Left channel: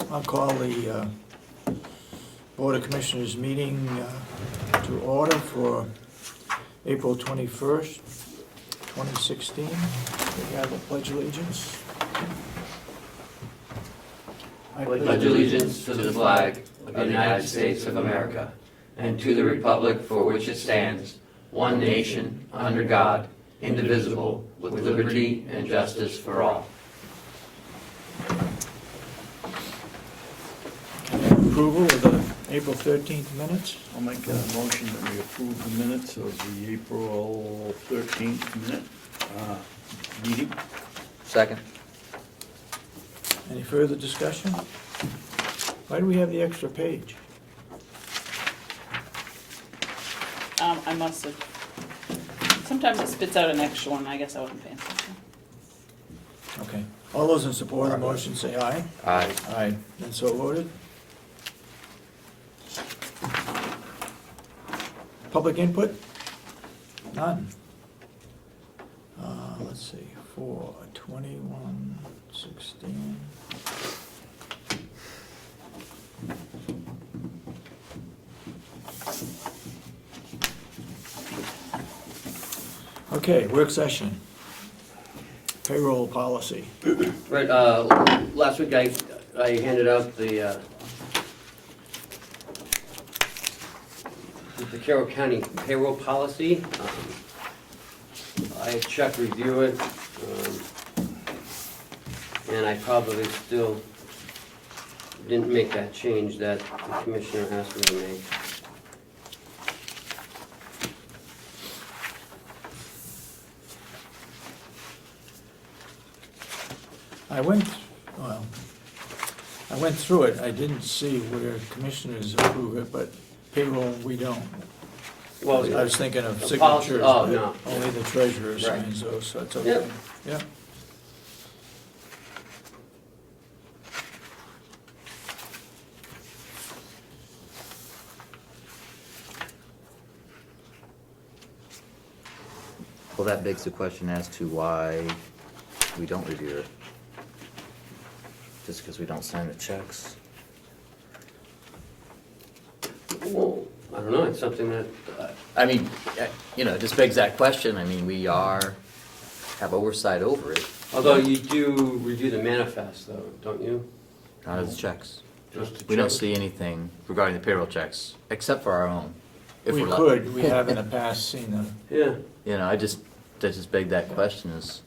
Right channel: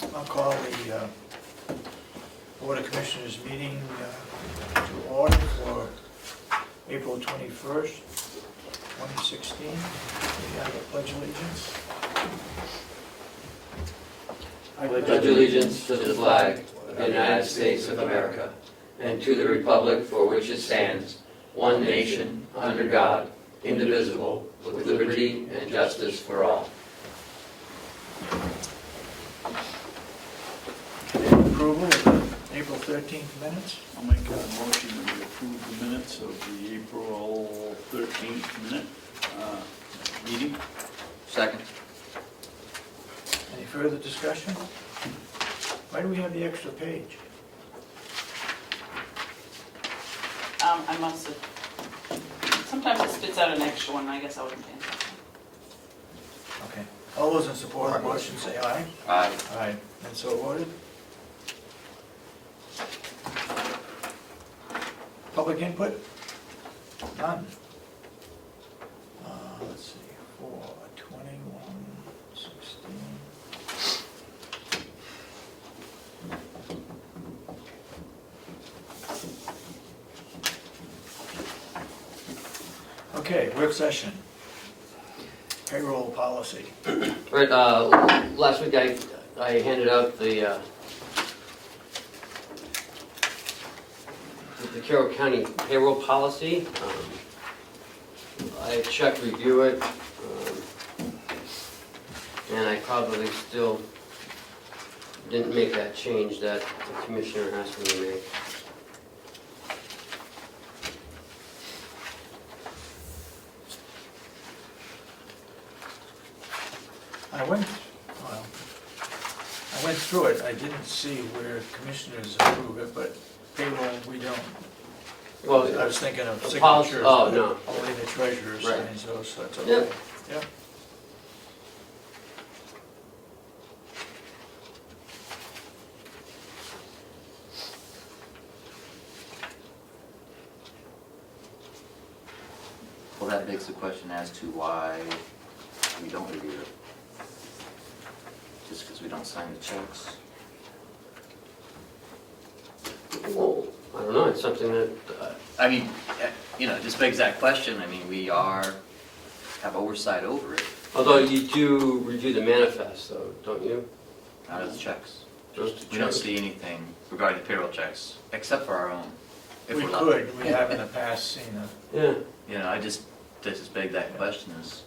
I'll call the Board of Commissioners meeting to order for April 21st, 2016. We have a pledge of allegiance. I pledge allegiance to the flag of the United States of America and to the republic for which it stands, one nation, under God, indivisible, with liberty and justice for all. Approval of the April 13th minutes. I'll make a motion that we approve the minutes of the April 13th meeting. Second. Any further discussion? Why do we have the extra page? I must have, sometimes it spits out an extra one, I guess I wouldn't answer. Okay. All those in support of the motion say aye. Aye. Aye. And so voted. Public input? None. Let's see, 4, 21, 16. Okay, work session. Payroll policy. Right, last week I handed out the Carroll County payroll policy. I had Chuck review it, and I probably still didn't make that change that the commissioner asked me to make. I went through it, I didn't see where commissioners approve it, but payroll, we don't. Well, I was thinking of the policy- signatures, oh, but no. only the treasurer Right. signs those, so that's Yeah. okay. Yeah. Well, that begs the question as to why we don't review it. Just because we don't sign the checks? Well, I don't know, it's something that, I mean, it just begs that question. I mean, we have oversight over it, although you do review the manifest though, don't you? not as checks. Just to We don't check. see anything regarding the payroll checks, except for our own. If We we're not- could, we have in the past seen Yeah. I just beg that question is,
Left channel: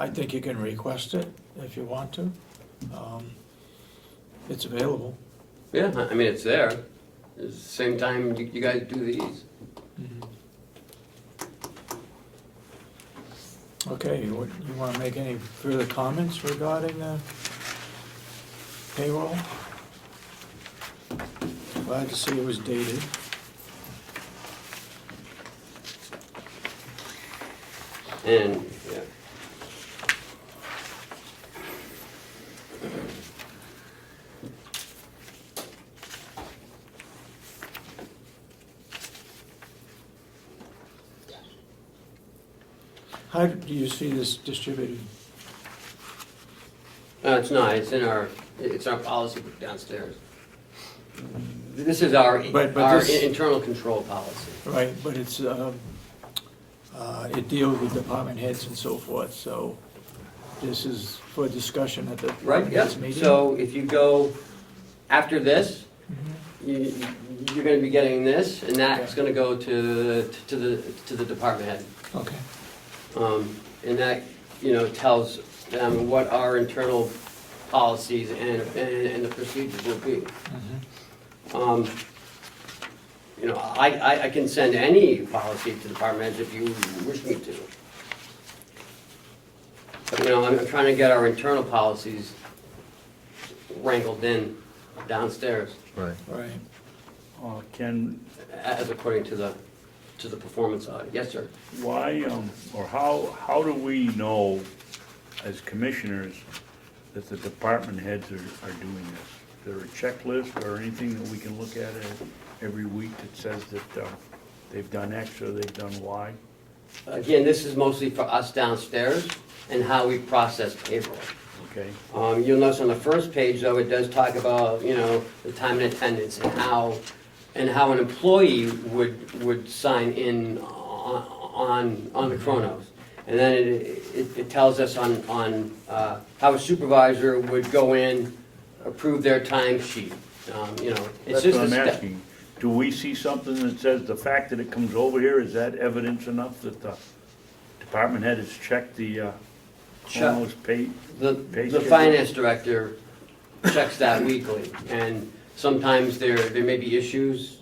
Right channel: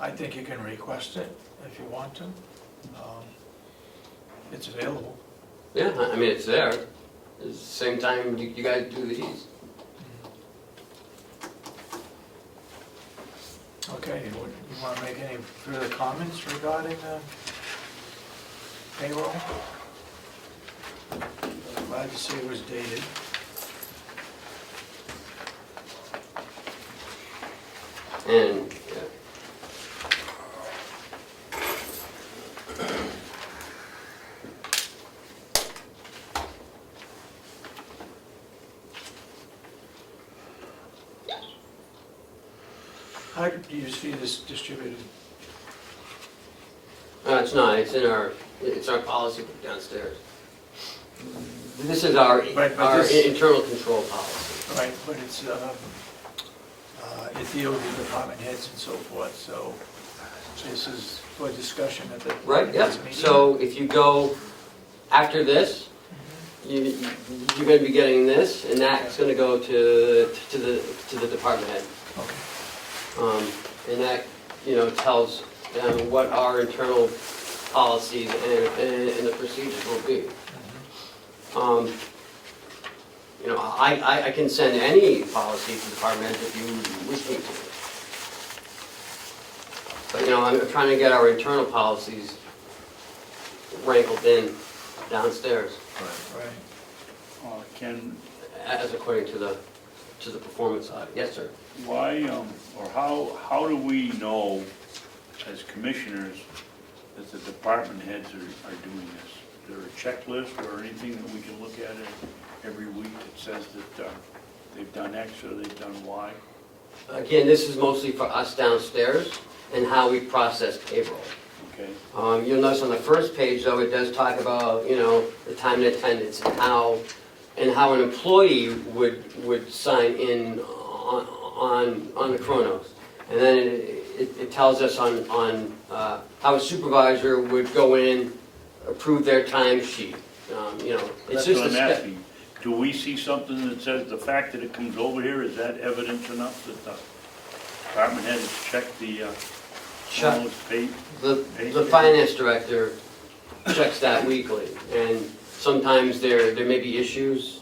I think you can request it if you want to. It's available. Yeah, I mean, it's there. At the same time, you guys do these. Okay, you want to make any further comments regarding payroll? Glad to see it was dated. And, yeah. How do you see this distributed? No, it's not, it's our policy downstairs. This is our But this- internal control policy. Right, but it's, it deals with department heads and so forth, so this is for discussion at the Right, yeah. next meeting. So if you go after this, you're gonna be getting this, and that's gonna go to the department head. Okay, And that, tells them what our internal policies and the procedures will be. I can send any policy to the department if you wish me to. But, I'm trying to get our internal policies wrangled in downstairs, right. Can, as according to the performance audit. Yes, sir. why, or how do we know as commissioners that the department heads are doing this? Is there a checklist or anything that we can look at every week that says that they've done X or they've done Y? Again, this is mostly for us downstairs and how we process payroll. Okay, You'll notice on the first page, though, it does talk about, you know, the time and attendance and how an employee would sign in on the Chronos. And then it tells us on how a supervisor would go in, approve their timesheet. You know, it's that's just what a I'm step. asking. Do we see something that says the fact that it comes over here, is that evidence enough that the department head has checked the, Check. almost paid? The finance director checks that weekly, and sometimes there may be issues.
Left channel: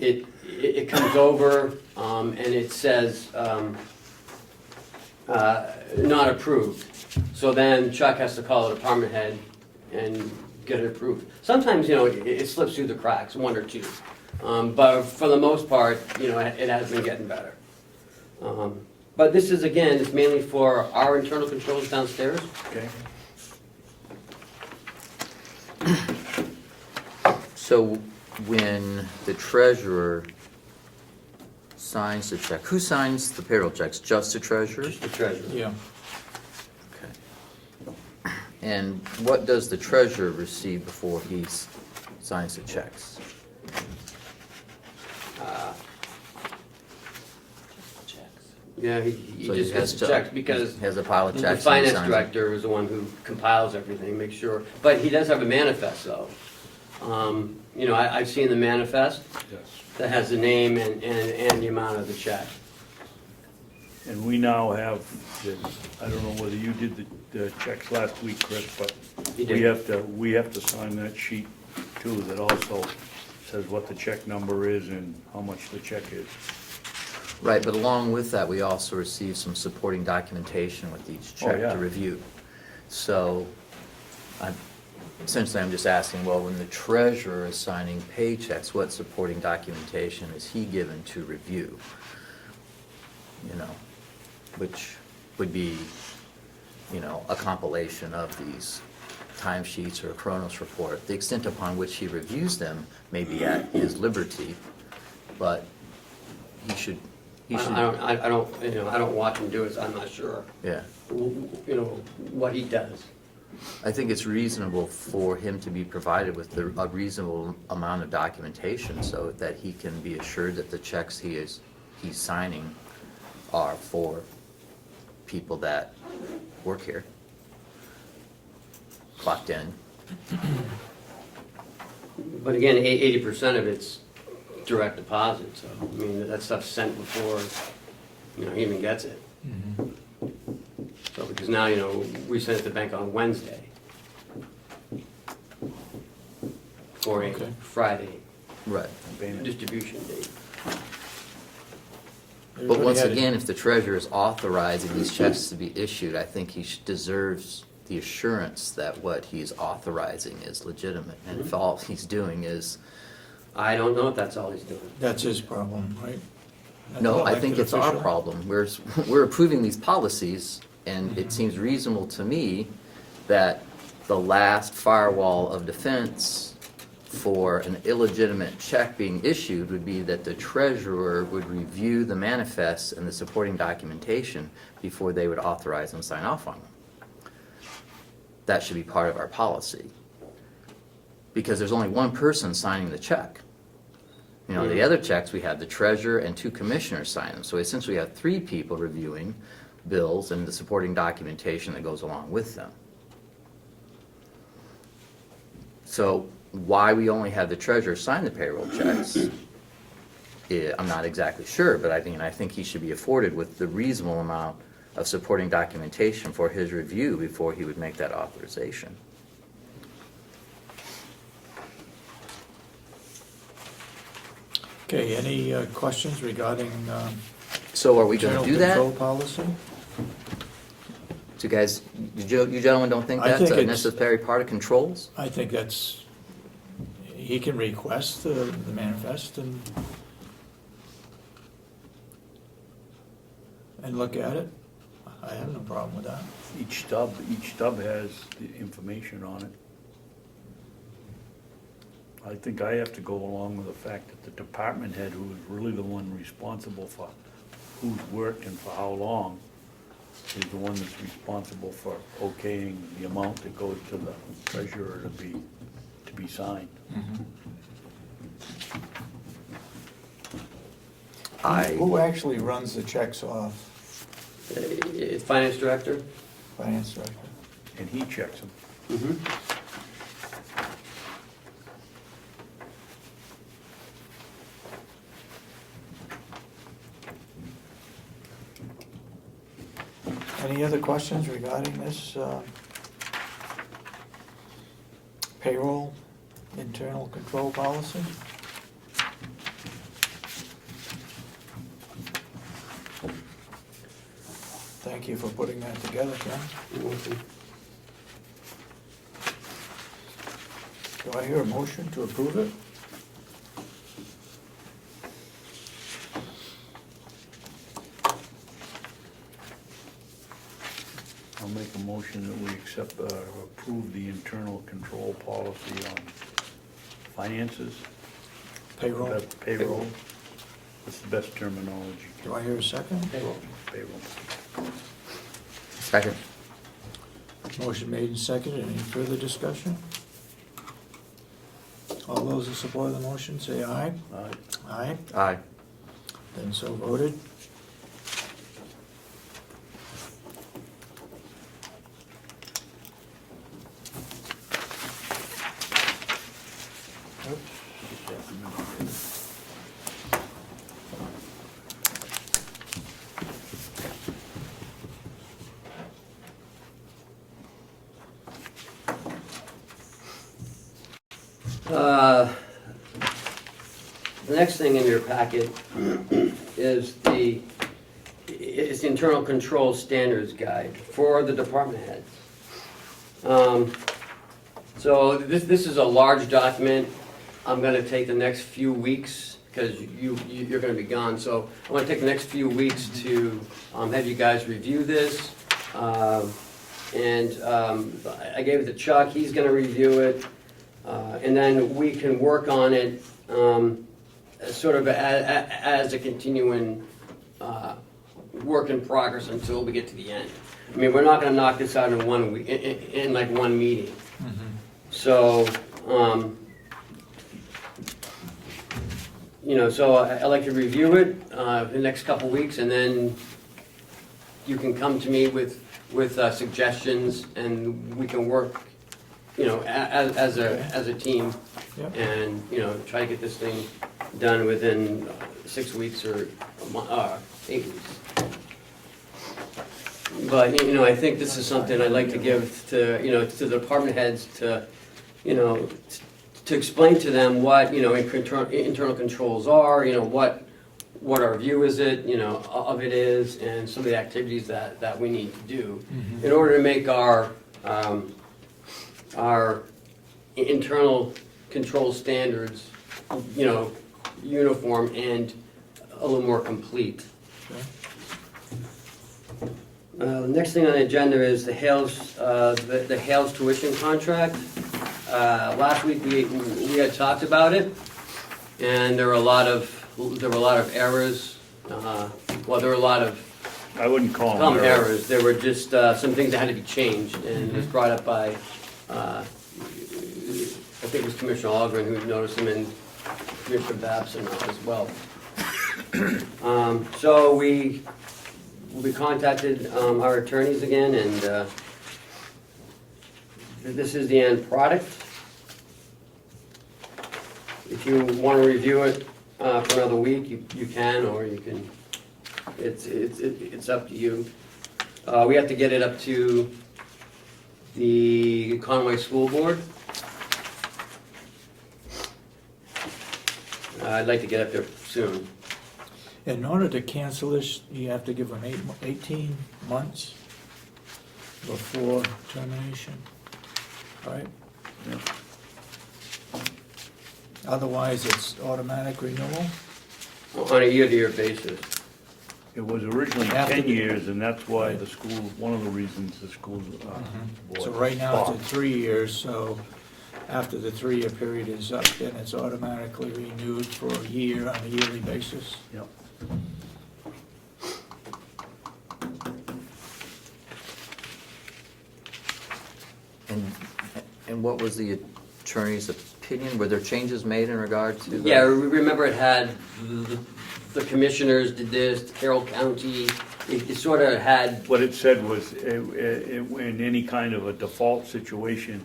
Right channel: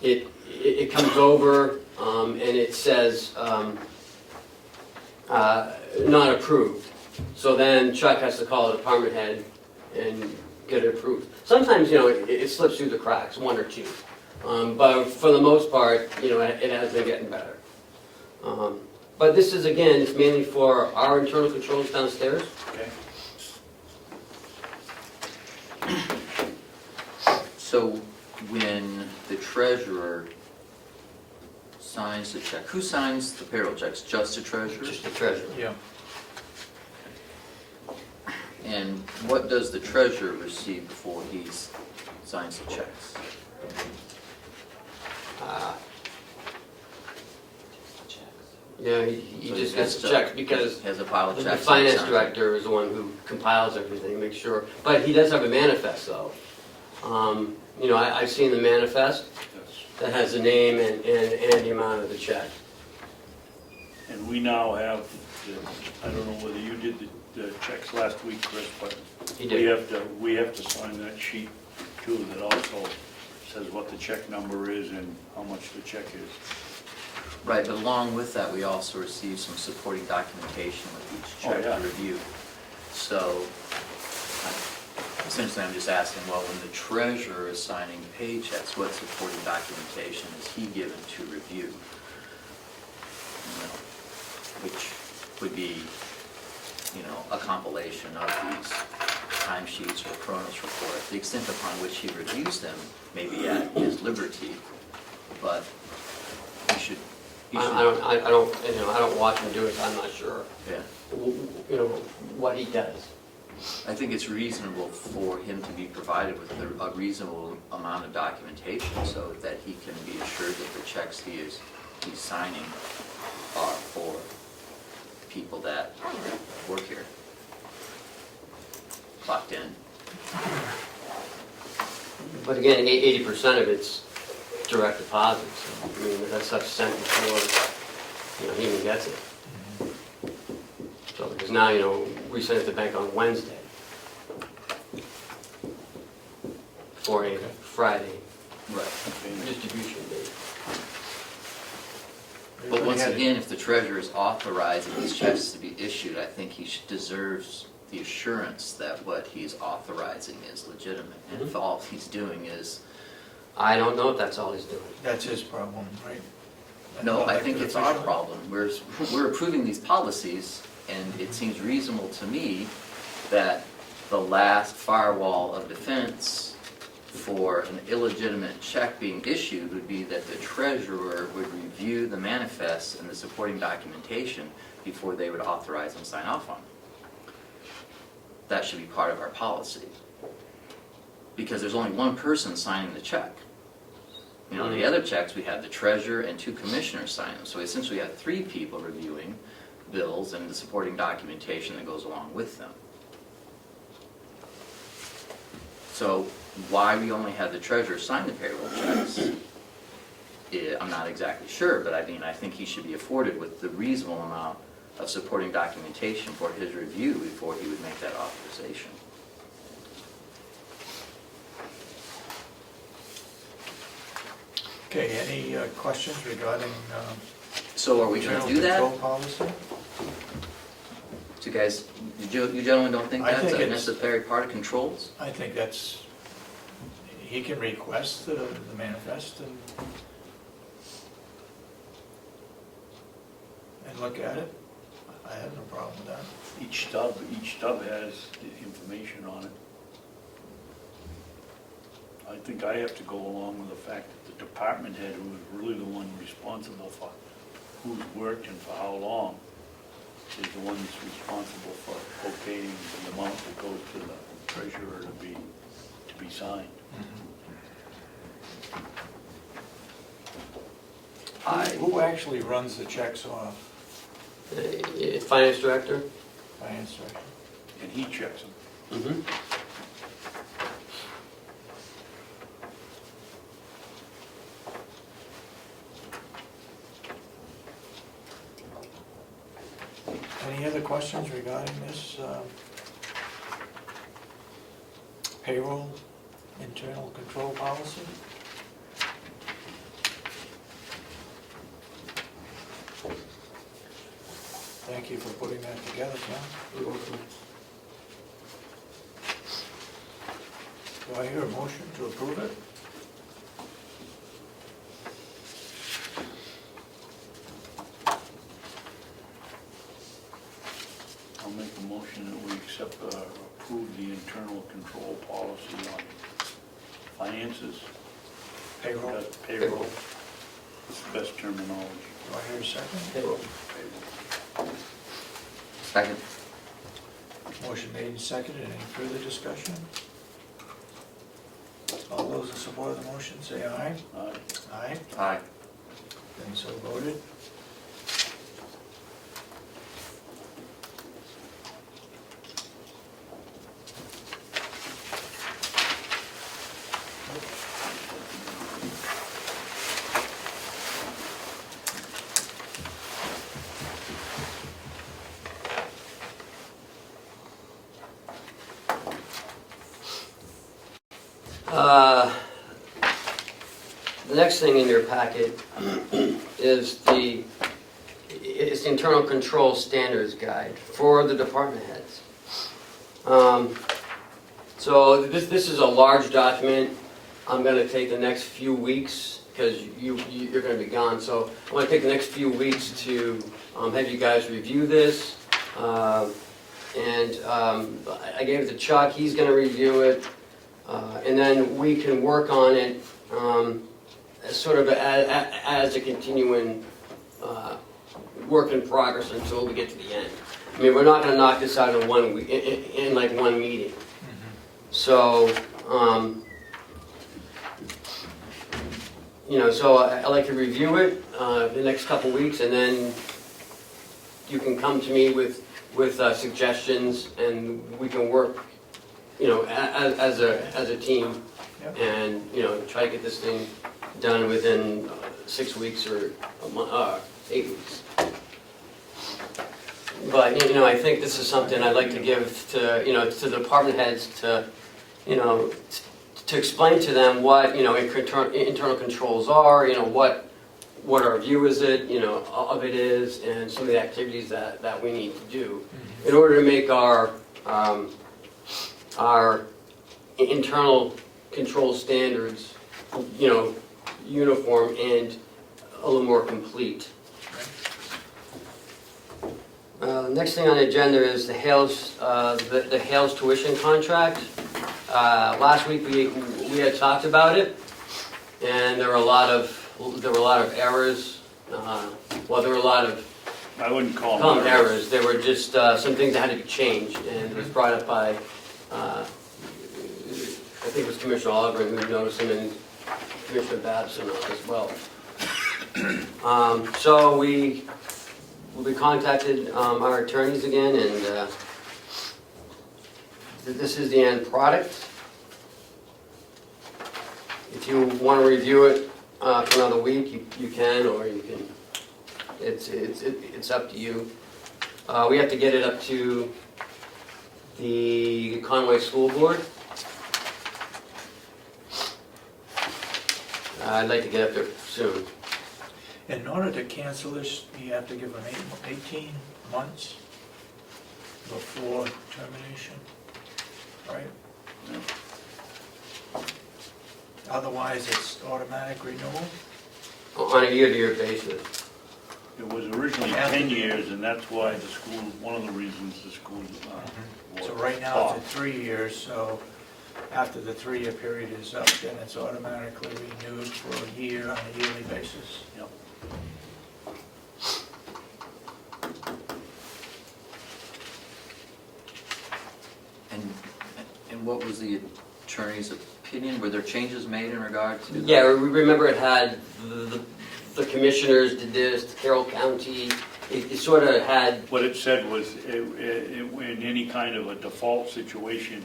It comes over, and it says, not approved. So then Chuck has to call the department head and get it approved. Sometimes, you know, it slips through the cracks, one or two. But for the most part, you know, it has been getting better. But this is, again, it's mainly for our internal controls downstairs. Okay. So when the treasurer signs the check, who signs the payroll checks? Just the treasurer? Just the treasurer. Yeah. And what does the treasurer receive before he signs the checks? Yeah, he So just he has to to- check because He has a pile of the checks. and he finance signs director is the one who compiles everything, makes sure. But he does have a manifest though. You know, I've seen the manifest Yes. that has the name and the amount of the check. And we now have, I don't know whether you did the checks last week, Chris, but He we did. have to sign that sheet too, that also says what the check number is and how much the check is. Right, but along with that, we also receive some supporting documentation with each check yeah. to review. So, essentially, I'm just asking, well, when the treasurer is signing paychecks, what supporting documentation is he given to review? You know, which would be, you know, a compilation of these timesheets or Chronos report. The extent upon which he reviews them may be at his liberty, but he should. I don't, you know, I don't watch him do it, so I'm not sure, Yeah, you know, what he does. I think it's reasonable for him to be provided with a reasonable amount of documentation so that he can be assured that the checks he's signing are for people that work here, clocked in. But again, 80% of it's direct deposit, so, I mean, that stuff's sent before, you know, he even gets it. So, because now, you know, we send it to the bank on Wednesday for a Okay. Friday Right. distribution date. But once again, if the treasurer is authorizing these checks to be issued, I think he deserves the assurance that what he's authorizing is legitimate. And if all he's doing is, I don't know if that's all he's doing. That's his problem, right? no, I Elected think it's our official. problem. We're approving these policies, and it seems reasonable to me that the last firewall of defense for an illegitimate check being issued would be that the treasurer would review the manifests and the supporting documentation before they would authorize and sign off on them. That should be part of our policy. Because there's only one person signing the check. You know, the other checks, we have the treasurer and 2 commissioners sign them. So essentially we have 3 people reviewing bills and the supporting documentation that goes along with them. So why we only have the treasurer sign the payroll checks, I'm not exactly sure, but I mean, I think he should be afforded with the reasonable amount of supporting documentation for his review before he would make that authorization. Okay, any questions regarding So are we gonna general do that? control policy? So guys, you gentlemen don't think I that's think a it's- necessary part of controls? I think that's, he can request the manifest and look at it. I have no problem with that. Each stub has the information on it. I think I have to go along with the fact that the department head, who is really the one responsible for who's worked and for how long, is the one that's responsible for okaying the amount that goes to the treasurer to be signed. Who actually runs the checks off? It's finance director. Finance director? And he checks them. Mm-hmm. Any other questions regarding this payroll internal control policy? Thank you for putting that together, John. You're welcome. Do I hear a motion to approve it? I'll make a motion that we accept, approve the internal control policy on finances. Payroll? Payroll. That's the best terminology. Do I hear a second? Payroll. Payroll. Second. Motion made and seconded. Any further discussion? All those in support of the motion, say aye. Aye. Aye. Then so voted. The next thing in your packet is the internal control standards guide for the department heads. So this is a large document. I'm gonna take the next few weeks, because you're gonna be gone, so I'm gonna take the next few weeks to have you guys review this. And I gave it to Chuck, he's gonna review it, and then we can work on it sort of as a continuing work in progress until we get to the end. I mean, we're not gonna knock this out in 1 week, in like one meeting. So, you know, so I'd like to review it the next couple weeks, and then you can come to me with suggestions, and we can work, you know, as a team, Yep. and, you know, try to get this thing done within 6 weeks or a month, 8 weeks. But, you know, I think this is something I'd like to give to, you know, to the department heads to, you know, to explain to them what, you know, internal controls are, you know, what our view is it, you know, of it is, and some of the activities that we need to do in order to make our internal control standards, you know, uniform and a little more complete. The next thing on the agenda is the Hales tuition contract. Last week we had talked about it, and there were a lot of errors. Well, there were a lot of I wouldn't call them errors. There were just some things that had to be changed, and it was brought up by I think it was Commissioner Ahlgren who noticed them, and Commissioner Babson as well. So we contacted our attorneys again, and this is the end product. If you want to review it for another week, you can, or you can. It's up to you. We have to get it up to the Conway School Board. I'd like to get up there soon. In order to cancel this, you have to give them 18 months before termination, right? Yeah. Otherwise, it's automatic renewal? On a year-to-year basis. It was originally 10 years, and that's why the school, one of the reasons the school So right now it's at 3 years, so after the 3-year period is up, then it's automatically renewed for a year on a yearly basis? Yep. And what was the attorney's opinion? Were there changes made in regard to? Yeah, remember it had, the commissioners did this, Carroll County, it sort of had, What it said was, in any kind of a default situation,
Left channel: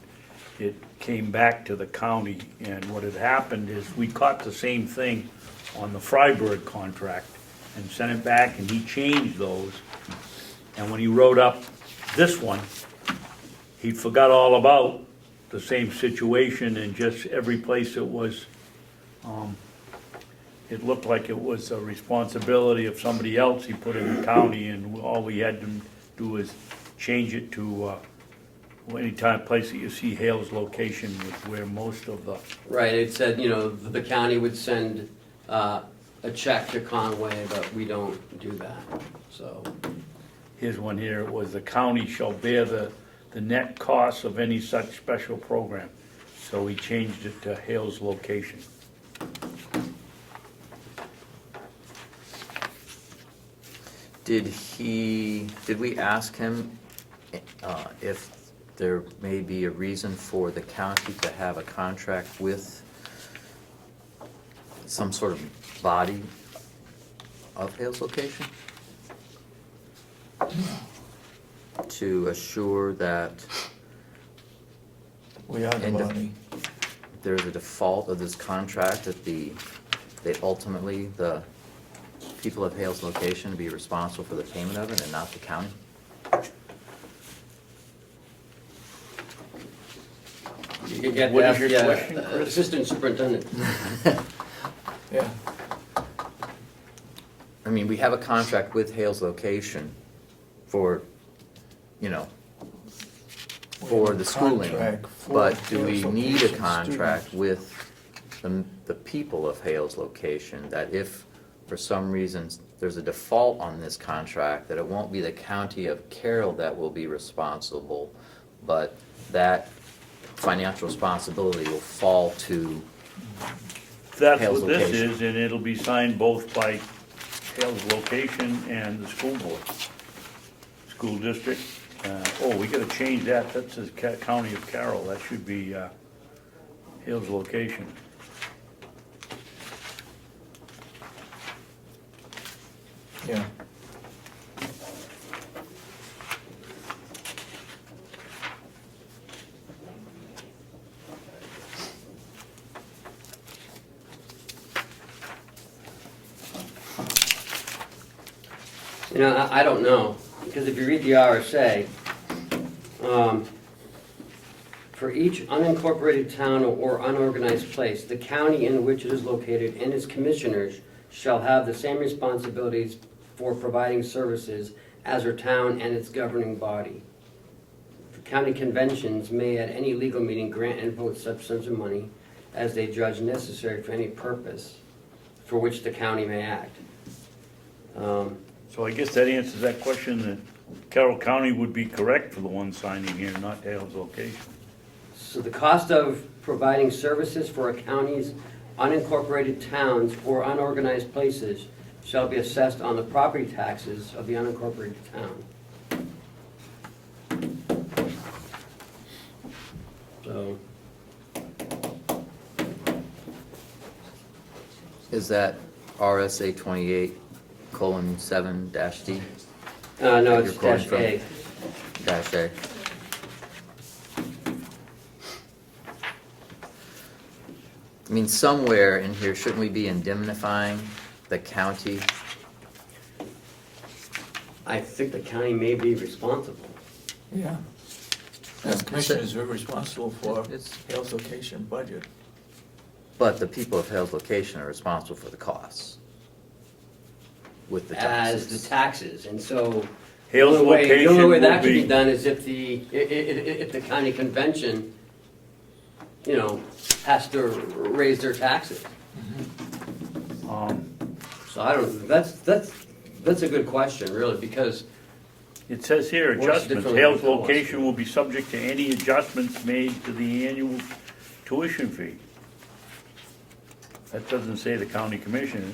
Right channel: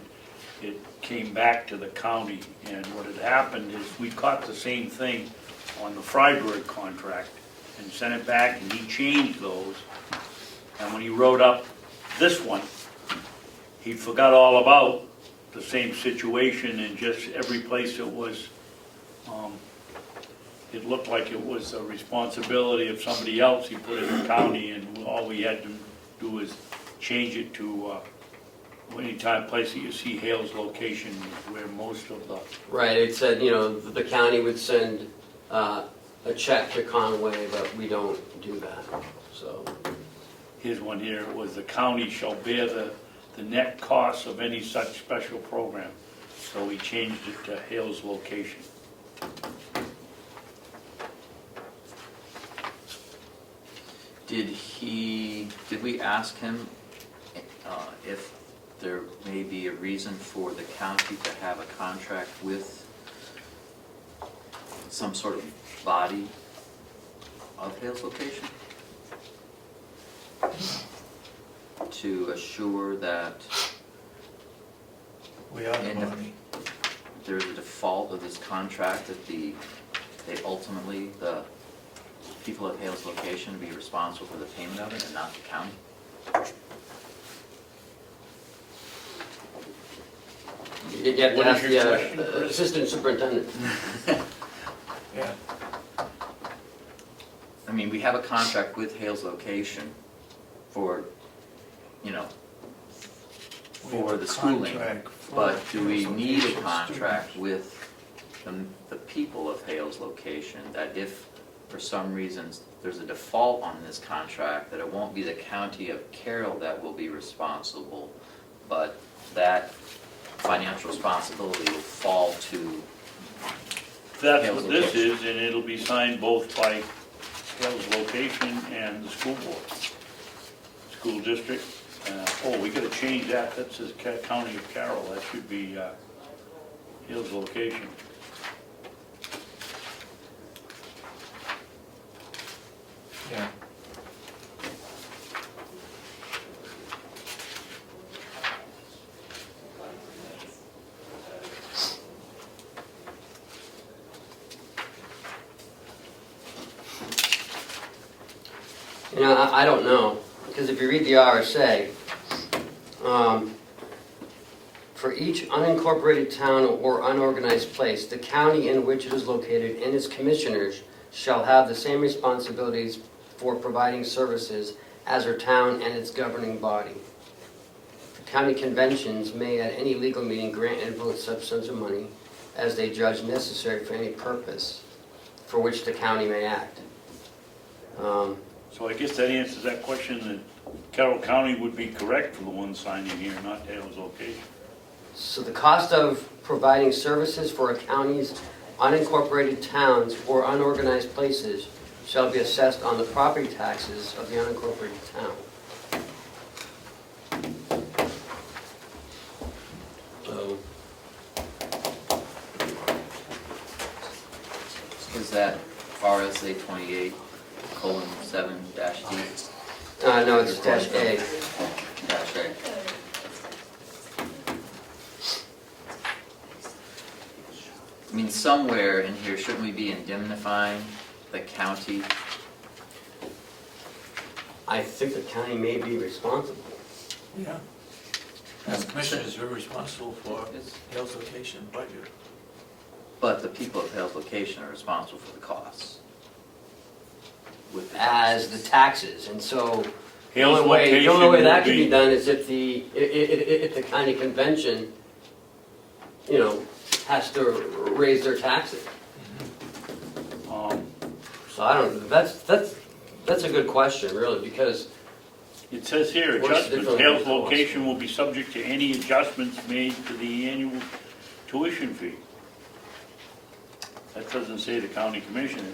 it came back to the county, and what had happened is, we caught the same thing on the Freiburg contract, and sent it back, and he changed those, and when he wrote up this one, he forgot all about the same situation, and just every place it was, it looked like it was a responsibility of somebody else, he put it in the county, and all we had to do was change it to, any place that you see Hale's location, where most of the, right, it said, the county would send a check to Conway, but we don't do that, so. here's one here, it was the county shall bear the net costs of any such special program. So we changed it to Hale's location. Did we ask him if there may be a reason for the county to have a contract with some sort of body of Hale's location? To assure that We have the And, money. there's a default of this contract that the people of Hale's location be responsible for the payment of it and not the county? You get What to is ask your the question, Chris? assistant superintendent. Yeah, I mean, we have a contract with Hale's location for, we for have the a schooling, contract for but do we Hale's need a location contract students. with the people of Hale's location, that if for some reason there's a default on this contract, that it won't be the county of Carroll that will be responsible, but that financial responsibility will fall to, That's Hale's what this location. is, and it'll be signed both by Hale's location and the school board, school district. We gotta change that, that says County of Carroll, that should be Hale's location. Yeah. I don't know, because if you read the RSA, for each unincorporated town or unorganized place, the county in which it is located and its commissioners shall have the same responsibilities for providing services as her town and its governing body. The county conventions may at any legal meeting grant and vote such sums of money as they judge necessary for any purpose for which the county may act. So I guess that answers that question, that Carroll County would be correct for the one signing here, not Hale's location. So the cost of providing services for a county's unincorporated towns or unorganized places shall be assessed on the property taxes of the unincorporated town. So, is that RSA 28:7-D? no, it's dash A. Dash A. I mean, somewhere in here, shouldn't we be indemnifying the county? I think the county may be responsible. Yeah. As commissioners, we're responsible for It's- Hale's location budget. But the people of Hale's location are responsible for the costs with the As taxes. the taxes, and so the Hale's only way location that will can be be, done is if the county convention, has to raise their taxes. So I don't, that's a good question, really, because it says here, What's adjustments, different Hale's with the cost? location will be subject to any adjustments made to the annual tuition fee. That doesn't say the county commissioners.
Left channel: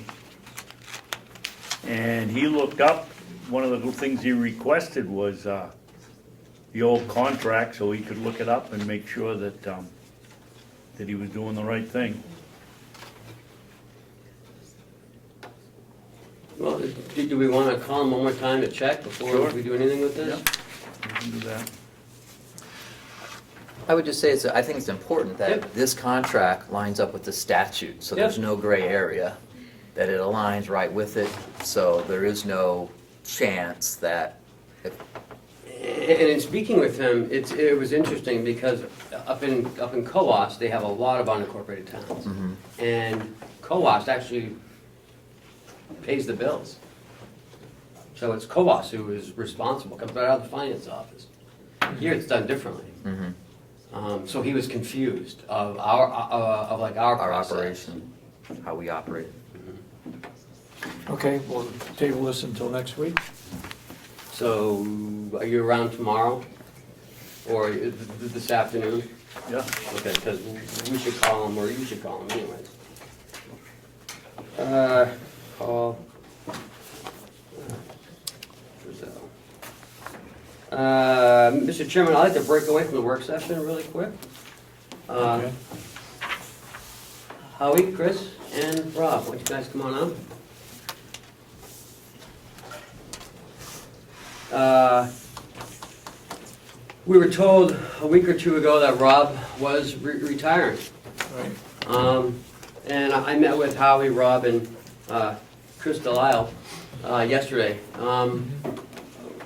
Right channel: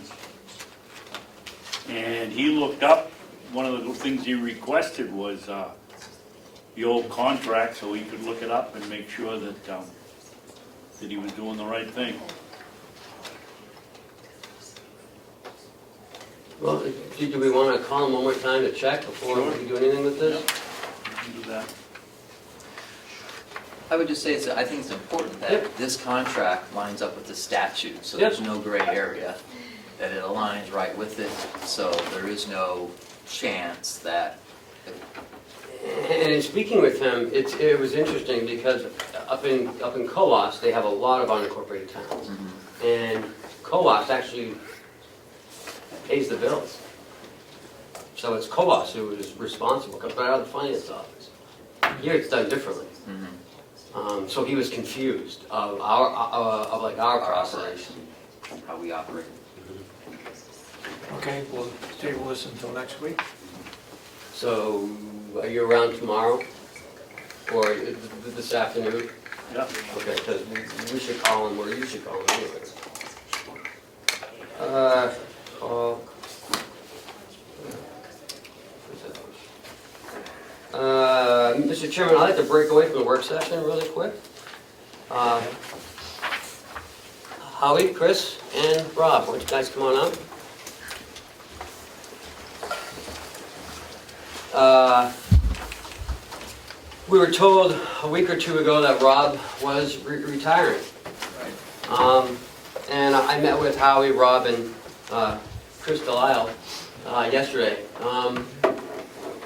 And he looked up, one of the things he requested was, the old contract so he could look it up and make sure that, that he was doing the right thing. Well, do we wanna call him one more time to check before Sure. we do anything with this? You can do that. I would just say, I think it's important that this contract lines up with the statute, so there's no gray area, that it aligns right with it, so there is no chance that, And in speaking with him, it was interesting because up in Coos, they have a lot of unincorporated towns. And Coos actually pays the bills. So it's Coos who is responsible, comes right out of the finance office. Here it's done differently. So he was confused of our process. operation, how we operate. Okay, we'll table this until next week. So are you around tomorrow or this afternoon? Yeah. Okay, because we should call him, or you should call him anyway. Call. Mr. Chairman, I'd like to break away from the work session really quick. Howie, Chris, and Rob, why don't you guys come on up? We were told a week or two ago that Rob was retiring. Right. And I met with Howie, Rob, and Chris Delisle yesterday.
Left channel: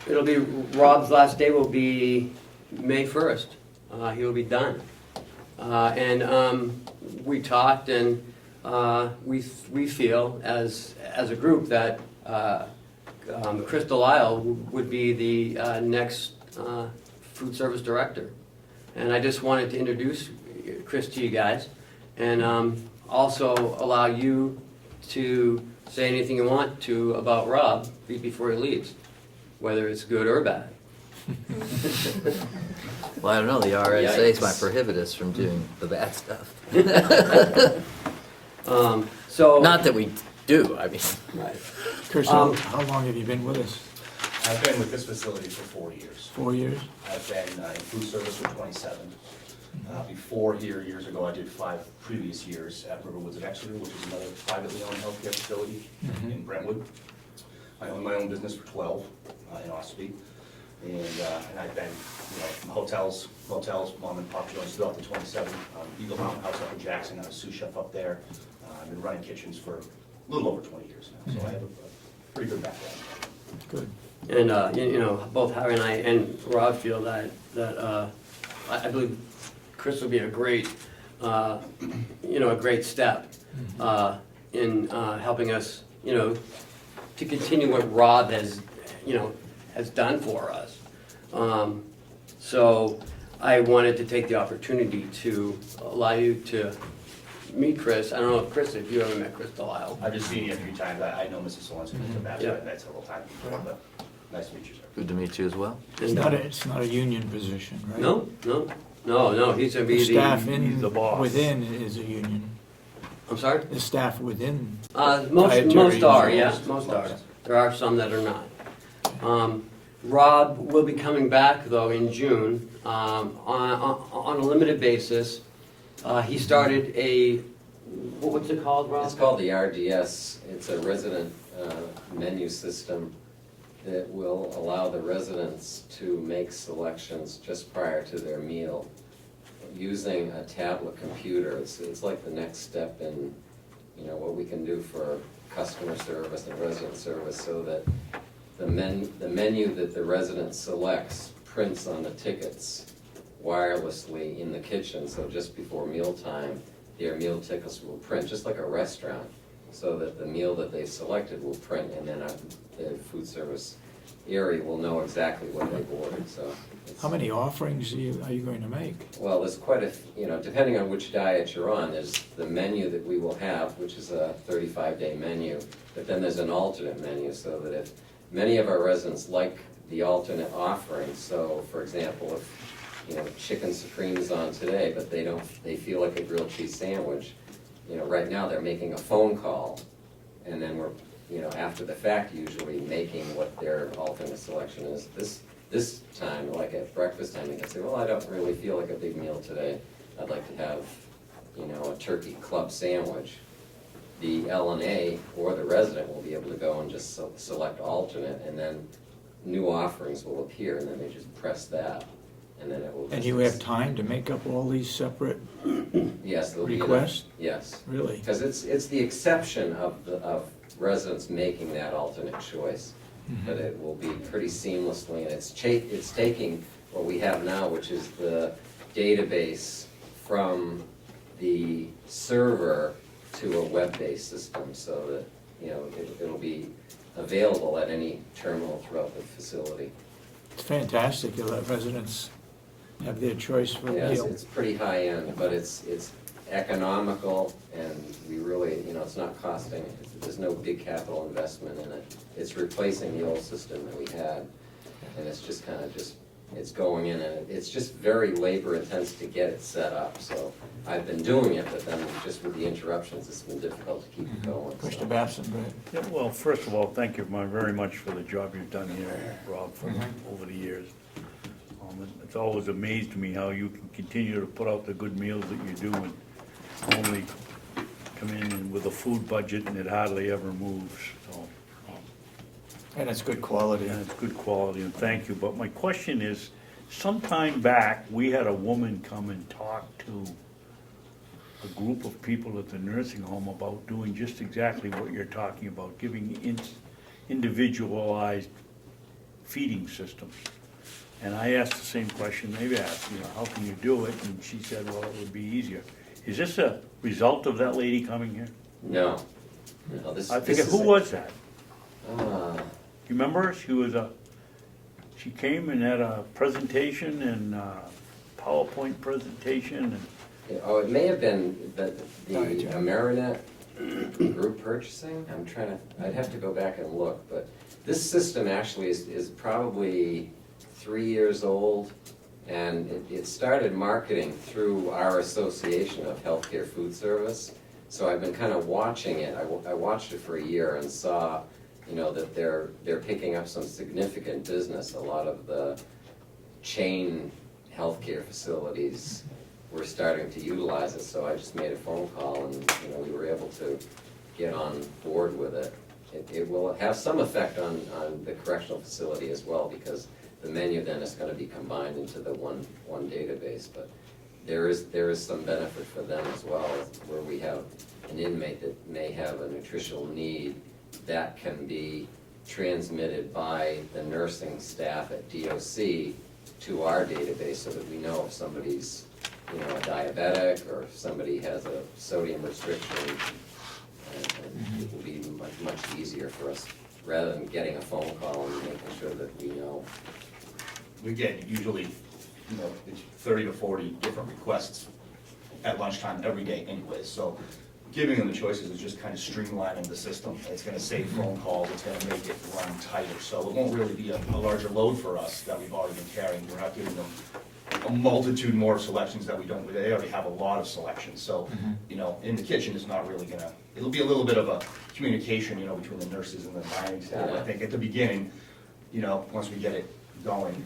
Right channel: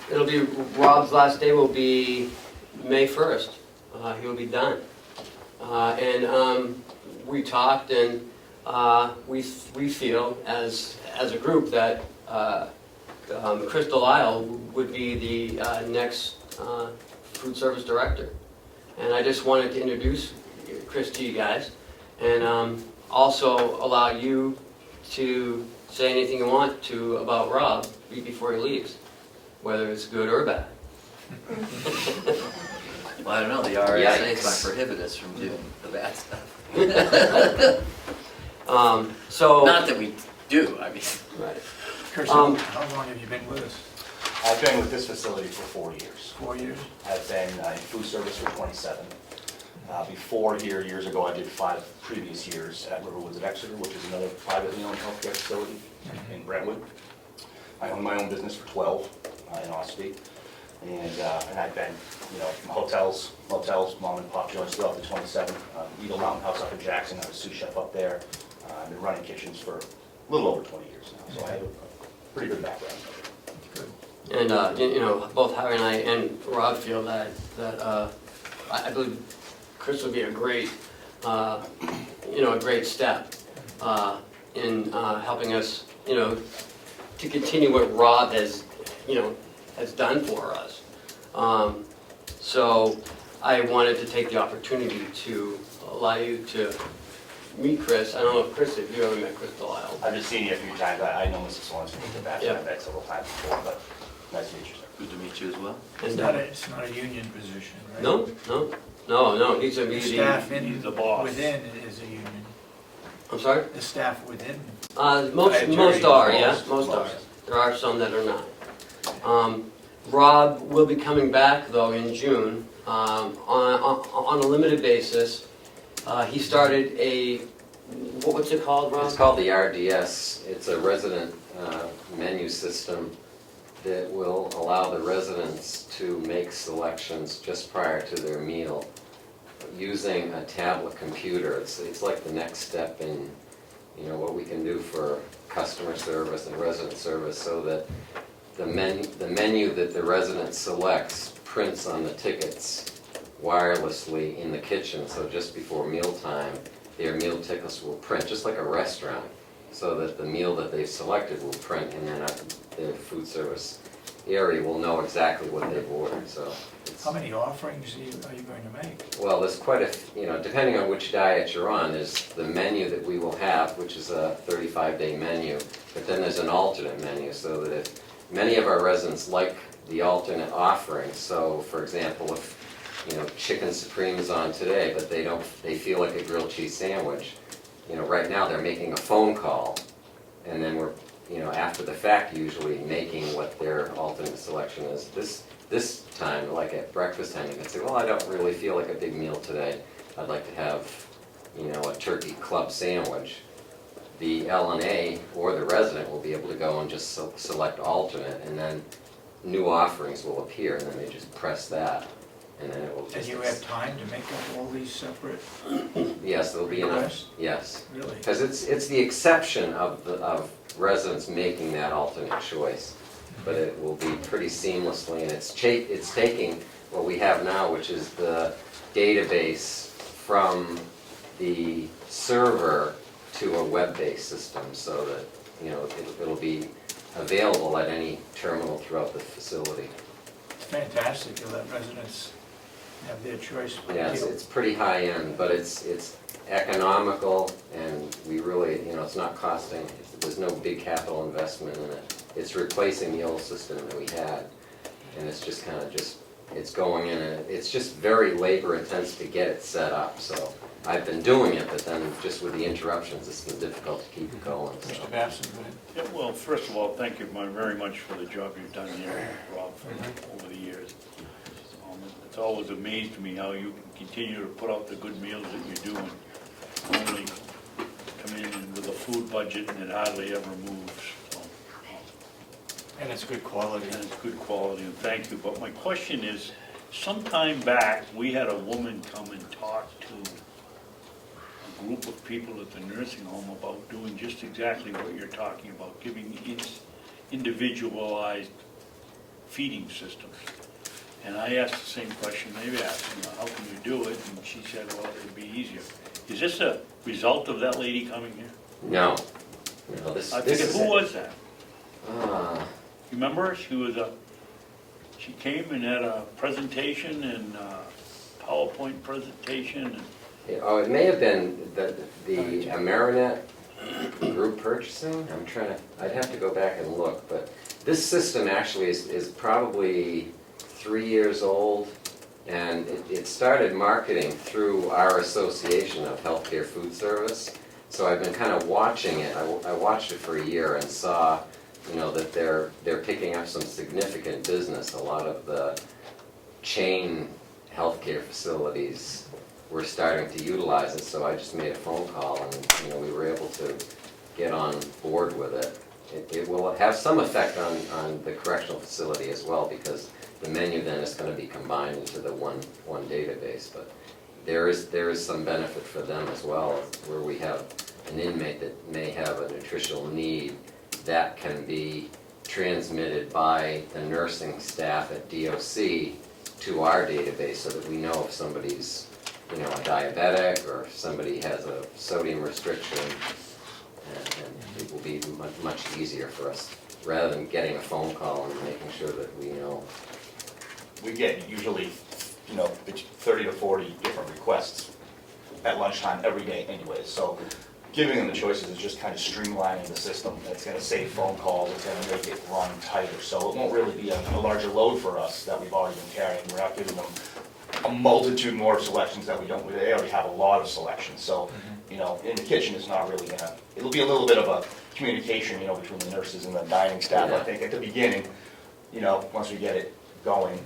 It'll be, Rob's last day will be May 1st. He'll be done. And we talked, and we feel as a group that Chris Delisle would be the next food service director. And I just wanted to introduce Chris to you guys, and also allow you to say anything you want to about Rob before he leaves, whether it's good or bad. Well, I don't know, the RSA Yikes. might prohibit us from doing the bad stuff. So. Not that we do, I mean. Right. Chris, how long have you been with us? I've been with this facility for 4 years. 4 years? I've been in food service for 27. Before here, years ago, I did 5 previous years at Riverwoods at Exeter, which is another privately owned healthcare facility in Brentwood. I owned my own business for 12 in Ossipee. And I've been, from hotels, mom and pop joints throughout the 27. Eagle Mountain House up in Jackson, I was sous chef up there. I've been running kitchens for a little over 20 years now, so I have a pretty good background. Good. And both Harry and I and Rob feel that I believe Chris would be a great, a great step in helping us, to continue what Rob has done for us. So I wanted to take the opportunity to allow you to meet Chris. I don't know, Chris, if you ever met Chris Delisle. I've just seen you a few times. I know Mrs. Sorensen in the past. Yeah. I've met several times before, but nice to meet you, sir. Good to meet you as well. It's not a union position, right? No, he's gonna be The staff he's the boss. within is a union. I'm sorry? The staff within. Most are, yes, most are. There are some that are not. Rob will be coming back though in June on a limited basis. He started what's it called, Rob? It's called the RDS. It's a resident menu system that will allow the residents to make selections just prior to their meal using a tablet computer. It's like the next step in what we can do for customer service and resident service, so that the menu that the resident selects prints on the tickets wirelessly in the kitchen, so just before mealtime, their meal tickets will print, just like a restaurant, so that the meal that they've selected will print, and then the food service area will know exactly what they've ordered, so. How many offerings are you going to make? Well, there's quite depending on which diet you're on, there's the menu that we will have, which is a 35-day menu, but then there's an alternate menu, so that if many of our residents like the alternate offerings, so for example, if chicken supreme is on today, but they feel like a grilled cheese sandwich, right now they're making a phone call, and then we're, after the fact, usually making what their alternate selection is. This time, like at breakfast time, you can say, well, I don't really feel like a big meal today. I'd like to have, a turkey club sandwich. The L&A or the resident will be able to go and just select alternate, and then new offerings will appear, and then they just press that, and then it will just. And you have time to make up all these separate Yes, there'll be enough. requests? Yes, Really? because it's the exception of residents making that alternate choice, but it will be pretty seamlessly, and it's taking what we have now, which is the database from the server to a web-based system, so that, it'll be available at any terminal throughout the facility. It's fantastic to let residents have their choice for a Yes, meal. it's pretty high-end, but it's economical, and we really, it's not costing, there's no big capital investment in it. It's replacing the old system that we had, and it's just kind of it's going in, and it's just very labor-intensive to get it set up, so I've been doing it, but then just with the interruptions, it's been difficult to keep it going. so. Mr. Babson, go ahead. Yeah, well, first of all, thank you very much for the job you've done here, Rob, over the years. It's always amazed me how you can continue to put out the good meals that you do, and only come in with a food budget and it hardly ever moves, so. And it's good quality. And it's good quality, and thank you. But my question is, some time back, we had a woman come and talk to a group of people at the nursing home about doing just exactly what you're talking about, giving individualized feeding systems. And I asked the same question they asked, how can you do it? And she said, well, it'd be easier. Is this a result of that lady coming here? No, this is. Who was that? Uh, You remember her? She came and had a presentation and a PowerPoint presentation and. it may have been the Amerinet group purchasing. I'd have to go back and look, but this system actually is probably 3 years old, and it started marketing through our Association of Healthcare Food Service. So I've been kind of watching it. I watched it for a year and saw, that they're picking up some significant business. A lot of the chain healthcare facilities were starting to utilize it, so I just made a phone call and, we were able to get on board with it. It will have some effect on the correctional facility as well, because the menu then is gonna be combined into the one database, but there is some benefit for them as well, where we have an inmate that may have a nutritional need that can be transmitted by the nursing staff at DOC to our database, so that we know if somebody's, a diabetic, or if somebody has a sodium restriction, and it will be much easier for us, rather than getting a phone call and making sure that we know. We get usually, it's 30 to 40 different requests at lunchtime every day anyways, so giving them the choices is just kind of streamlining the system. It's gonna save phone calls, it's gonna make it run tighter, so it won't really be a larger load for us that we've already been carrying. We're not giving them a multitude more selections that they already have a lot of selections, so, in the kitchen is not really gonna, it'll be a little bit of a communication, between the nurses and the dining staff, I think, at the beginning, once we get it going.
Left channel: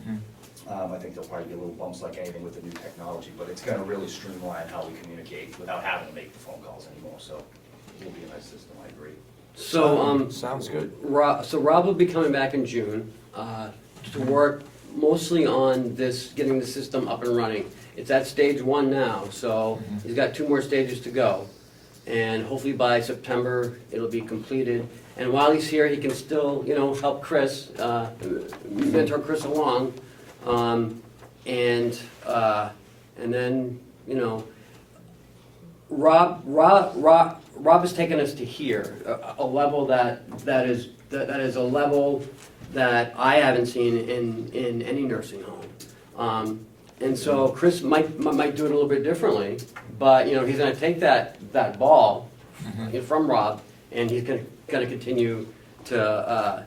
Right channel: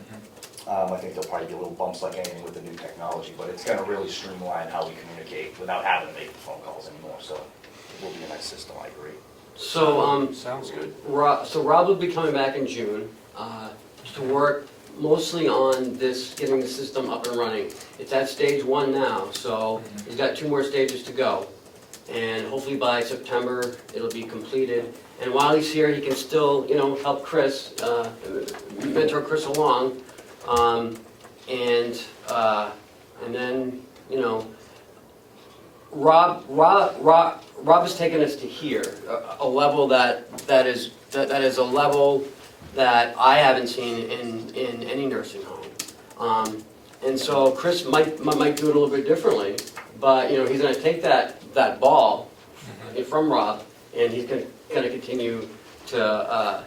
I think they'll probably get little bumps like anything with the new technology, but it's gonna really streamline how we communicate without having to make the phone calls anymore, so it will be a nice system, I agree. So, Sounds good. Rob will be coming back in June, to work mostly on this, getting the system up and running. It's at stage 1 now, so he's got 2 more stages to go. And hopefully by September, it'll be completed. And while he's here, he can still, help Chris, mentor Chris along. And then, Rob has taken us to here, a level that is a level that I haven't seen in any nursing home. And so Chris might do it a little bit differently, but he's going to take that ball from Rob, and he's going to continue to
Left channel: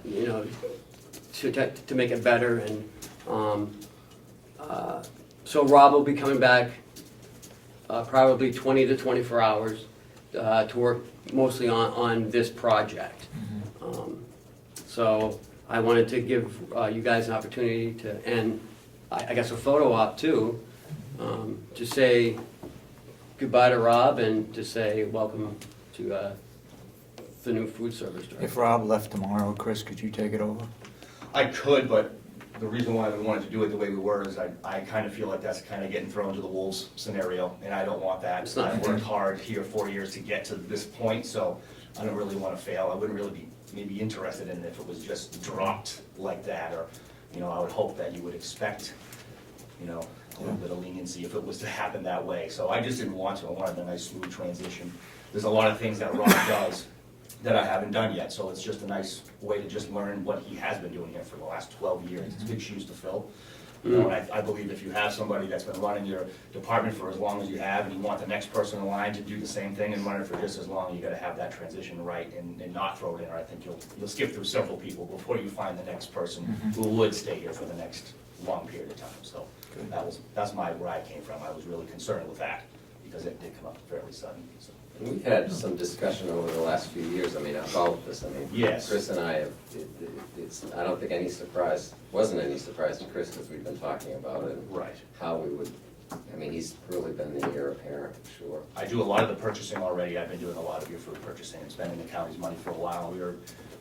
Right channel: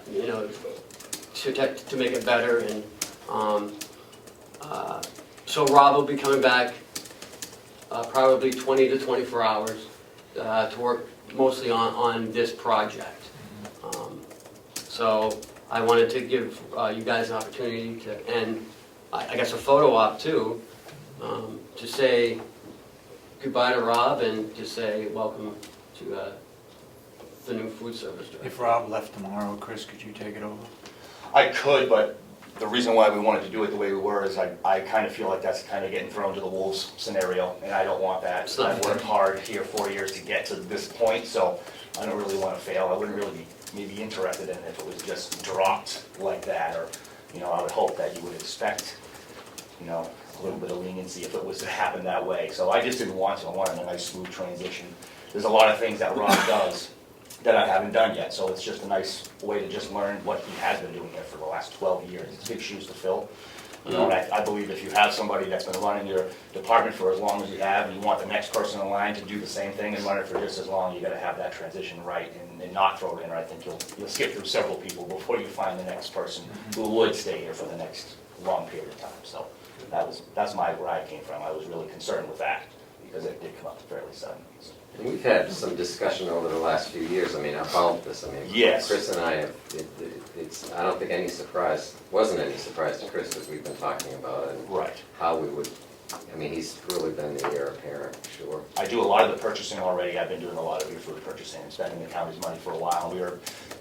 to make it better. And so Rob will be coming back probably 20 to 24 hours to work mostly on this project. So I wanted to give you guys an opportunity to, and I guess a photo op too, to say goodbye to Rob and to say welcome to the new food service director. If Rob left tomorrow, Chris, could you take it over? I could, but the reason why we wanted to do it the way we were is I kind of feel like that's kind of getting thrown to the wolves scenario, and I don't want that. It's not I've fair. worked hard here 4 years to get to this point, so I don't really want to fail. I wouldn't really be maybe interested in it if it was just dropped like that, or, you know, I would hope that you would expect, you know, a little bit of leniency if it was to happen that way. So I just didn't want to. I wanted a nice smooth transition. There's a lot of things that Rob does that I haven't done yet, so it's just a nice way to just learn what he has been doing here for the last 12 years. It's big shoes to fill. You know, and I believe if you have somebody that's been running your department for as long as you have, and you want the next person in line to do the same thing and run it for just as long, you gotta have that transition right and not throw it in, or I think you'll skip through several people before you find the next person who would stay here for the next long period of time. So that's where I came from. I was really concerned with that, because it did come up fairly sudden. So. And we've had some discussion over the last few years, I mean, about this, I mean, Yes. Chris and I have, it's, I don't think wasn't any surprise to Chris, because we've been talking about it, and Right. how we would, I mean, he's really been the heir apparent, sure. I do a lot of the purchasing already. I've been doing a lot of your food purchasing and spending the county's money for a while. We are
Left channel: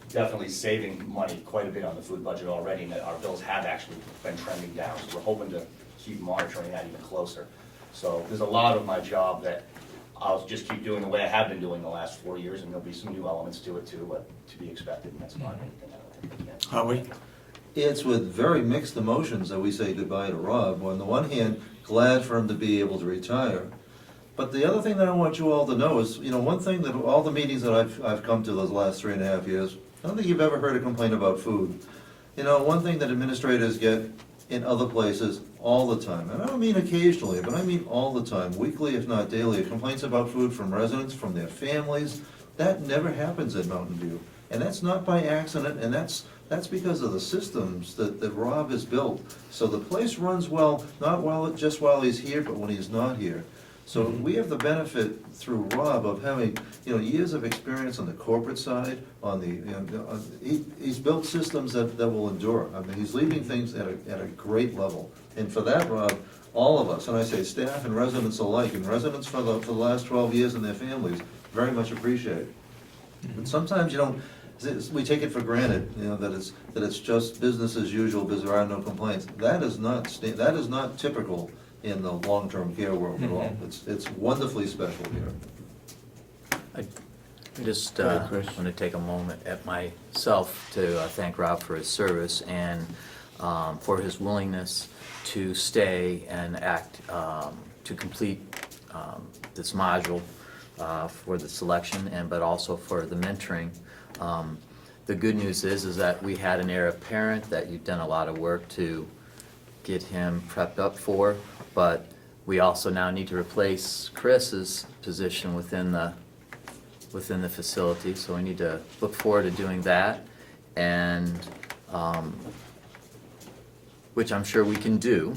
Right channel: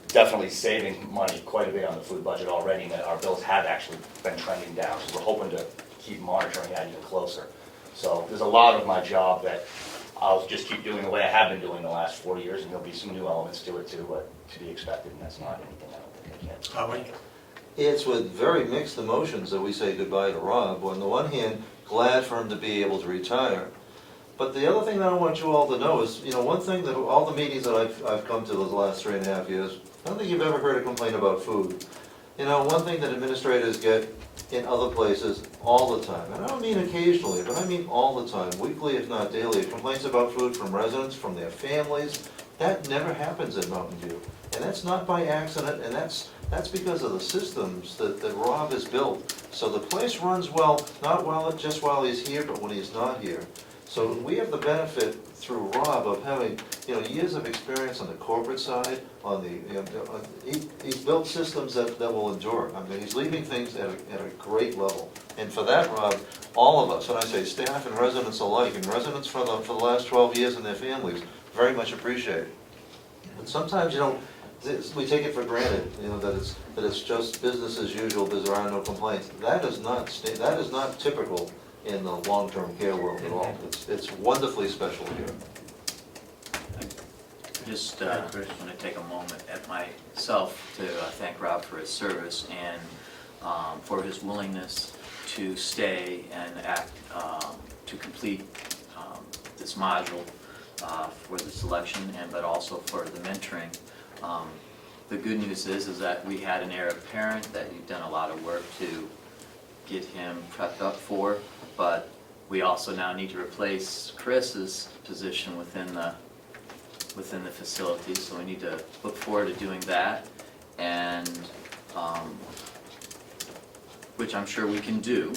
definitely saving money quite a bit on the food budget already, and our bills have actually been trending down. So we're hoping to keep monitoring that even closer. So there's a lot of my job that I'll just keep doing the way I have been doing the last 4 years, and there'll be some new elements to it too, to be expected, and that's not anything I don't think I can. Howard? It's with very mixed emotions that we say goodbye to Rob. On the one hand, glad for him to be able to retire. But the other thing that I want you all to know is, you know, one thing that all the meetings that I've come to those last 3.5 years, I don't think you've ever heard a complaint about food. You know, one thing that administrators get in other places all the time, and I don't mean occasionally, but I mean all the time, weekly if not daily, complaints about food from residents, from their families. That never happens at Mountain View. And that's not by accident, and that's because of the systems that Rob has built. So the place runs well, not just while he's here, but when he's not here. So we have the benefit through Rob of having, you know, years of experience on the corporate side, he's built systems that will endure. I mean, he's leaving things at a great level. And for that, Rob, all of us, and I say staff and residents alike, and residents for the last 12 years and their families, very much appreciate it. But sometimes, you know, we take it for granted, you know, that it's just business as usual because there are no complaints. That is not typical in the long-term care world at all. It's wonderfully special here. I just want to take a moment at myself to thank Rob for his service and for his willingness to stay and act to complete this module for the selection, but also for the mentoring. The good news is that we had an heir apparent that you've done a lot of work to get him prepped up for, but we also now need to replace Chris's position within the facility, so we need to look forward to doing that, and which I'm sure we can do.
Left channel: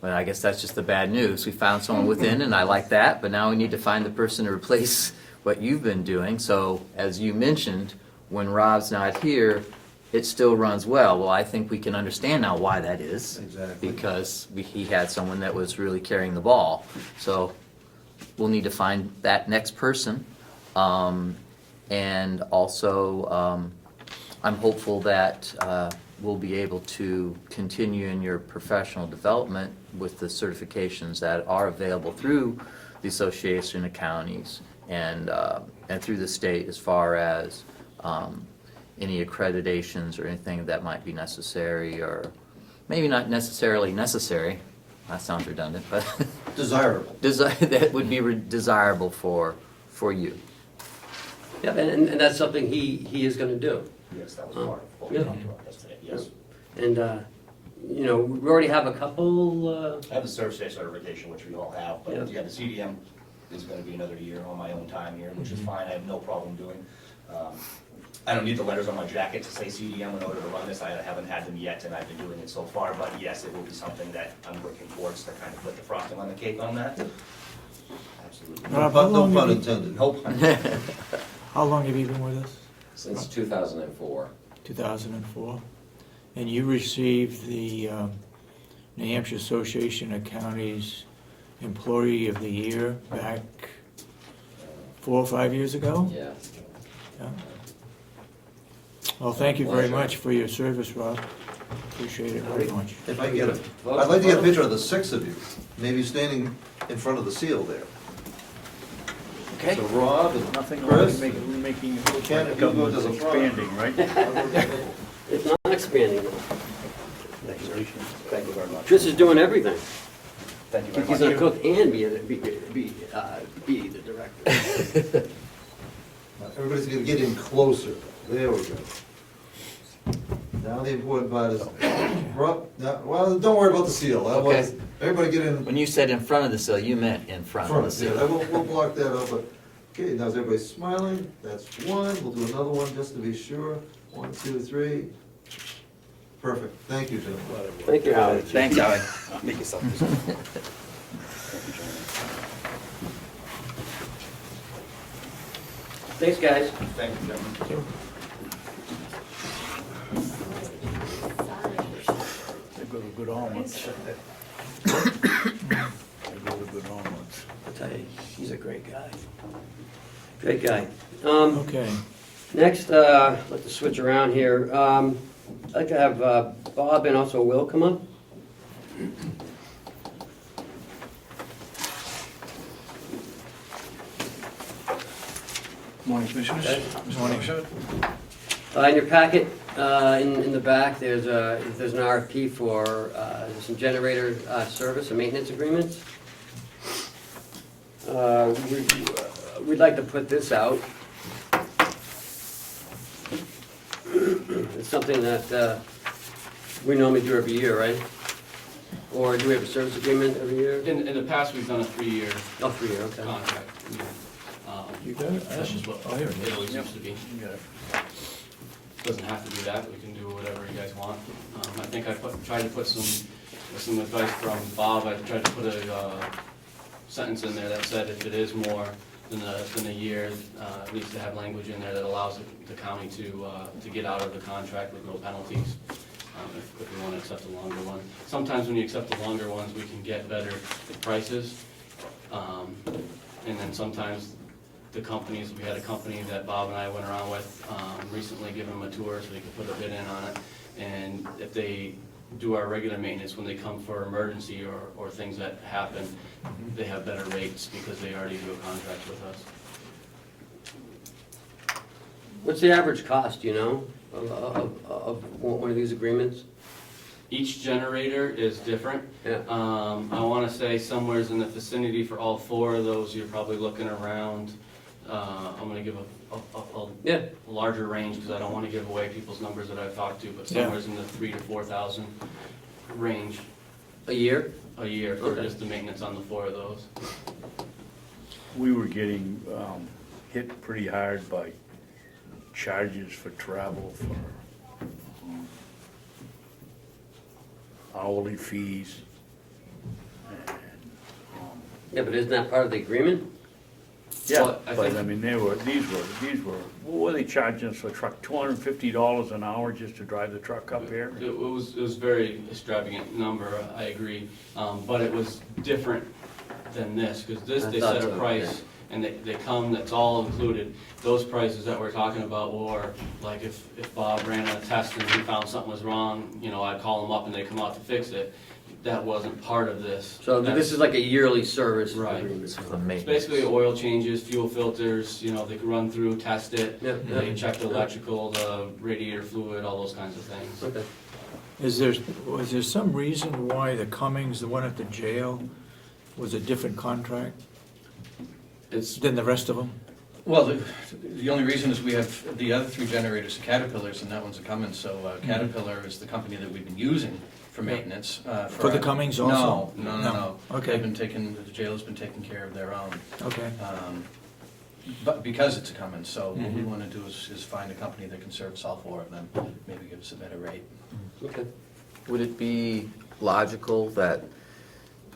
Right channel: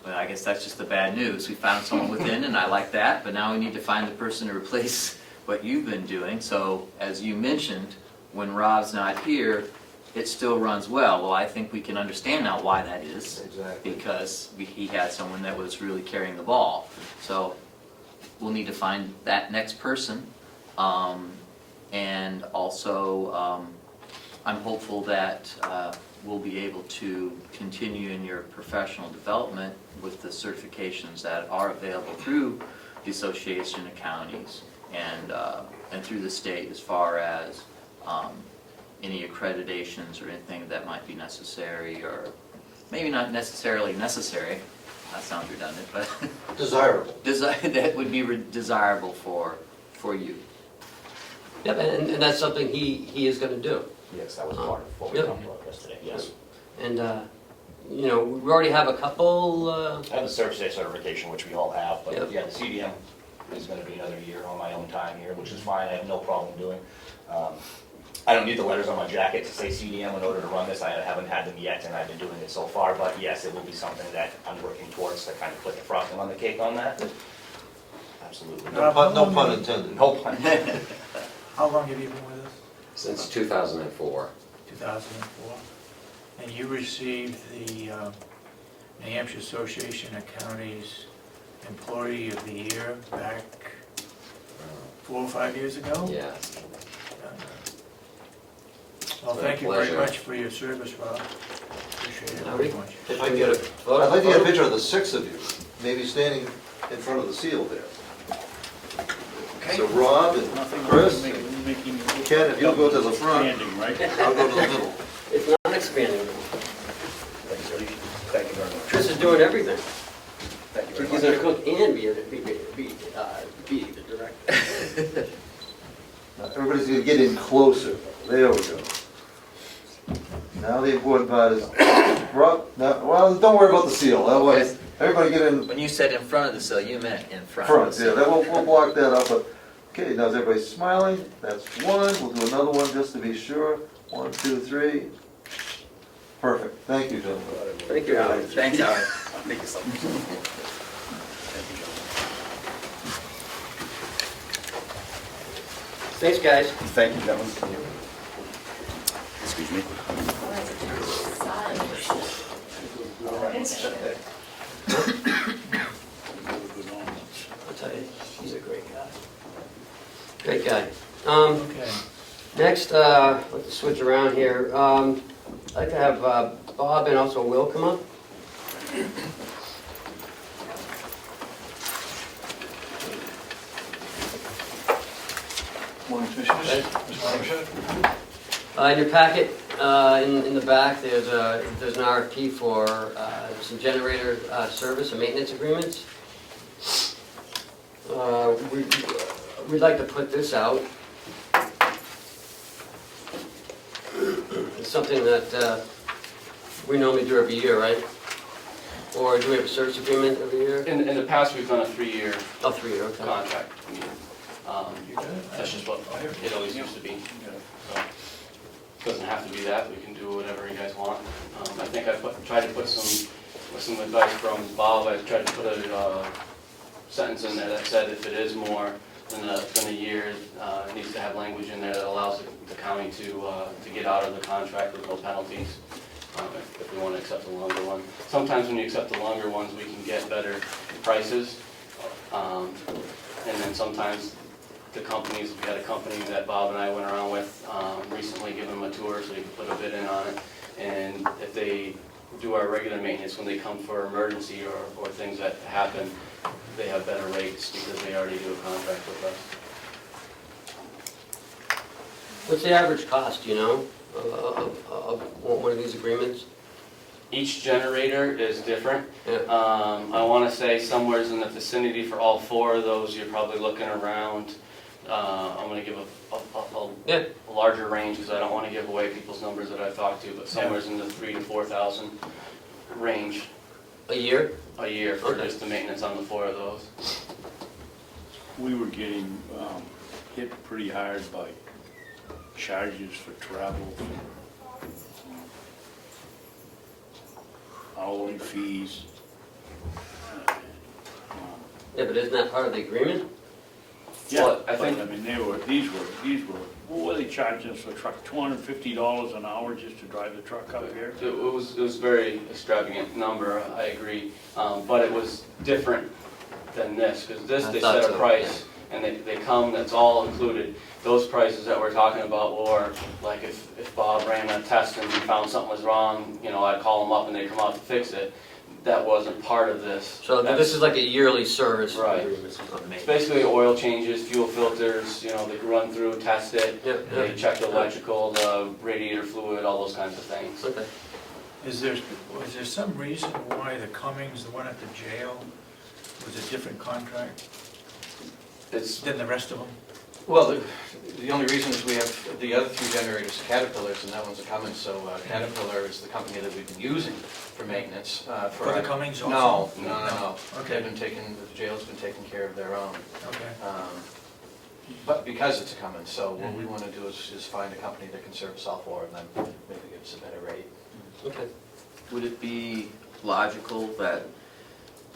But I guess that's just the bad news. We found someone within, and I like that, but now we need to find the person to replace what you've been doing. So as you mentioned, when Rob's not here, it still runs well. Well, I think we can understand now why that is. Exactly. Because he had someone that was really carrying the ball. So we'll need to find that next person. And also, I'm hopeful that we'll be able to continue in your professional development with the certifications that are available through the Association of Counties and through the state, as far as any accreditations or anything that might be necessary, or maybe not necessarily necessary. That sounds redundant, but Desirable. that would be desirable for you. Yep, and that's something he is gonna do. Yes, that was part of what we Yeah. talked about yesterday, yes. And, you know, we already have a couple, I have the service day certification, which we all have, Yep. but yeah, the CDM is gonna be another year on my own time here, which is fine, I have no problem doing. I don't need the letters on my jacket to say CDM in order to run this, I haven't had them yet, and I've been doing it so far, but yes, it will be something that I'm working towards to kind of put the frosting on the cake on that. Absolutely. No pun intended. No pun. How long have you been with us? Since 2004. 2004? and you received the New Hampshire Association of Counties Employee of the Year back 4 or 5 years ago? Yes. Yeah. Well, thank you very Pleasure. much for your service, Rob. Appreciate it very much. If I get I'd like to get a picture of the 6 of you, maybe standing in front of the seal there. Okay. So Rob and Nothing Chris, making Ken, if you'll go to the front. Standing, right? I'll go to the middle. It's not expanding. Congratulations. Thank you very much. Chris is doing everything. Thank you very He's much. gonna cook and be the director. Everybody's gonna get in closer. There we go. Now the important part is, Rob, now, well, don't worry about the seal. That was, Okay. everybody get in When you said in front of the cell, you meant in front of front. the Yeah, cell. then we'll block that up, but, okay, now is everybody smiling? That's one. We'll do another one just to be sure. 1, 2, 3. Perfect. Thank you, gentlemen. Thank you, Howard. Thanks, Howard. Make yourself. Thanks, guys. Thank you, gentlemen. Excuse me. Good omelets. Good omelets. I'll tell you, he's a great guy. Great guy. Okay. Next, let's switch around here. I'd like to have Bob and also Will come up. Morning, Commissioners. Okay. Morning, Commissioner. In your packet, in the back, there's an RFP for some generator service and maintenance agreements. We'd like to put this out. It's something that we normally do every year, right? Or do we have a service agreement every year? In the past, we've done a 3-year Oh, 3 year, okay. contract. You got it? That's just what it always used to be. Doesn't have to be that, we can do whatever you guys want. I think I tried to put some advice from Bob, I tried to put a sentence in there that said if it is more than a year, it needs to have language in there that allows the county to get out of the contract with no penalties, if we want to accept a longer one. Sometimes when you accept the longer ones, we can get better prices. And then sometimes the companies, we had a company that Bob and I went around with recently, giving them a tour so they could put a bid in on it. And if they do our regular maintenance, when they come for emergency or things that happen, they have better rates because they already do a contract with us. What's the average cost, do you know, of one of these agreements? Each generator is different. Yeah. I want to say somewhere's in the vicinity for all 4 of those, you're probably looking around, I'm going to give Yeah. a larger range because I don't want to give away people's numbers that I've talked to, but somewhere's in the 3,000 to 4,000 range A year? a year for Okay. just the maintenance on the 4 of those. We were getting hit pretty hard by charges for travel, hourly fees. Yeah, but isn't that part of the agreement? Yeah, But I but I think- mean, these were, what were they charging us for a truck? $250 an hour just to drive the truck up here? It was very extravagant number, I agree, but it was different than this, because this, I they thought set a so, price, and they come, that's all included. Those prices that we're talking about were, like if Bob ran a test and he found something was wrong, you know, I'd call him up and they'd come out to fix it. That wasn't part of this. So this is like a yearly service. Right. agreement. This was a It's maintenance. basically oil changes, fuel filters, you know, they can run through, test it, Yeah, they yeah. check the electrical, the radiator fluid, all those kinds of things. Okay. Was there some reason why the Cummings, the one at the jail, was a different contract It's, than the rest of them? Well, the only reason is we have the other 3 generators, Caterpillars, and that one's a Cummins, so Caterpillar is the company that we've been using for maintenance. For the Cummings also? No. Okay. They've been taking, the jail's been taking care of their own. Okay. But because it's a Cummins, so what we want to do is find a company that can serve South Florida and then maybe give us a better rate. Okay. Would it be logical that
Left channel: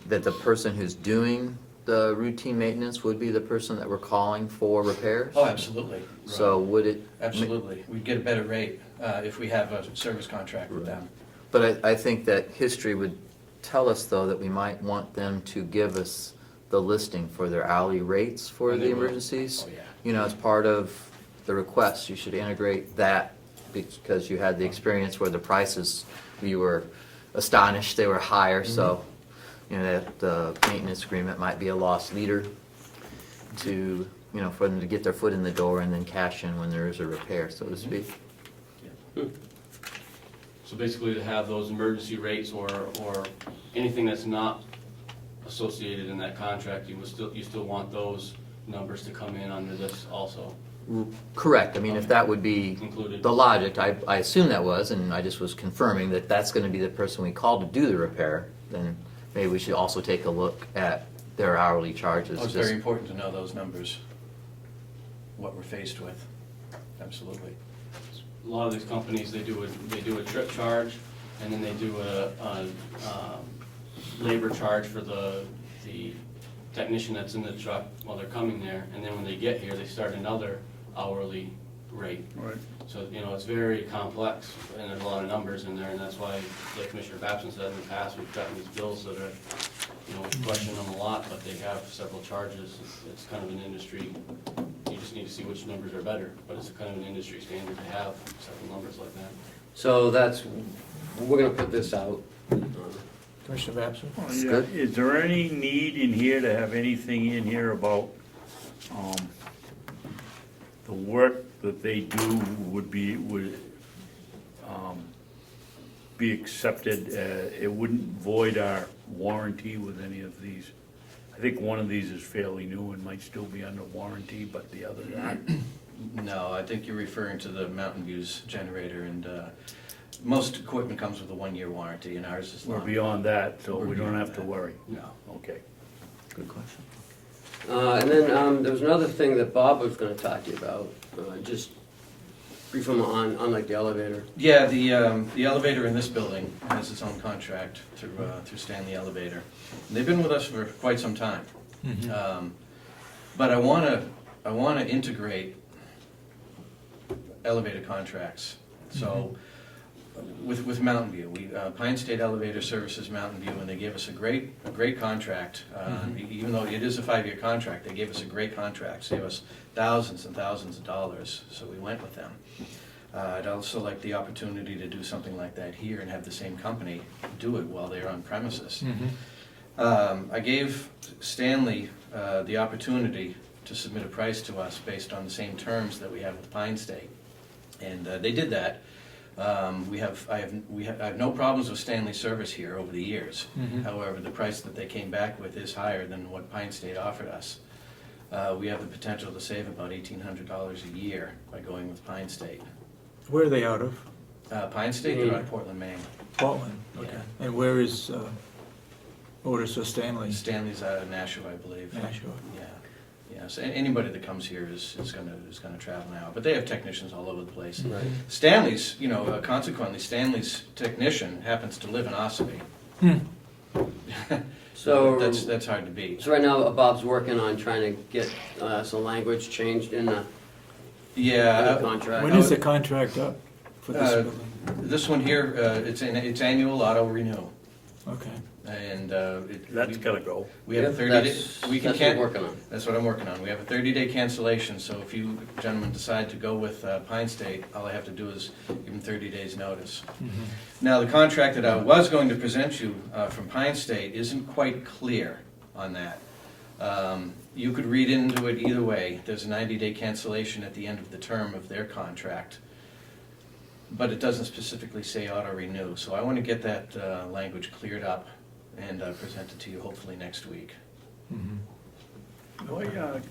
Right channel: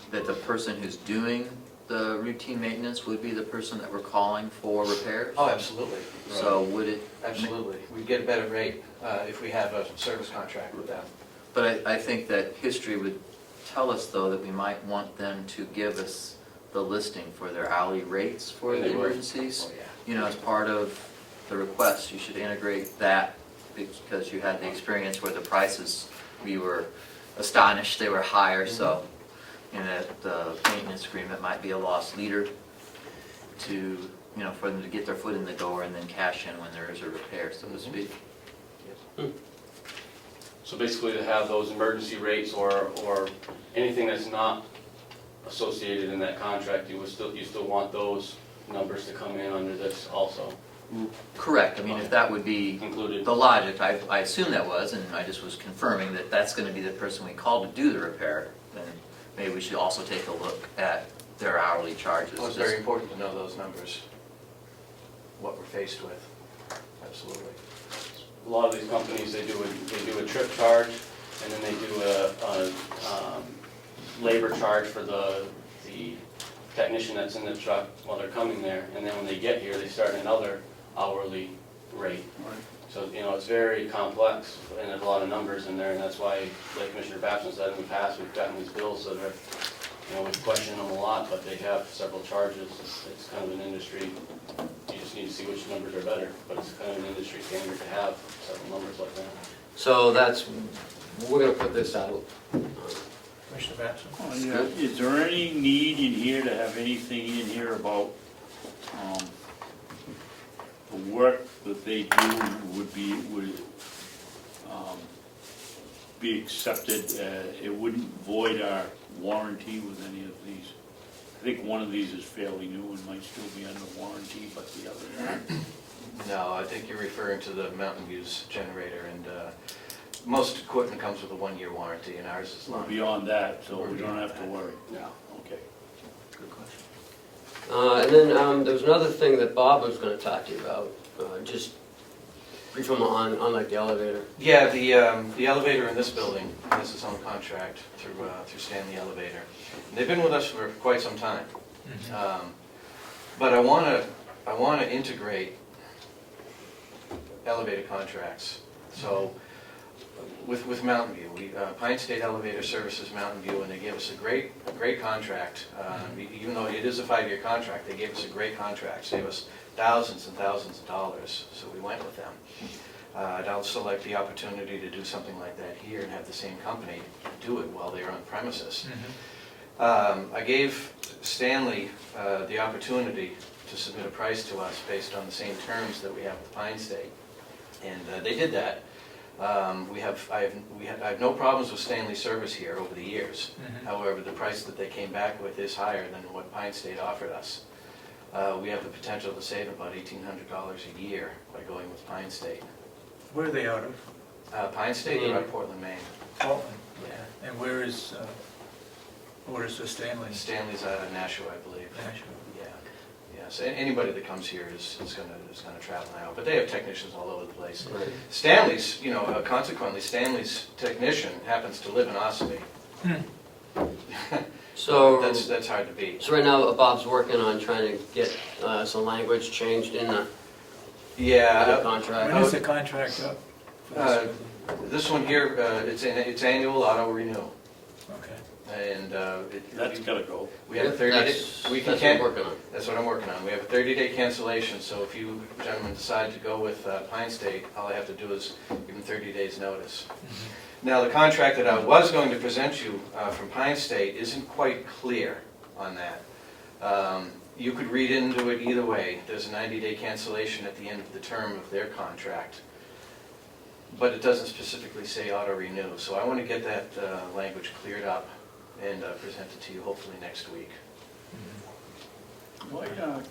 the person who's doing the routine maintenance would be the person that we're calling for repairs? Oh, absolutely. So would it? Absolutely. We'd get a better rate if we have a service contract with them. But I think that history would tell us, though, that we might want them to give us the listing for their hourly rates for And the they will. emergencies. Oh, yeah. You know, as part of the request, you should integrate that, because you had the experience where the prices, we were astonished they were higher, so, you know, that the maintenance agreement might be a lost leader to, you know, for them to get their foot in the door and then cash in when there is a repair, so to speak. So basically to have those emergency rates or anything that's not associated in that contract, you still want those numbers to come in under this also Correct, I mean, if that would be included? the logic, I assume that was, and I just was confirming that that's gonna be the person we called to do the repair, then maybe we should also take a look at their hourly charges. Well, it's very important to know those numbers, what we're faced with. Absolutely. A lot of these companies, they do a trip charge, and then they do a labor charge for the technician that's in the truck while they're coming there, and then when they get here, they start another hourly rate. Right. So, you know, it's very complex, and there's a lot of numbers in there, and that's why, like Commissioner Babson said in the past, we've gotten these bills that are, you know, we question them a lot, but they have several charges. It's kind of an industry, you just need to see which numbers are better, but it's kind of an industry standard to have several numbers like that. So we're gonna put this out. Commissioner Babson? good. Is there any need in here to have anything in here about, the work that they do would be accepted, it wouldn't void our warranty with any of these? I think one of these is fairly new and might still be under warranty, but the other not. No, I think you're referring to the Mountain View's generator, and most equipment comes with a 1-year warranty, and ours is We're not. beyond that, so we don't have to worry. No. Okay. Good question. And then there was another thing that Bob was gonna talk to you about, just brief him on like the elevator. Yeah, the elevator in this building has its own contract through Stanley Elevator. And they've been with us for quite some time. But I wanna integrate elevator contracts. So with Mountain View, Pine State Elevator services Mountain View, and they gave us a great contract. Even though it is a 5-year contract, they gave us a great contract, saved us thousands and thousands of dollars, so we went with them. I'd also like the opportunity to do something like that here and have the same company do it while they're on premises. I gave Stanley the opportunity to submit a price to us based on the same terms that we have with Pine State, and they did that. I have no problems with Stanley's service here over the years. However, the price that they came back with is higher than what Pine State offered us. We have the potential to save about $1,800 a year by going with Pine State. Where are they out of? Pine State, they're out of Portland, Maine. Portland? Okay. And where is, where's the Stanley? Stanley's out of Nashua, I believe. Nashua. Yeah, so anybody that comes here is gonna travel now, but they have technicians all over the place. Right. Stanley's, consequently, Stanley's technician happens to live in Ossipee. So That's hard to beat. So right now, Bob's working on trying to get some language changed in the Yeah, contract. When is the contract up for this Uh, building? this one here, it's annual auto renew, Okay. and That's gotta go. we have Yep, 30 days. that's We can what can we're working on. That's what I'm working on. We have a 30-day cancellation, so if you gentlemen decide to go with Pine State, all I have to do is give them 30 days' notice. Now, the contract that I was going to present you from Pine State isn't quite clear on that. You could read into it either way. There's a 90-day cancellation at the end of the term of their contract, but it doesn't specifically say auto renew. So I want to get that language cleared up and present it to you hopefully next week.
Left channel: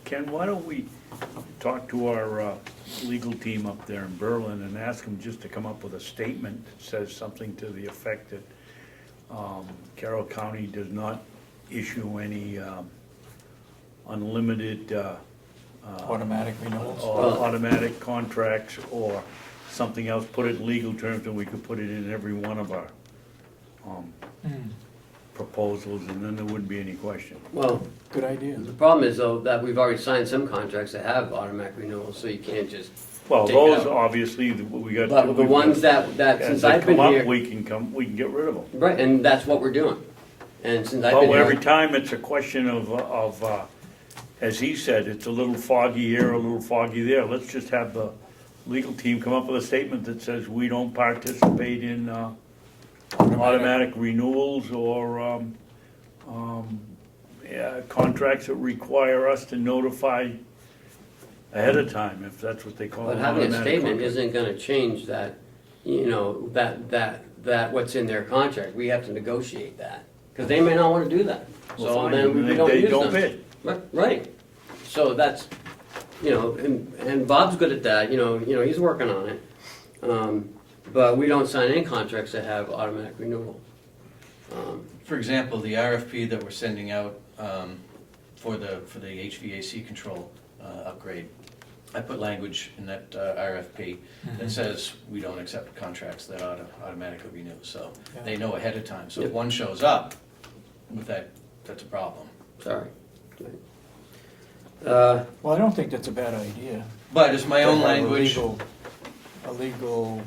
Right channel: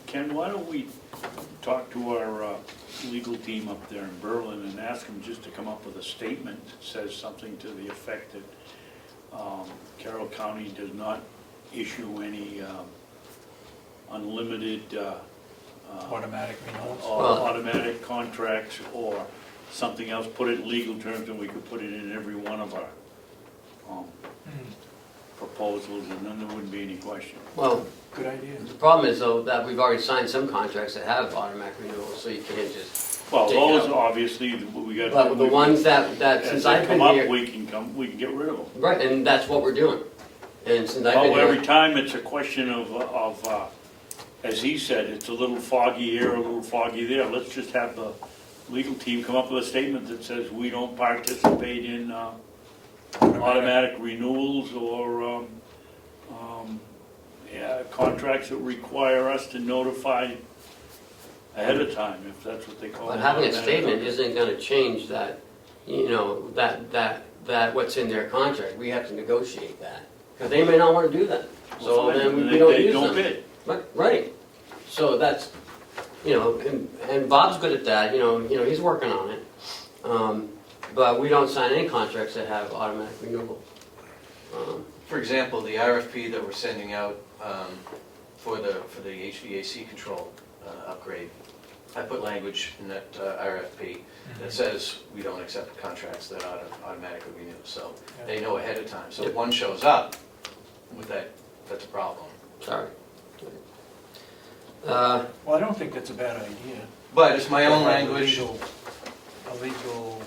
Ken, why don't we talk to our legal team up there in Berlin and ask them just to come up with a statement that says something to the effect that Carroll County does not issue any unlimited Automatic renewals? automatic contracts or something else, put it in legal terms, and we could put it in every one of our proposals, and then there wouldn't be any question. Well, Good idea. the problem is though, that we've already signed some contracts that have automatic renewals, so you can't just, Well, Take it those, out. obviously, we got. but the ones that, As since they I've been come up, here, we can get rid of them. right, and that's what we're doing. And since I've been Well, every here, time it's a question of, as he said, it's a little foggy here, a little foggy there. Let's just have the legal team come up with a statement that says we don't participate in automatic renewals or contracts that require us to notify ahead of time, if that's what they call it. but having a automatic statement contract. isn't gonna change that, you know, that what's in their contract, we have to negotiate that. Cause they may not wanna do that, Well, so fine, then then we don't they use don't them. bid. Right, so that's, you know, and Bob's good at that, you know, he's working on it. But we don't sign any contracts that have automatic renewal. For example, the RFP that we're sending out for the HVAC control upgrade, I put language in that RFP that says we don't accept contracts that automatically renew, so they know ahead of time. So if one shows up with that, that's a problem. Sorry. Well, I don't think that's a bad idea. But it's my own To have language. A legal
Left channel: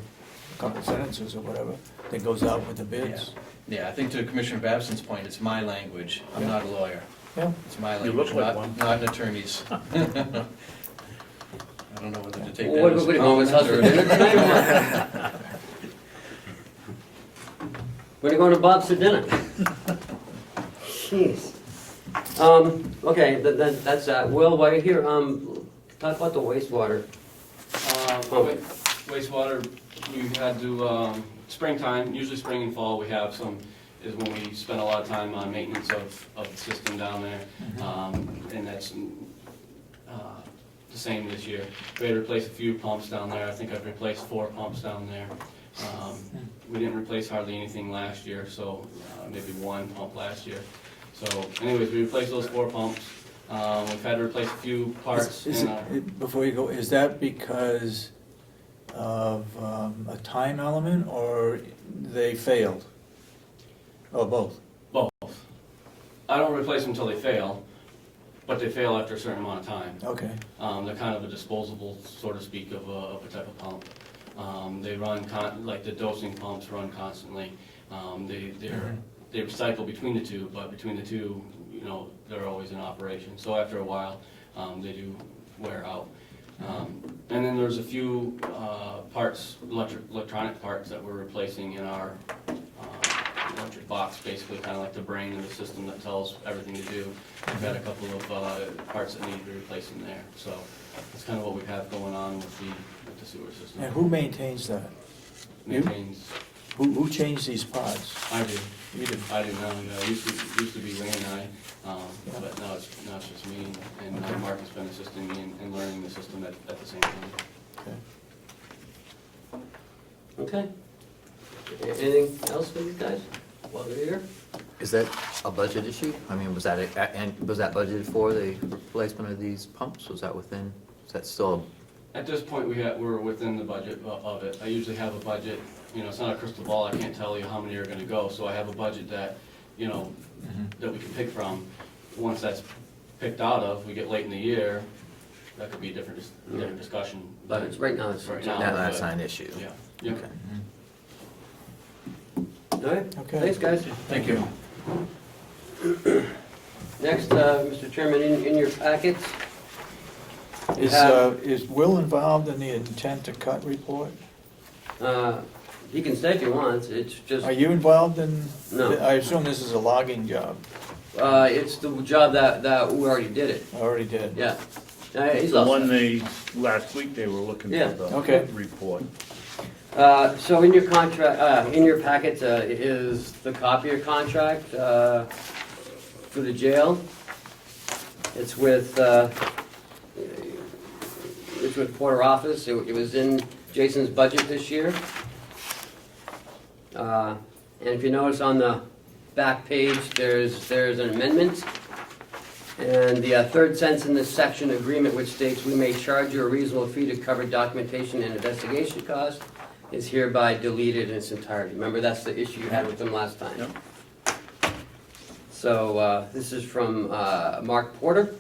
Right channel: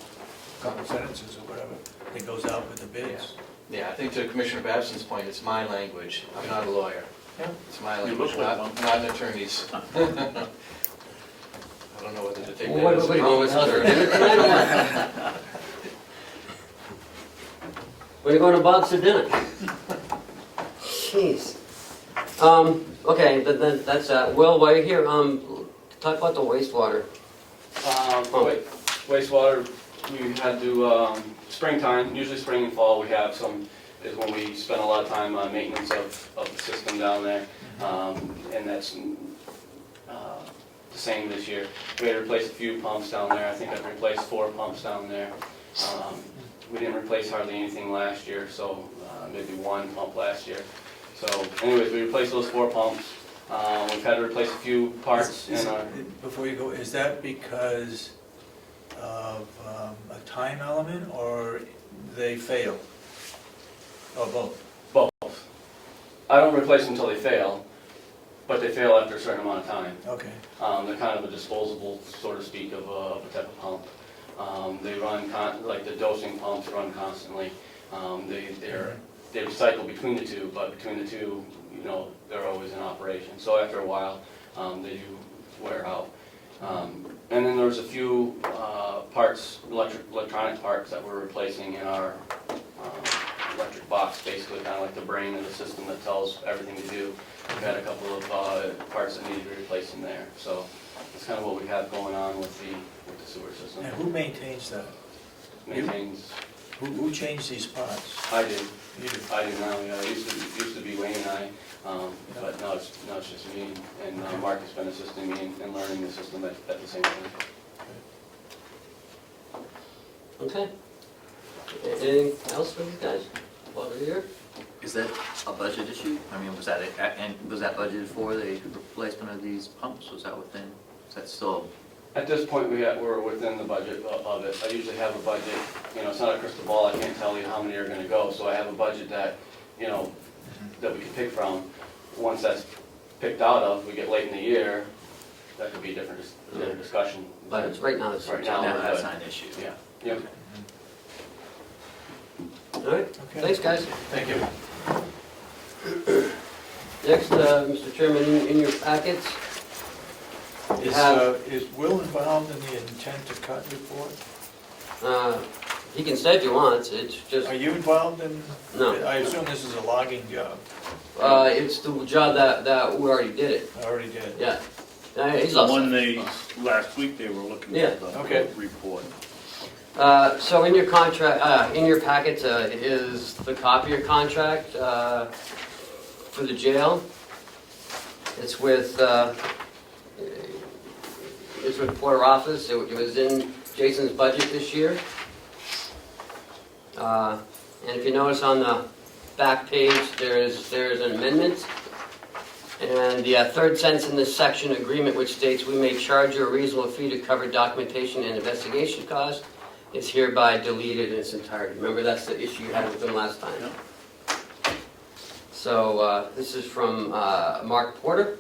couple sentences or whatever that goes out with the bids. Yeah, I think to Commissioner Babson's point, it's my language. I'm not a lawyer. Yeah. It's my You look language, like not one. an attorney's. I don't know whether to take What that are you as. going with Hudson? We're going to Bob's for dinner. Jeez. Okay, then that's that. Will, while you're here, talk about the wastewater. Wastewater, we had to, springtime, usually spring and fall, we have some, is when we spend a lot of time on maintenance of the system down there. And that's the same this year. We had to replace a few pumps down there. I think I've replaced 4 pumps down there. We didn't replace hardly anything last year, so maybe 1 pump last year. So anyways, we replaced those 4 pumps. We've had to replace a few parts Is in our, it- Before you go, is that because of a time element or they failed? Or both? both. I don't replace them until they fail, but they fail after a certain amount of time. Okay. They're kind of a disposable, so to speak, of a type of pump. They run, like the dosing pumps run constantly. They recycle between the two, but between the two, you know, they're always in operation. So after a while, they do wear out. And then there's a few parts, electronic parts that we're replacing in our electric box, basically kind of like the brain of the system that tells everything to do. We've had a couple of parts that need to be replaced in there. So that's kind of what we have going on with the sewer system. And who maintains that? Maintains, Who changed these parts? I do. You do. I do now, yeah, it used to be Wayne and I, but now it's just me, and Mark has been assisting me in learning the system at the same time. Okay. Anything else for these guys while we're here? Is that a budget issue? I mean, was that budgeted for the replacement of these pumps? Was that within, is that still? At this point, we're within the budget of it. I usually have a budget, you know, it's not a crystal ball, I can't tell you how many are gonna go, so I have a budget that, you know, that we can pick from. Once that's picked out of, we get late in the year, that could be a different discussion. But it's right now, it's Right right now. now. That's not an issue. Yeah, yep. All right, Okay. thanks, guys. Thank you. Next, Mr. Chairman, in your packets, you Is, have, is Will involved in the intent to cut report? he can say if he wants, it's just, Are you involved in? No. I assume this is a logging job. it's the job that we already did it, I already did. yeah. He's The also, one last week they were looking Yeah. for Okay. the report. so in your contract, in your packet, is the copy of your contract, for the jail. It's with Porter Office, it was in Jason's budget this year. And if you notice on the back page, there's an amendment. And the third sentence in this section, agreement which states we may charge you a reasonable fee to cover documentation and investigation costs, is hereby deleted in its entirety. Remember, that's the issue you had with them last time. Yep. So, this is from, Mark Porter.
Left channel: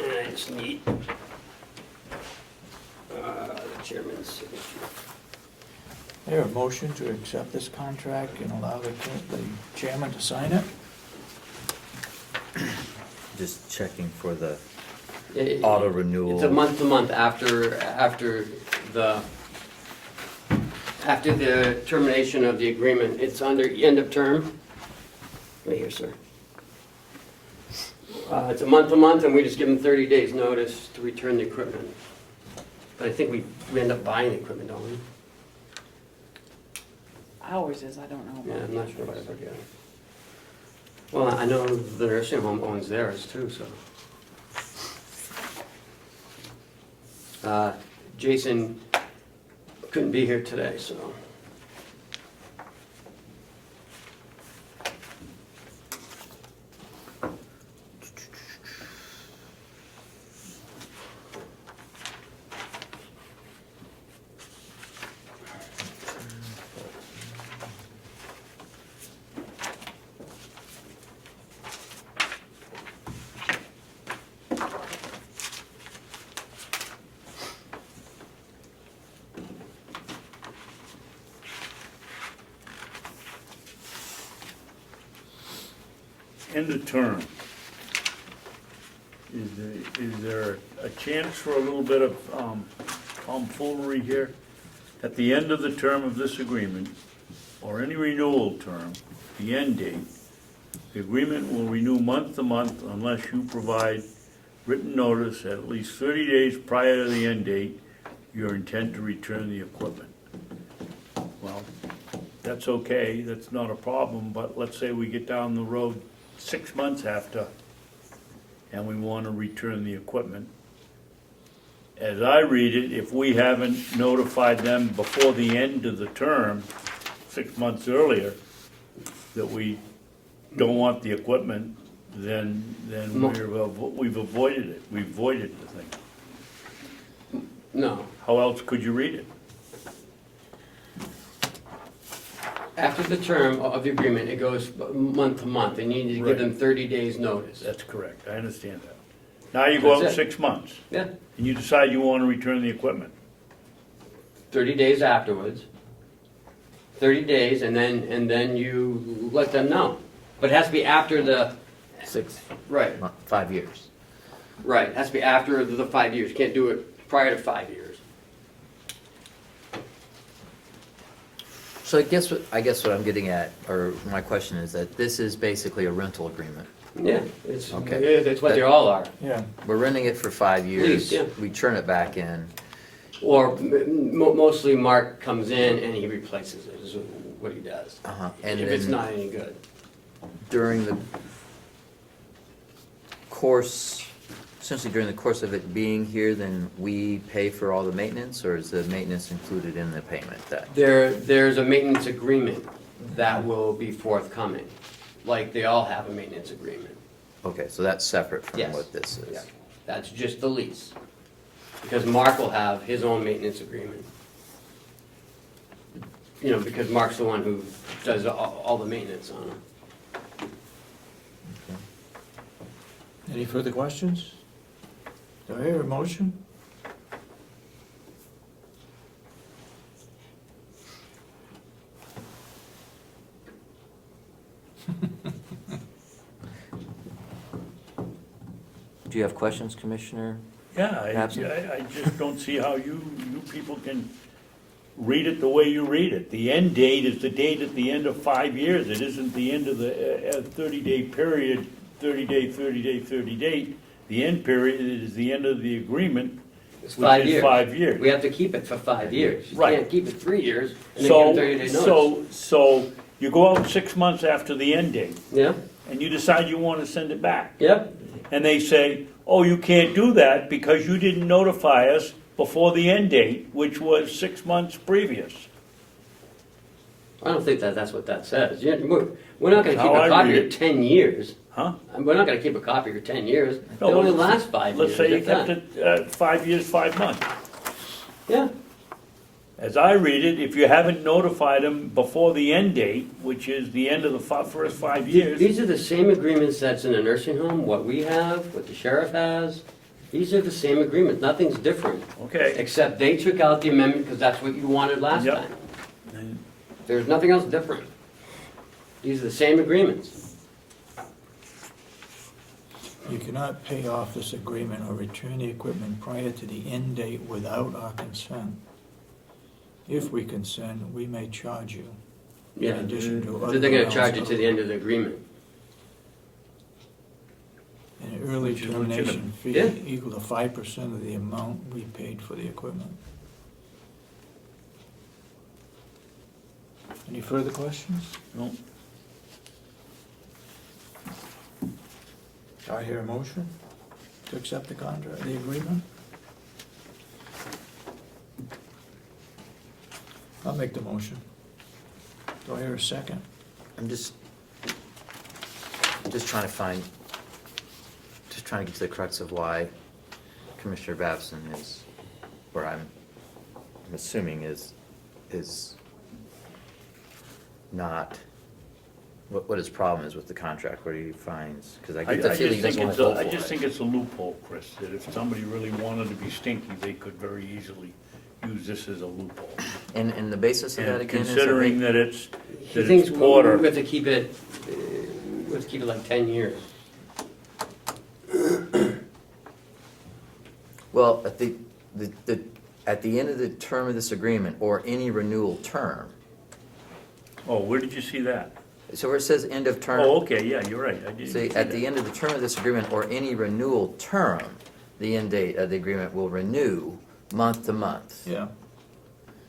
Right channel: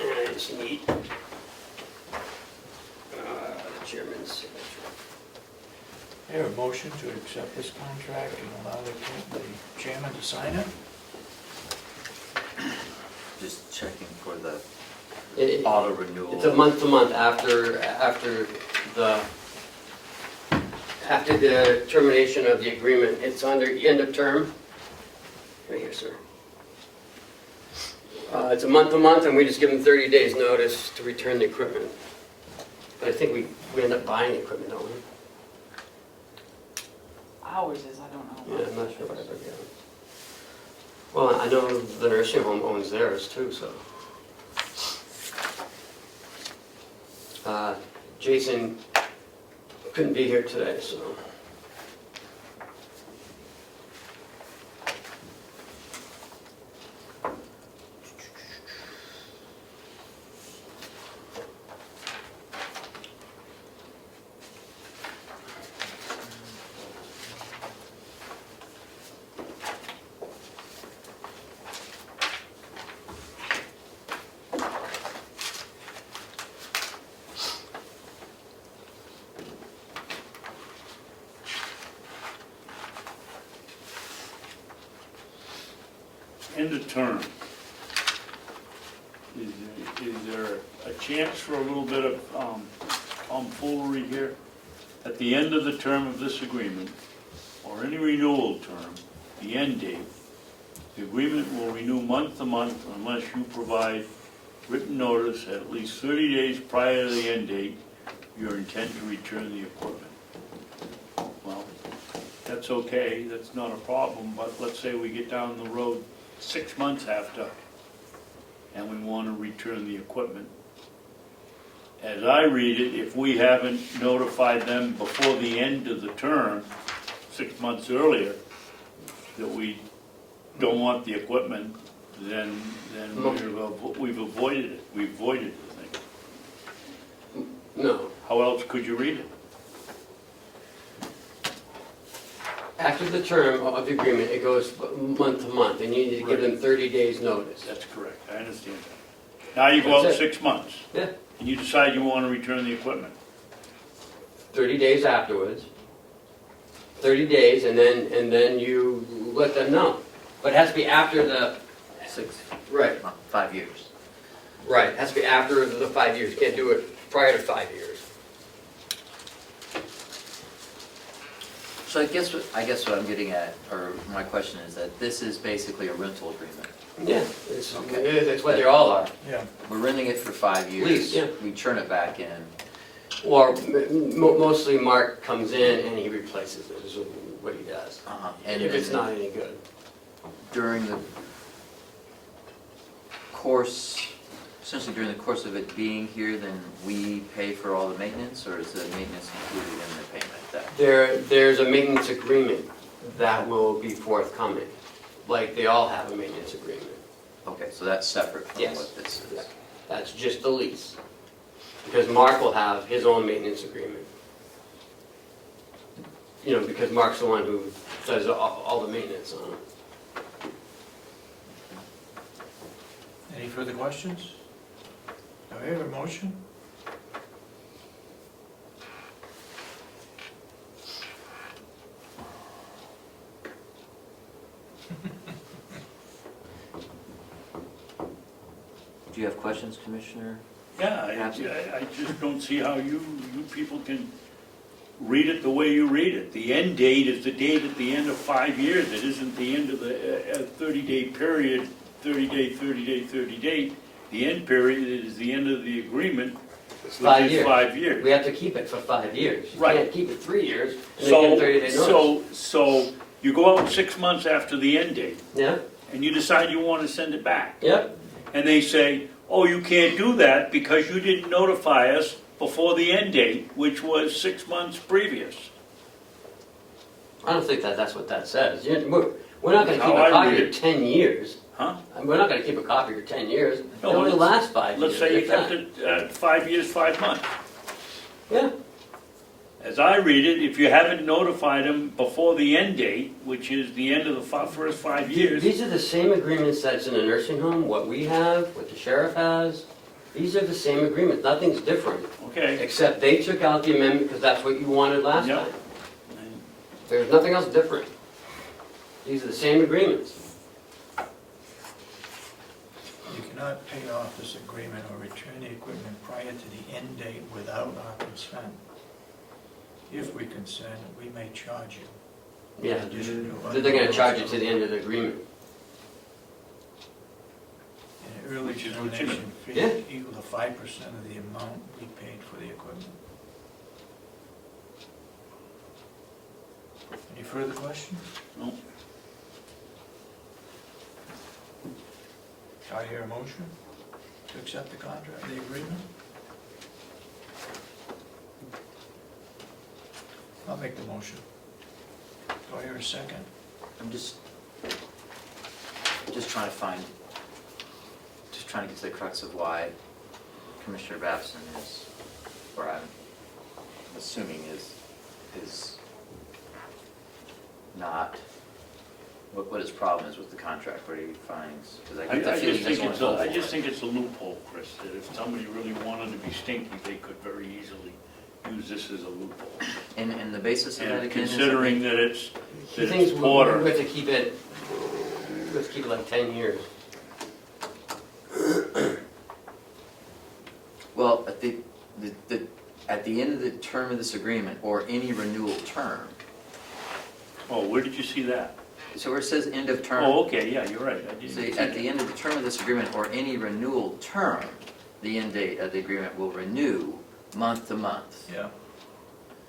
And I just need, the chairman's signature. I hear a motion to accept this contract and allow the chairman to sign it. Just checking for the It- auto renewal. It's a month-to-month after the termination of the agreement. It's under end of term. Right here, sir. It's a month-to-month, and we just give them 30 days notice to return the equipment. But I think we end up buying the equipment, don't we? Ours is, I don't know. Yeah, I'm not sure what I forget. Well, I know the nursing home owns theirs too, so. Jason couldn't be here today, so. End of term. Is there a chance for a little bit of tomfoolery here? At the end of the term of this agreement, or any renewal term, the end date, the agreement will renew month to month unless you provide written notice at least 30 days prior to the end date, your intent to return the equipment. Well, that's okay, that's not a problem, but let's say we get down the road 6 months after, and we want to return the equipment. As I read it, if we haven't notified them before the end of the term, 6 months earlier, that we don't want the equipment, then we've avoided it, we've voided the thing. No. How else could you read it? After the term of the agreement, it goes month to month. They need to give them 30 days notice. That's correct, I understand that. Now you go out That's it. 6 months, Yeah, and you decide you want to return the equipment. 30 days afterwards. 30 days, and then you let them know. But it has to be after the, 5 years. right, it has to be after the 5 years. You can't do it prior to 5 years. So I guess what I'm getting at, or my question is that this is basically a rental agreement. Yeah, Okay. that's what they all are. Yeah. We're renting it for 5 years. Lease, yeah. We turn it back in. Or mostly Mark comes in and he replaces it, is what he does. And If it's then not any good. during the course, essentially during the course of it being here, then we pay for all the maintenance, or is the maintenance included in the payment that? There's a maintenance agreement that will be forthcoming, like they all have a maintenance agreement. Okay, so that's separate from Yes. what this is. Yeah. That's just the lease. Because Mark will have his own maintenance agreement. You know, because Mark's the one who does all the maintenance on it. Any further questions? Do I hear a motion? Do you have questions, Commissioner? Yeah, I just don't see how you people can read it the way you read it. The end date is the date at the end of 5 years. It isn't the end of the 30-day period, 30 day. The end period is the end of the agreement, It's which 5 is years. 5 years. We have to keep it for 5 years. You Right. can't keep it 3 years and then give them 30 days notice. So you go out 6 months after the end date, Yeah, and you decide you want to send it back. yeah. And they say, oh, you can't do that because you didn't notify us before the end date, which was 6 months previous. I don't think that's what that says. We're not gonna How keep I a copy read of 10 years. Huh? We're not gonna keep a copy of 10 years. It No, only let's- lasts 5 years. Let's say you if that. kept it 5 years, 5 months. Yeah, as I read it, if you haven't notified them before the end date, which is the end of the first 5 years, These are the same agreements that's in a nursing home, what we have, what the sheriff has. These are the same agreements, nothing's different. okay. Except they took out the amendment because that's what you wanted last Yeah. time. There's nothing else different. These are the same agreements. You cannot pay off this agreement or return the equipment prior to the end date without our consent. If we consent, we may charge you. Yeah. In addition to So other. they're gonna charge you to the end of the agreement. An early Which is termination fee Yeah. equal to 5% of the amount we paid for the equipment. Any further questions? No. Do I hear a motion to accept the contract, the agreement? I'll make the motion. Do I hear a second? I'm just trying to find, just trying to get to the crux of why Commissioner Babson is, or I'm assuming is not, what his problem is with the contract, what he finds, because I I get the just feeling he think doesn't want it's to a, vote I for just it. think it's a loophole, Chris, that if somebody really wanted to be stinky, they could very easily use this as a loophole. And the basis of that And again is. considering that it's He thinks we quarter. have to keep it, let's keep it like 10 years. Well, at the end of the term of this agreement, or any renewal term, Oh, where did you see that? so where it says end of term. Oh, okay, yeah, you're right, I didn't See, see at the that. end of the term of this agreement, or any renewal term, the end date of the agreement will renew month to month. Yeah.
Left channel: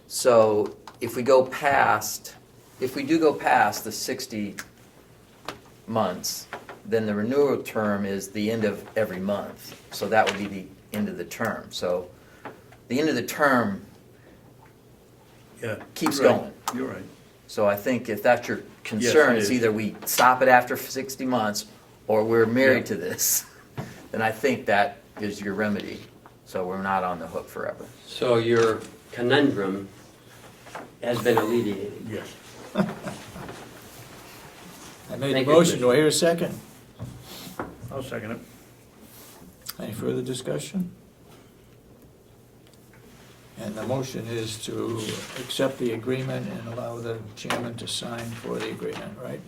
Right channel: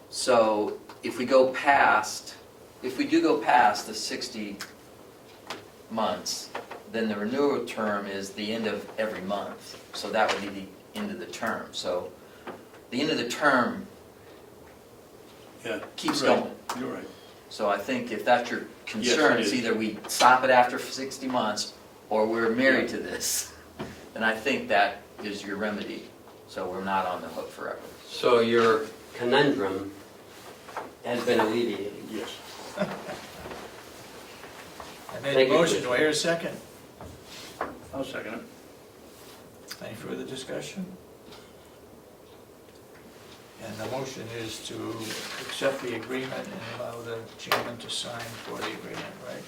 So if we go past, if we do go past the 60 months, then the renewal term is the end of every month. So that would be the end of the term. So the end of the term Yeah. keeps Right. going. You're right. So I think if that's your concern, it it's is. either we stop it after 60 months, or we're married to this, then I think that is your remedy. So we're not on the hook forever. So your conundrum has been alleviated. Yes. I made Thank a you. motion, do I hear a second? I'll second it. Any further discussion? And the motion is to accept the agreement and allow the chairman to sign for the agreement, right?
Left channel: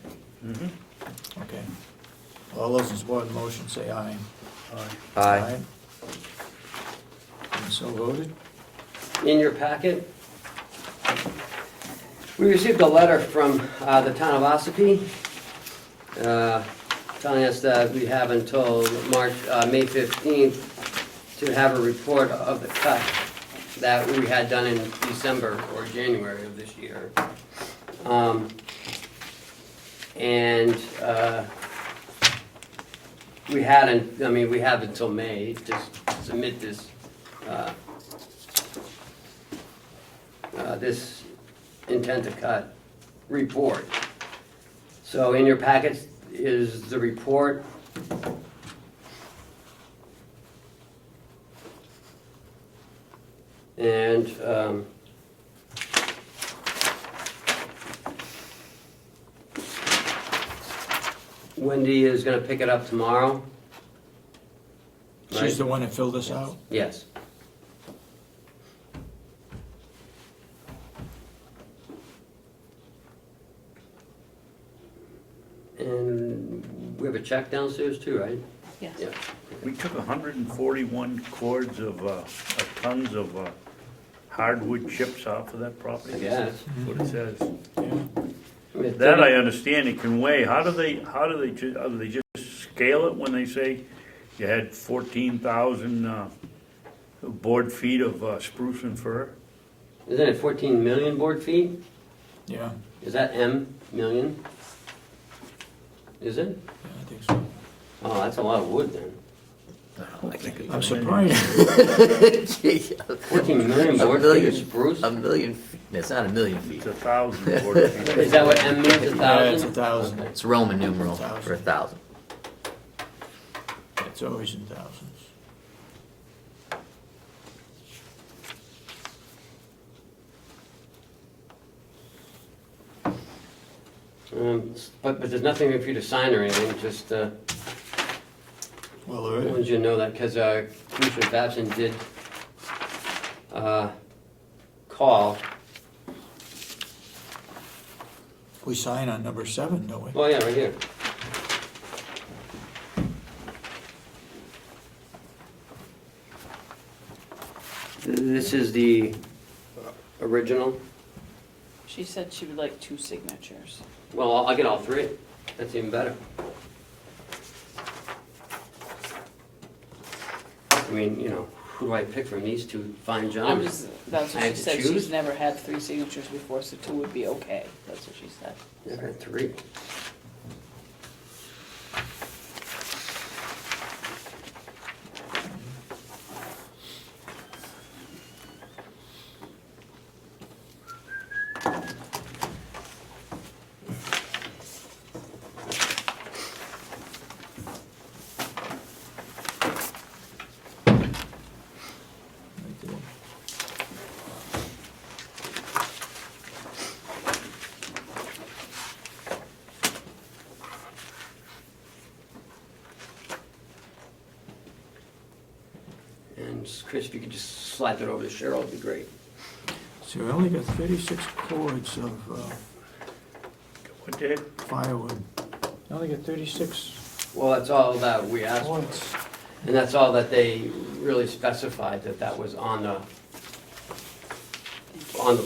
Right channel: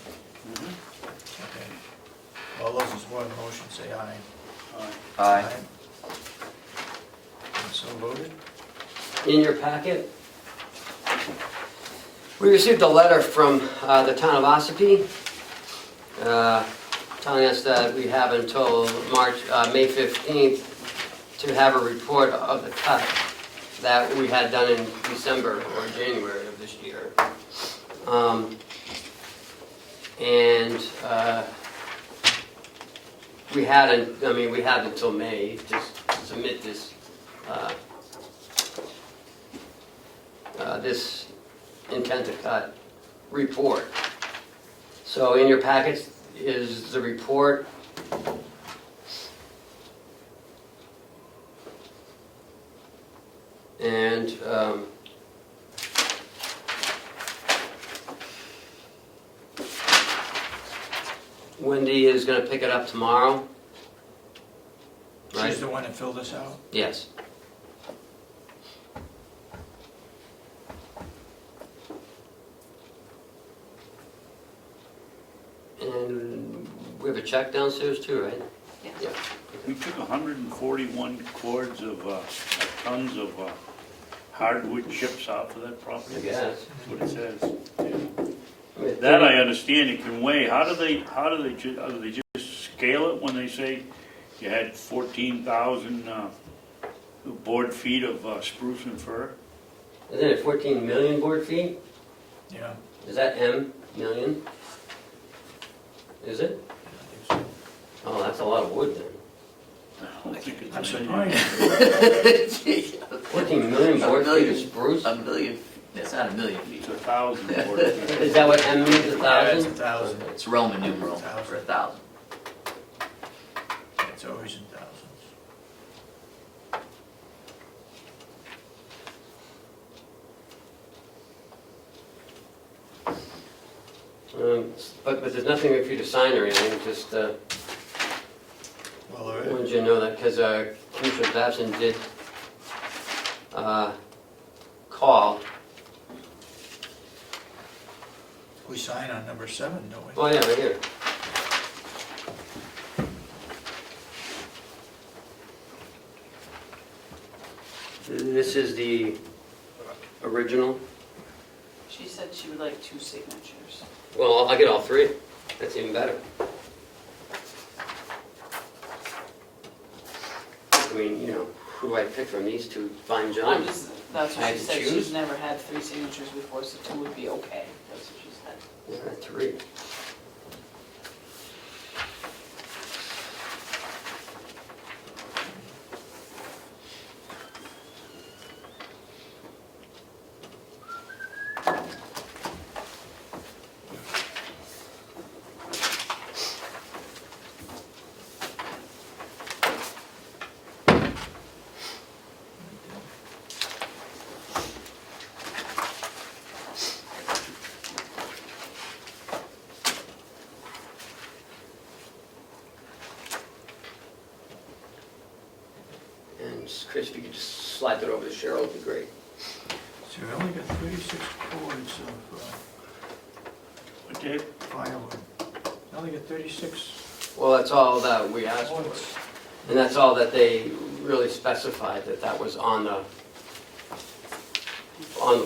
Mhm. Okay. All those in support of the motion say aye. Aye. And so voted? In your packet, we received a letter from the town of Ossipee telling us that we have until May 15th to have a report of the cut that we had done in December or January of this year. We had until May to submit this this intent to cut report. So in your packets is the report. And Wendy is gonna pick it up tomorrow. She's Right. the one that filled this out? Yes. And we have a check downstairs too, right? Yes. Yeah. We took 141 cords of tons of hardwood chips off of that property. I guess. That's what it says. I mean, That I understand it can weigh. How do they just scale it when they say you had 14,000 board feet of spruce and fir? Isn't it 14 million board feet? Yeah, Is that M, million? Is it? I think so. Oh, that's a lot of wood then. I'm surprised. 14 million board feet of spruce? A million, it's not a million feet. It's 1,000 board feet. Is that what M means, Yeah, it's 1,000? 1,000. It's Roman numeral for 1,000. It's always in thousands. But there's nothing for you to sign or anything, just, Well, I all wanted right. you to know that, because Commissioner Babson did call. We sign on number 7, don't we? Oh, yeah, right here. This is the original. She said she would like 2 signatures. Well, I'll get all 3. That's even better. I mean, you know, who do I pick from these 2 fine I'm gentlemen? just, that's I what had she to said, choose? she's never had 3 signatures before, so 2 would be okay, that's what she said. Never had 3. And Chris, if you could just slide that over to Cheryl, it'd be great. So we only got 36 cords of What, Dave? firewood. I only got 36 Well, that's all that we asked for. cords. And that's all that they really specified, that that was on the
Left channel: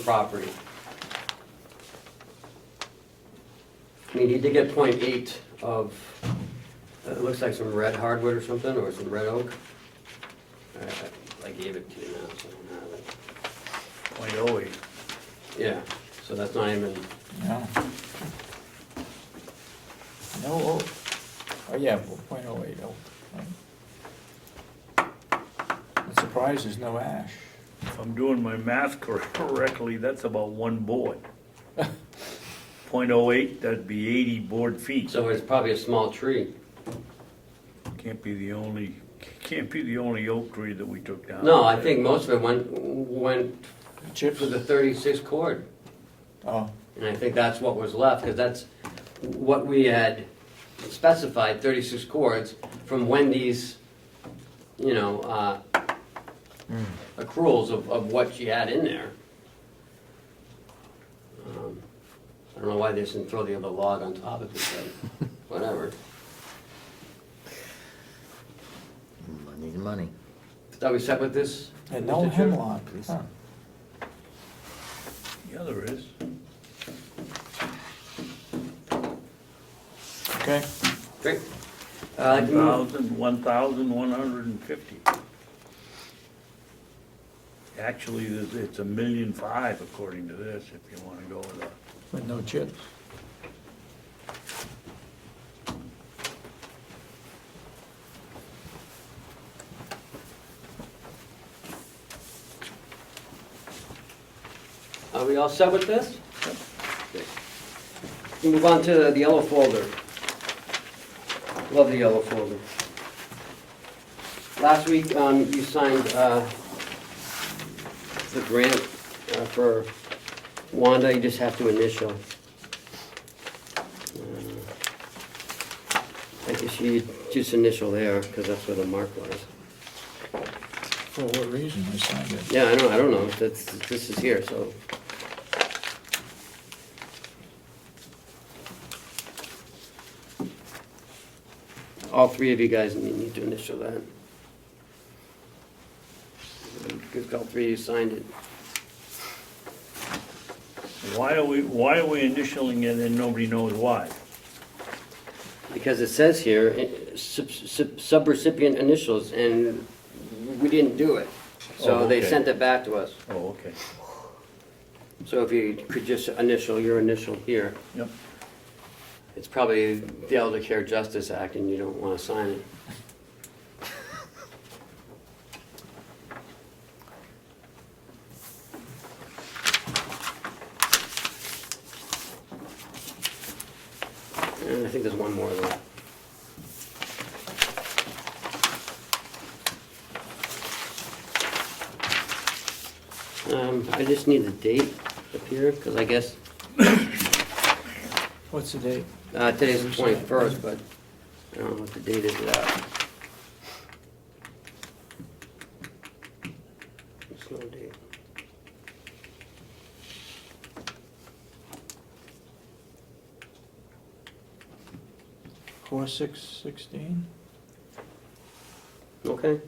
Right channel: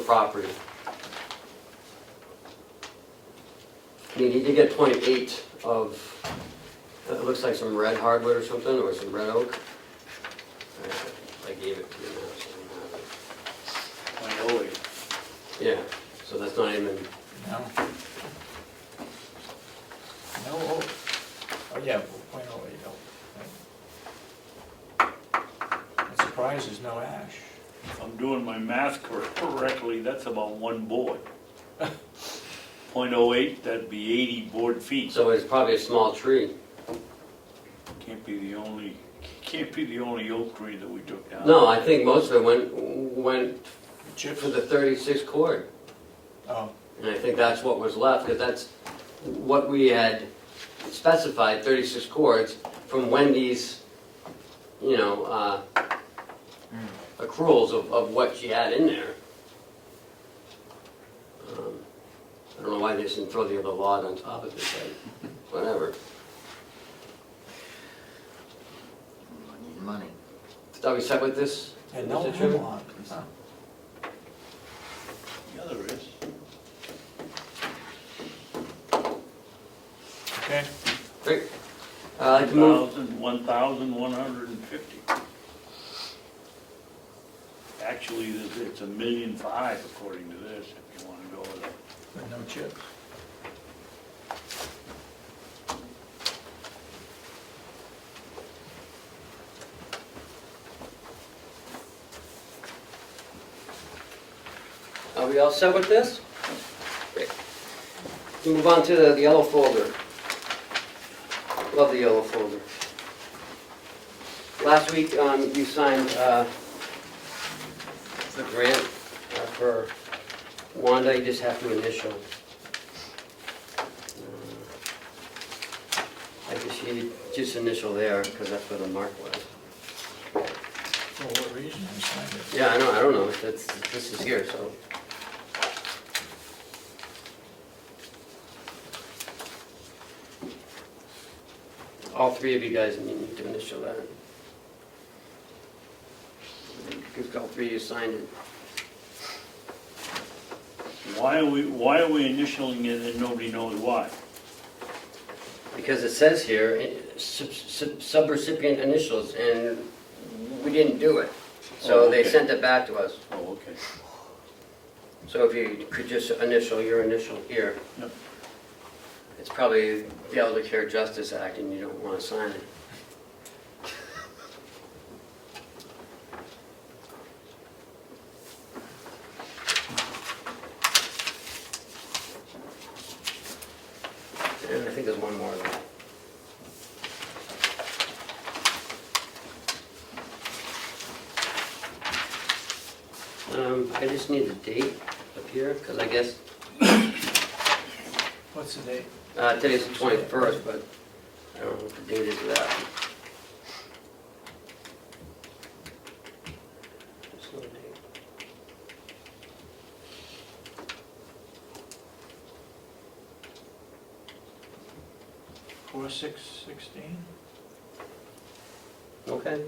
property. I mean, he did get 0.8 of, it looks like some red hardwood or something, or some red oak. I gave it to you, so I don't have it. I always. Yeah, so that's not even, No. No, oh, yeah, 0.08, oh. I'm surprised there's no ash. If I'm doing my math correctly, that's about 1 board. 0.08, that'd be 80 board feet. so it's probably a small tree. Can't be the only oak tree that we took down. No, I think most of it went Chips? to the 36 cord. Oh, And I think that's what was left, because that's what we had specified, 36 cords, from when these, you know, accruals of what she had in there. I don't know why they didn't throw the other log on top of it, but whatever. Money. So are we set with this? and no Mr. Chairman? hemlock. Huh. Yeah, there is. Okay, Great. I'd move- 1,150. Actually, it's 1,000,005 according to this, if you wanna go with it. with no chips. Are we all set with this? Great. We move on to the yellow folder. Love the yellow folder. Last week, you signed the grant for Wanda, you just have to initial. I guess you just initial there, because that's where the mark was. For what reason they signed it? Yeah, I don't know, this is here, so. All 3 of you guys need to initial that. Because all 3 of you signed it. Why are we initialing it and nobody knows why? Because it says here, subrecipient initials, and we didn't do it. So Oh, they okay. sent it back to us. Oh, okay. So if you could just initial your initial here. Yep. It's probably the Elder Care Justice Act and you don't want to sign it. And I think there's one more of that. I just need the date up here, because I guess What's the date? Today's the 21st, but I don't know what the date is of that. Slow date. Four, 6/16? Okay.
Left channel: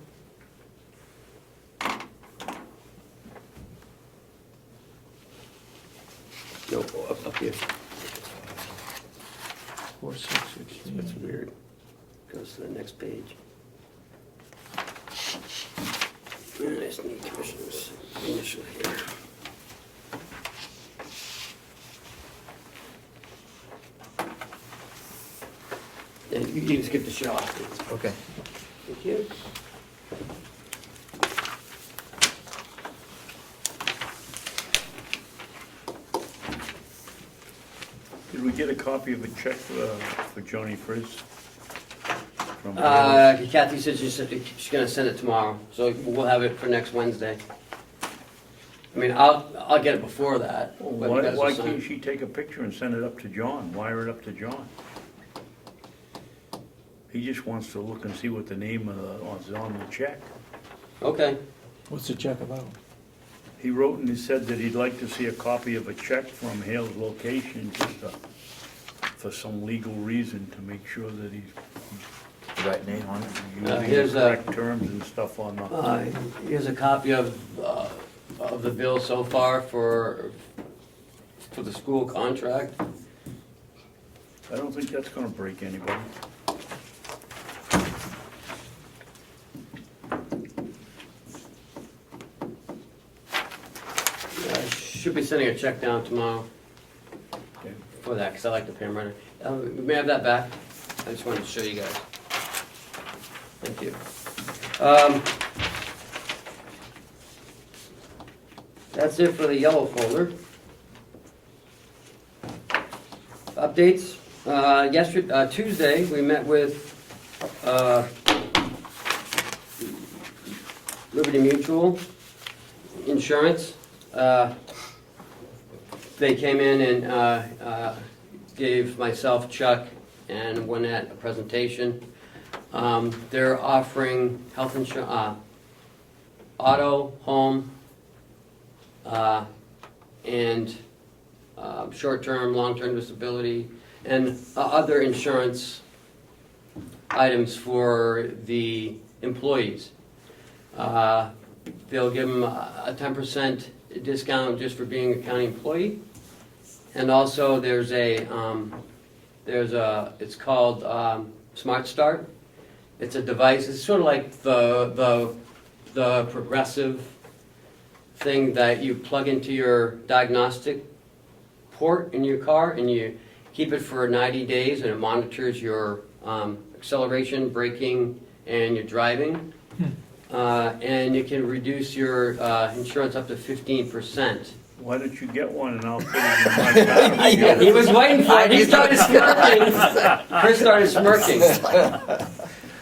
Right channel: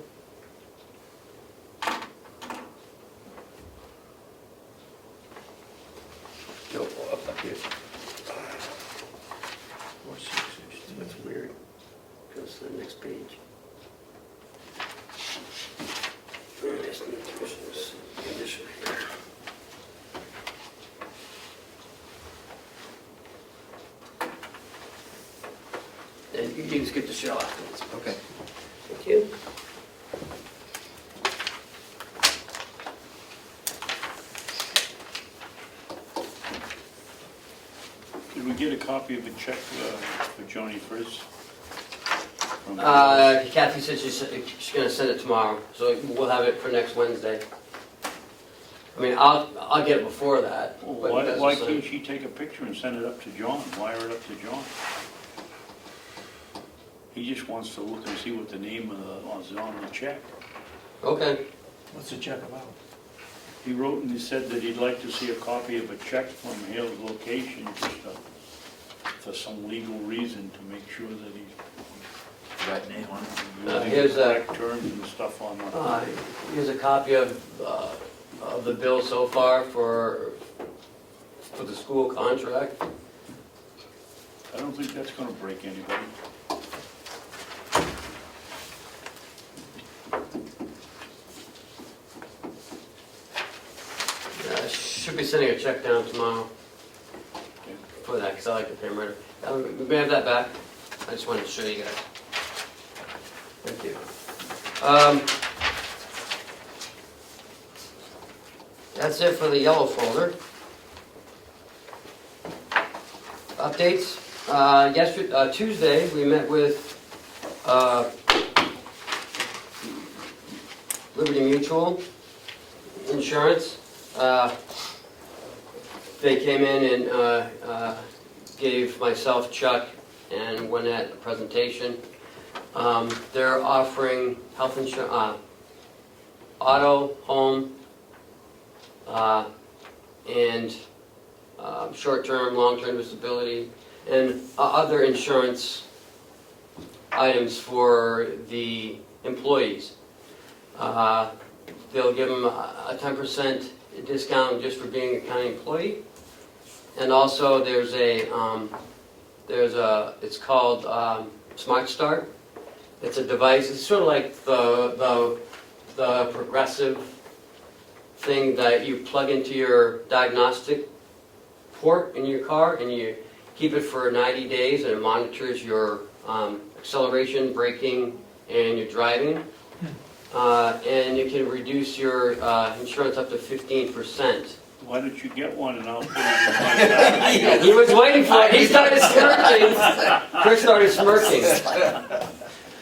No, up here. 4/6/16. That's weird. Goes to the next page. Initial here. Yeah, you can skip the shot. Okay. Thank you. Did we get a copy of the check for Johnny Frizz? From- Kathy said she's gonna send it tomorrow, so we'll have it for next Wednesday. I mean, I'll get it before that. Well, but Why because why it's not- can't she take a picture and send it up to John, wire it up to John? He just wants to look and see what the name of is on the check. Okay, What's the check about? He wrote and he said that he'd like to see a copy of a check from Hale's location, just for some legal reason, to make sure that he's Right name on it. using here's the a- correct terms and stuff on it. here's a copy of the bill so far for the school contract. I don't think that's gonna break anybody. Should be sending a check down tomorrow Okay. for that, because I like to pay them right. We may have that back. I just wanted to show you guys. Thank you. That's it for the yellow folder. Updates. Yesterday, Tuesday, we met with Liberty Mutual Insurance. They came in and gave myself, Chuck, and Lynette a presentation. They're offering health insurance, auto, home, and short-term, long-term disability, and other insurance items for the employees. They'll give them a 10% discount just for being a county employee. And also there's it's called Smart Start. It's a device, it's sort of like the progressive thing that you plug into your diagnostic port in your car, and you keep it for 90 days, and it monitors your acceleration, braking, and your driving. And it can reduce your insurance up to 15%. Why don't you get one and I'll put it in my car? He was waiting for it, he started smirking. Chris started smirking.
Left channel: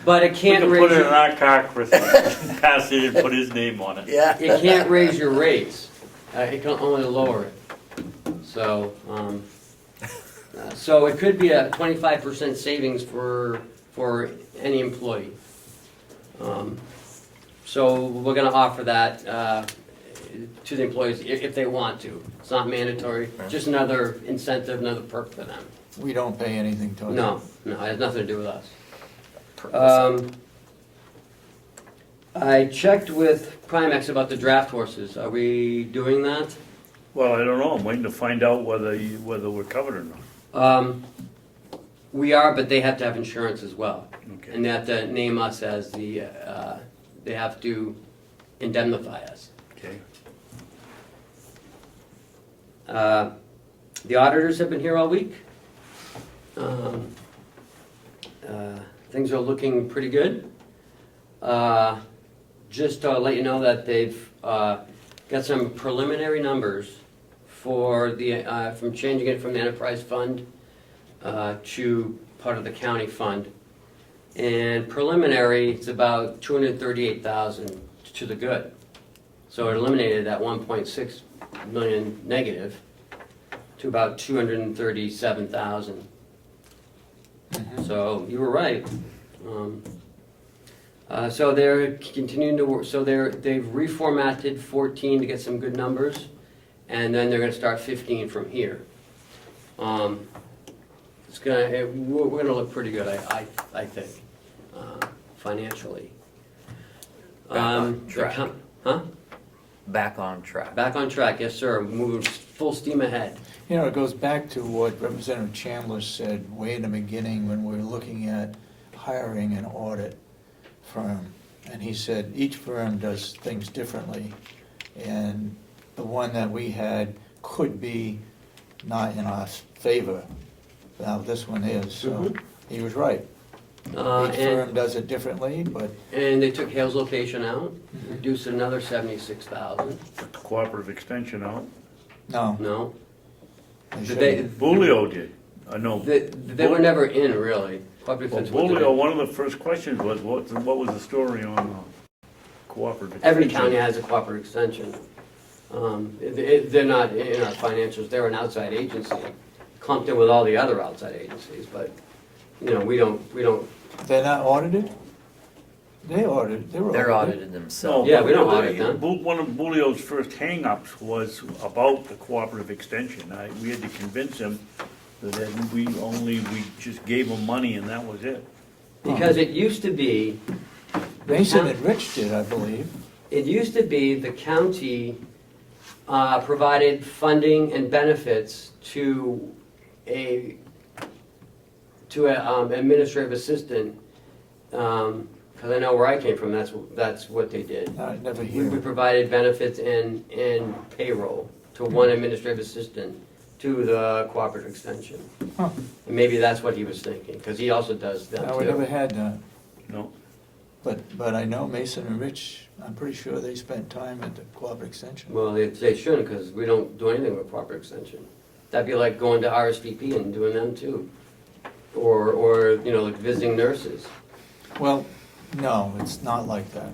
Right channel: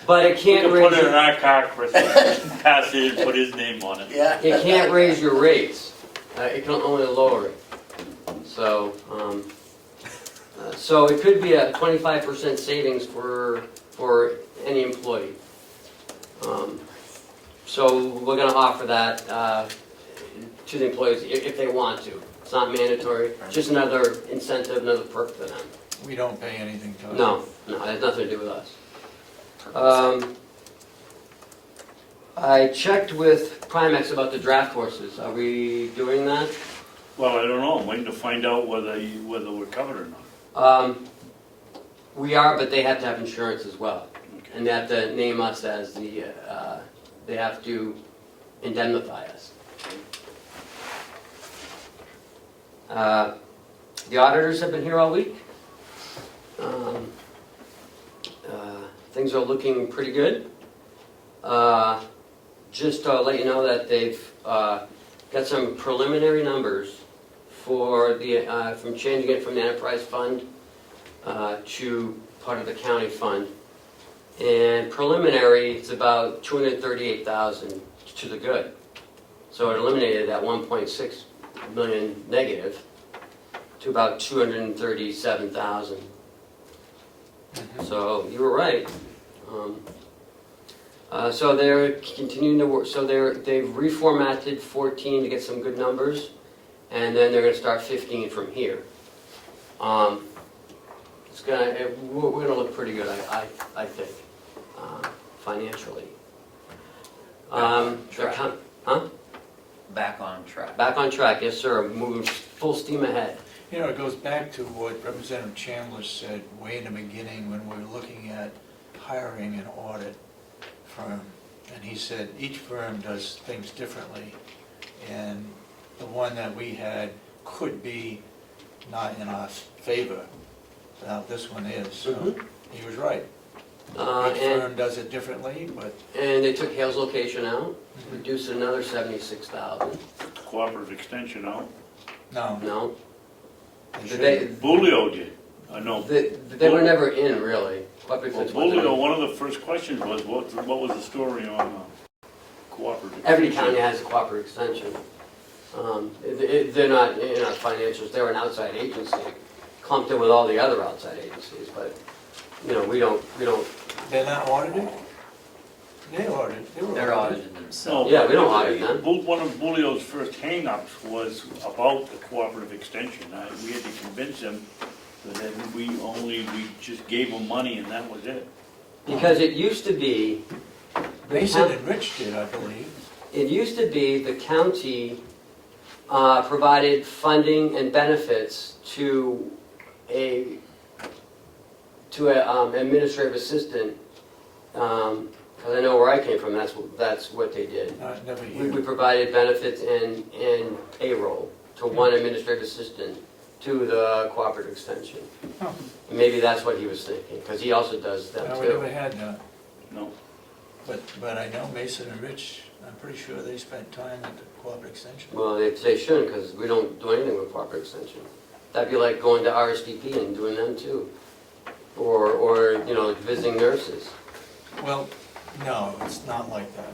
But it can't We'll put raise it in your, our car, Chris, pass it and put his name on it. it can't raise your rates. It can only lower it. So, so it could be a 25% savings for any employee. So we're gonna offer that to the employees if they want to. It's not mandatory, just another incentive, another perk for them. We don't pay anything to it. No, it has nothing to do with us. I checked with Primex about the draft horses. Are we doing that? Well, I don't know, I'm waiting to find out whether we're covered or not. We are, but they have to have insurance as well. Okay. And they have to name us as the, they have to indemnify us. The auditors have been here all week. Things are looking pretty good. Just to let you know that they've got some preliminary numbers for the, from changing it from the enterprise fund to part of the county fund. And preliminary, it's about 238,000 to the good. So it eliminated that 1.6 million negative to about 237,000. So you were right. So they're continuing to work, so they've reformatted 14 to get some good numbers, and then they're gonna start 15 from here. We're gonna look pretty good, I think, financially. Track. Huh? Back on track. Back on track, yes, sir, moving full steam ahead. You know, it goes back to what Representative Chandler said way in the beginning when we were looking at hiring an audit firm. And he said each firm does things differently, and the one that we had could be not in our favor. Now, this one is, so he was right. Each firm does it differently, but And they took Hale's location out, reduced it another 76,000. Cooperative extension out. no. No, They Bulio did, I know. they were never in, really. Well, Bulio, one of the first questions was, what was the story on cooperative extension? Every county has a cooperative extension. They're not in our financials, they're an outside agency, clumped in with all the other outside agencies, but, you know, we don't, They're not audited? They audited, they were They're audited. audited No, themselves. Yeah, we don't but audit them. One of Bulio's first hang-ups was about the cooperative extension. We had to convince him that we just gave him money and that was it. Because it used to be, Mason and Rich did, I believe. the county provided funding and benefits to a administrative assistant, because I know where I came from, that's what they did. Never We here. provided benefits and payroll to one administrative assistant to the cooperative extension. Huh. And maybe that's what he was thinking, because he also does that No, we never too. had that. No. But I know Mason and Rich, I'm pretty sure they spent time at the cooperative extension. Well, they shouldn't, because we don't do anything with cooperative extension. That'd be like going to RSVP and doing them too. Or, you know, visiting nurses. Well, no, it's not like that.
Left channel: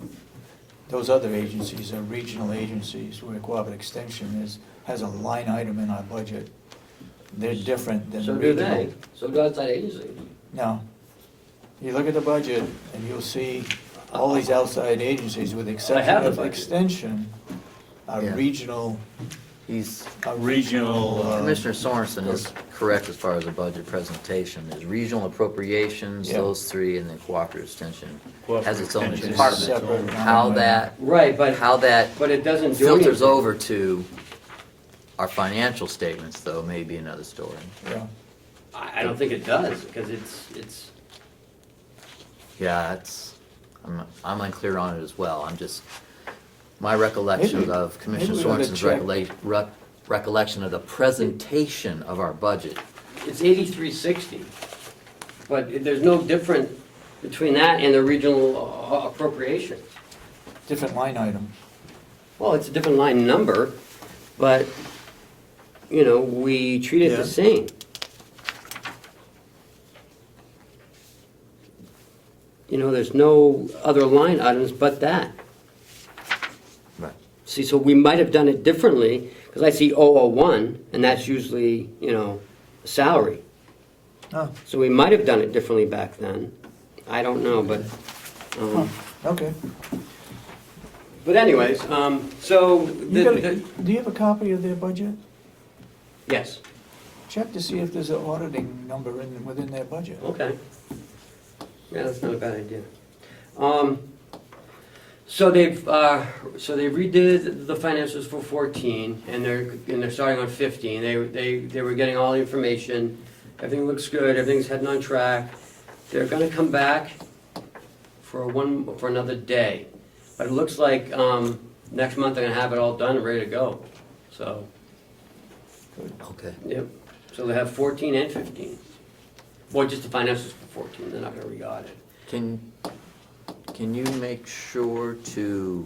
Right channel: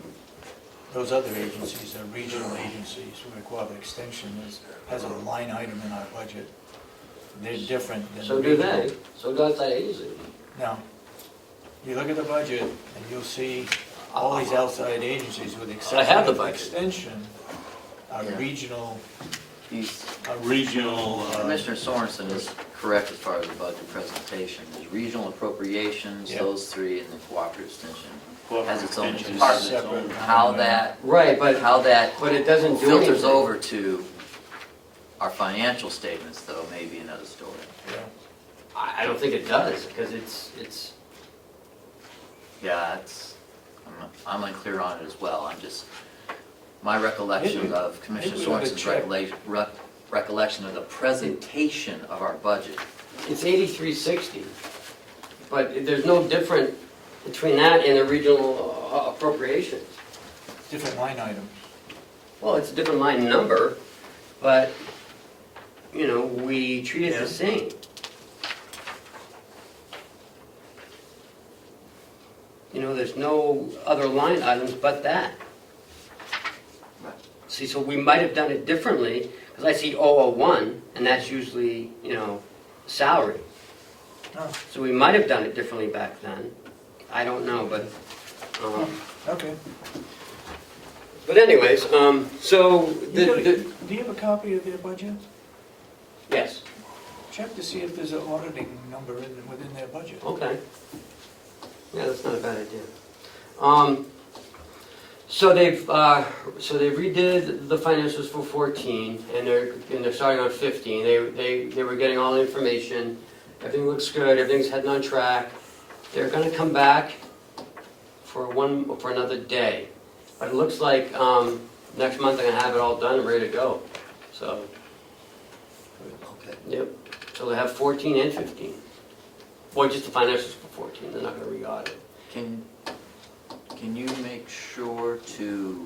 Those other agencies are regional agencies where cooperative extension has a line item in our budget. They're different than So do regional. they, so do outside agencies. No. You look at the budget and you'll see all these outside agencies with the I have exception the of budget. extension are Yeah. regional, He's, Regional, Commissioner Sorensen is correct as far as the budget presentation. There's regional appropriations, Yeah. those three, and then cooperative extension. Has its own extension. department. Separate line How item. that, Right, but it it doesn't do filters anything. over to our financial statements, though, may be another story. Yeah. I don't think it does, because it's, Yeah, I'm unclear on it as well. My recollection Maybe- of Commissioner maybe we ought to Sorensen's recollection of the presentation of our budget. it's 8360. But there's no difference between that and the regional appropriations. Different line items. Well, it's a different line number, but, you know, we treat it the same. You know, there's no other line items but that. Right. See, so we might have done it differently, because I see 001, and that's usually, you know, salary. Oh, So we might have done it differently back then. I don't know, but, okay. but anyways, so, Do you have a copy of their budget? yes, Check to see if there's an auditing number within their budget. okay. Yeah, that's not a bad idea. So they've redid the finances for 14, and they're starting on 15. They were getting all the information. Everything looks good. Everything's heading on track. They're going to come back for another day, but it looks like next month they're going to have it all done and ready to go. So, Okay. yep. So they have 14 and 15. Well, just the finances for 14. They're not going to re-audit. Can you make sure to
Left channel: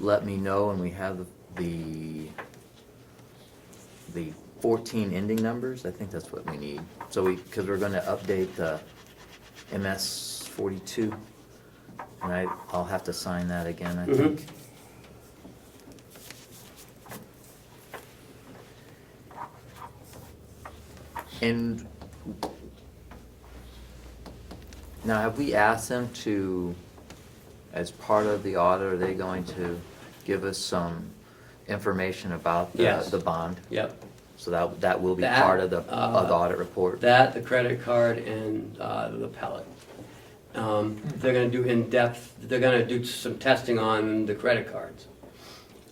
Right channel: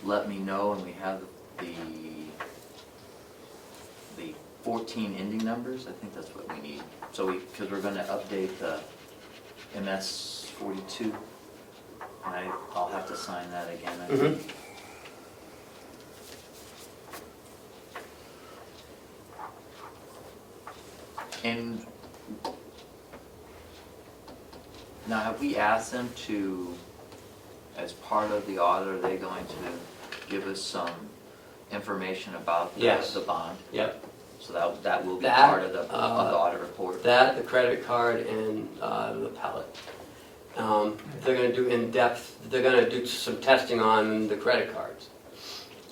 let me know when we have the 14 ending numbers? I think that's what we need. So because we're gonna update the MS 42. And I'll have to sign that again, I think. And now, have we asked them to, as part of the audit, are they going to give us some information about Yes. the bond? Yep. So that will be That, part of the audit report? That, the credit card, and the pellet. They're gonna do in-depth, they're gonna do some testing on the credit cards.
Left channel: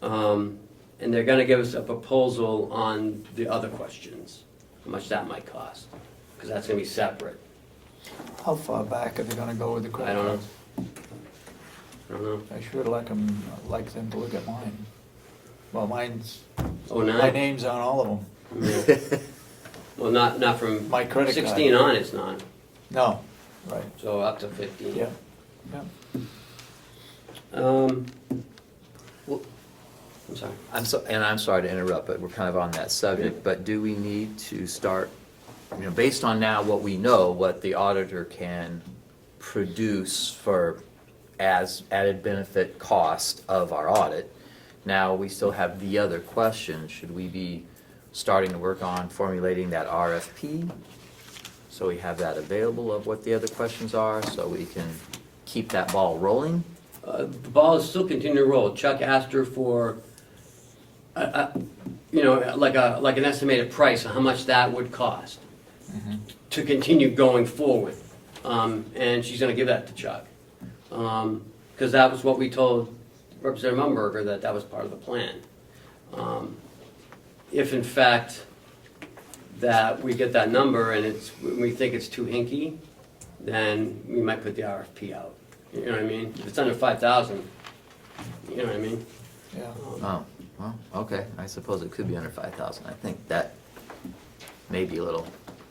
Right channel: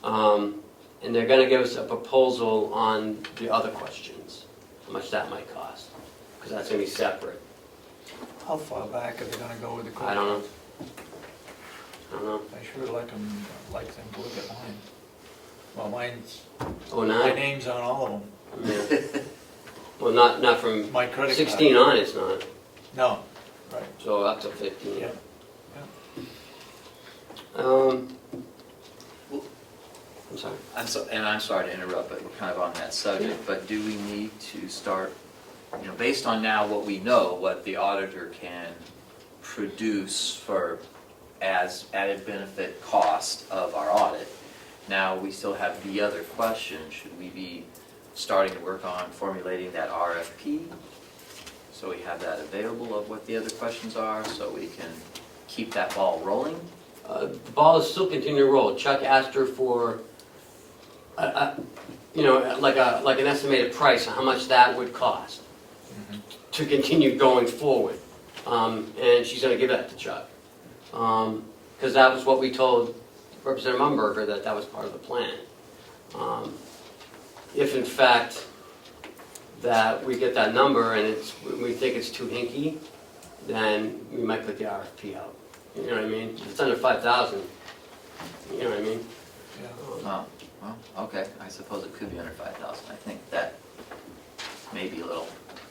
And they're gonna give us a proposal on the other questions, how much that might cost, because that's gonna be separate. How far back are they gonna go with the credit? I don't know. I don't know. I sure like them to look at mine. Well, mine's, Oh, my nine? name's on all of them. Yeah. Well, not from My credit card. 16 on, it's not, No, right, so up to 15. yeah. Well, I'm sorry. I'm sorry to interrupt, but we're kind of on that subject, but do we need to start, based on now what we know, what the auditor can produce for as added benefit cost of our audit, now we still have the other question, should we be starting to work on formulating that RFP? So we have that available of what the other questions are, so we can keep that ball rolling? The ball is still continuing to roll. Chuck asked her for, like an estimated price of how much that would cost to continue going forward. And she's gonna give that to Chuck. Because that was what we told Representative Mumberger, that was part of the plan. If in fact that we get that number and we think it's too hinky, then we might put the RFP out. You know what I mean? If it's under 5,000, you know what I mean? Yeah. Oh, well, okay, I suppose it could be under 5,000, I think that may be a little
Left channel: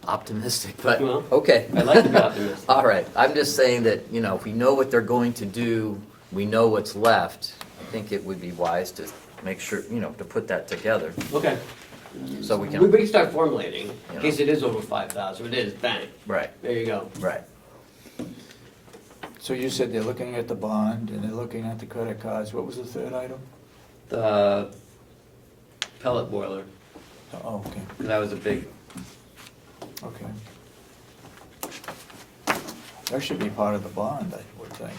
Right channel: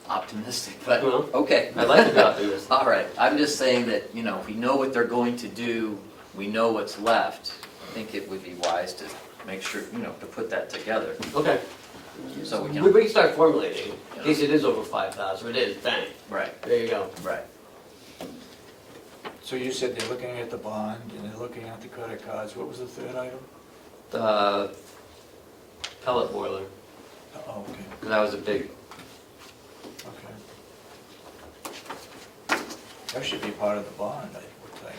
optimistic, but, Well, okay. I like to be optimistic. All right, I'm just saying that, if we know what they're going to do, we know what's left, I think it would be wise to make sure, to put that together, Okay. so we We can. can start formulating, in Yeah. case it is over 5,000. If it is, bang, Right, there you go. right. So you said they're looking at the bond and they're looking at the credit cards, what was the third item? The pellet boiler, Oh, okay, that was a big, okay. That should be part of the bond, I would think,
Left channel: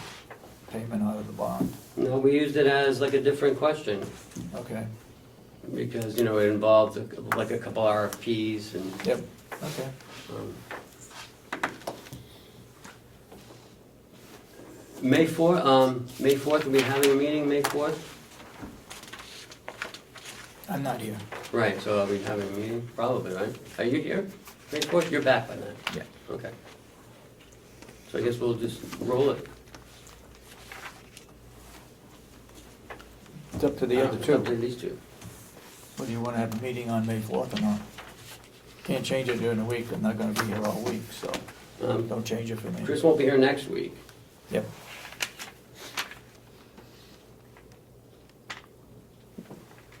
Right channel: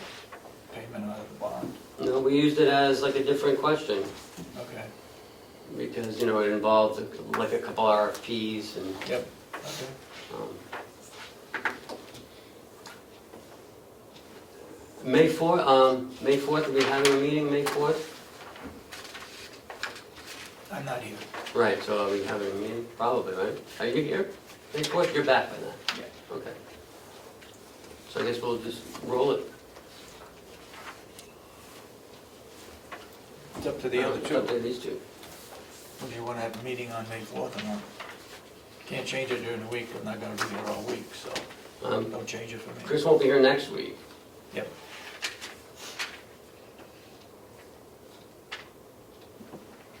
payment out of the bond, we used it as like a different question, okay, because, it involved like a couple RFPs and, yep, okay. May 4th, are we having a meeting May 4th? I'm not here. Right, so are we having a meeting? Probably, right? Are you here? May 4th, you're back by then? Yeah. Okay. So I guess we'll just roll it. It's up to the other Up two. to these two. Well, do you wanna have a meeting on May 4th or not? Can't change it during the week, I'm not gonna be here all week, so don't change it for me. Chris won't be here next week. Yep.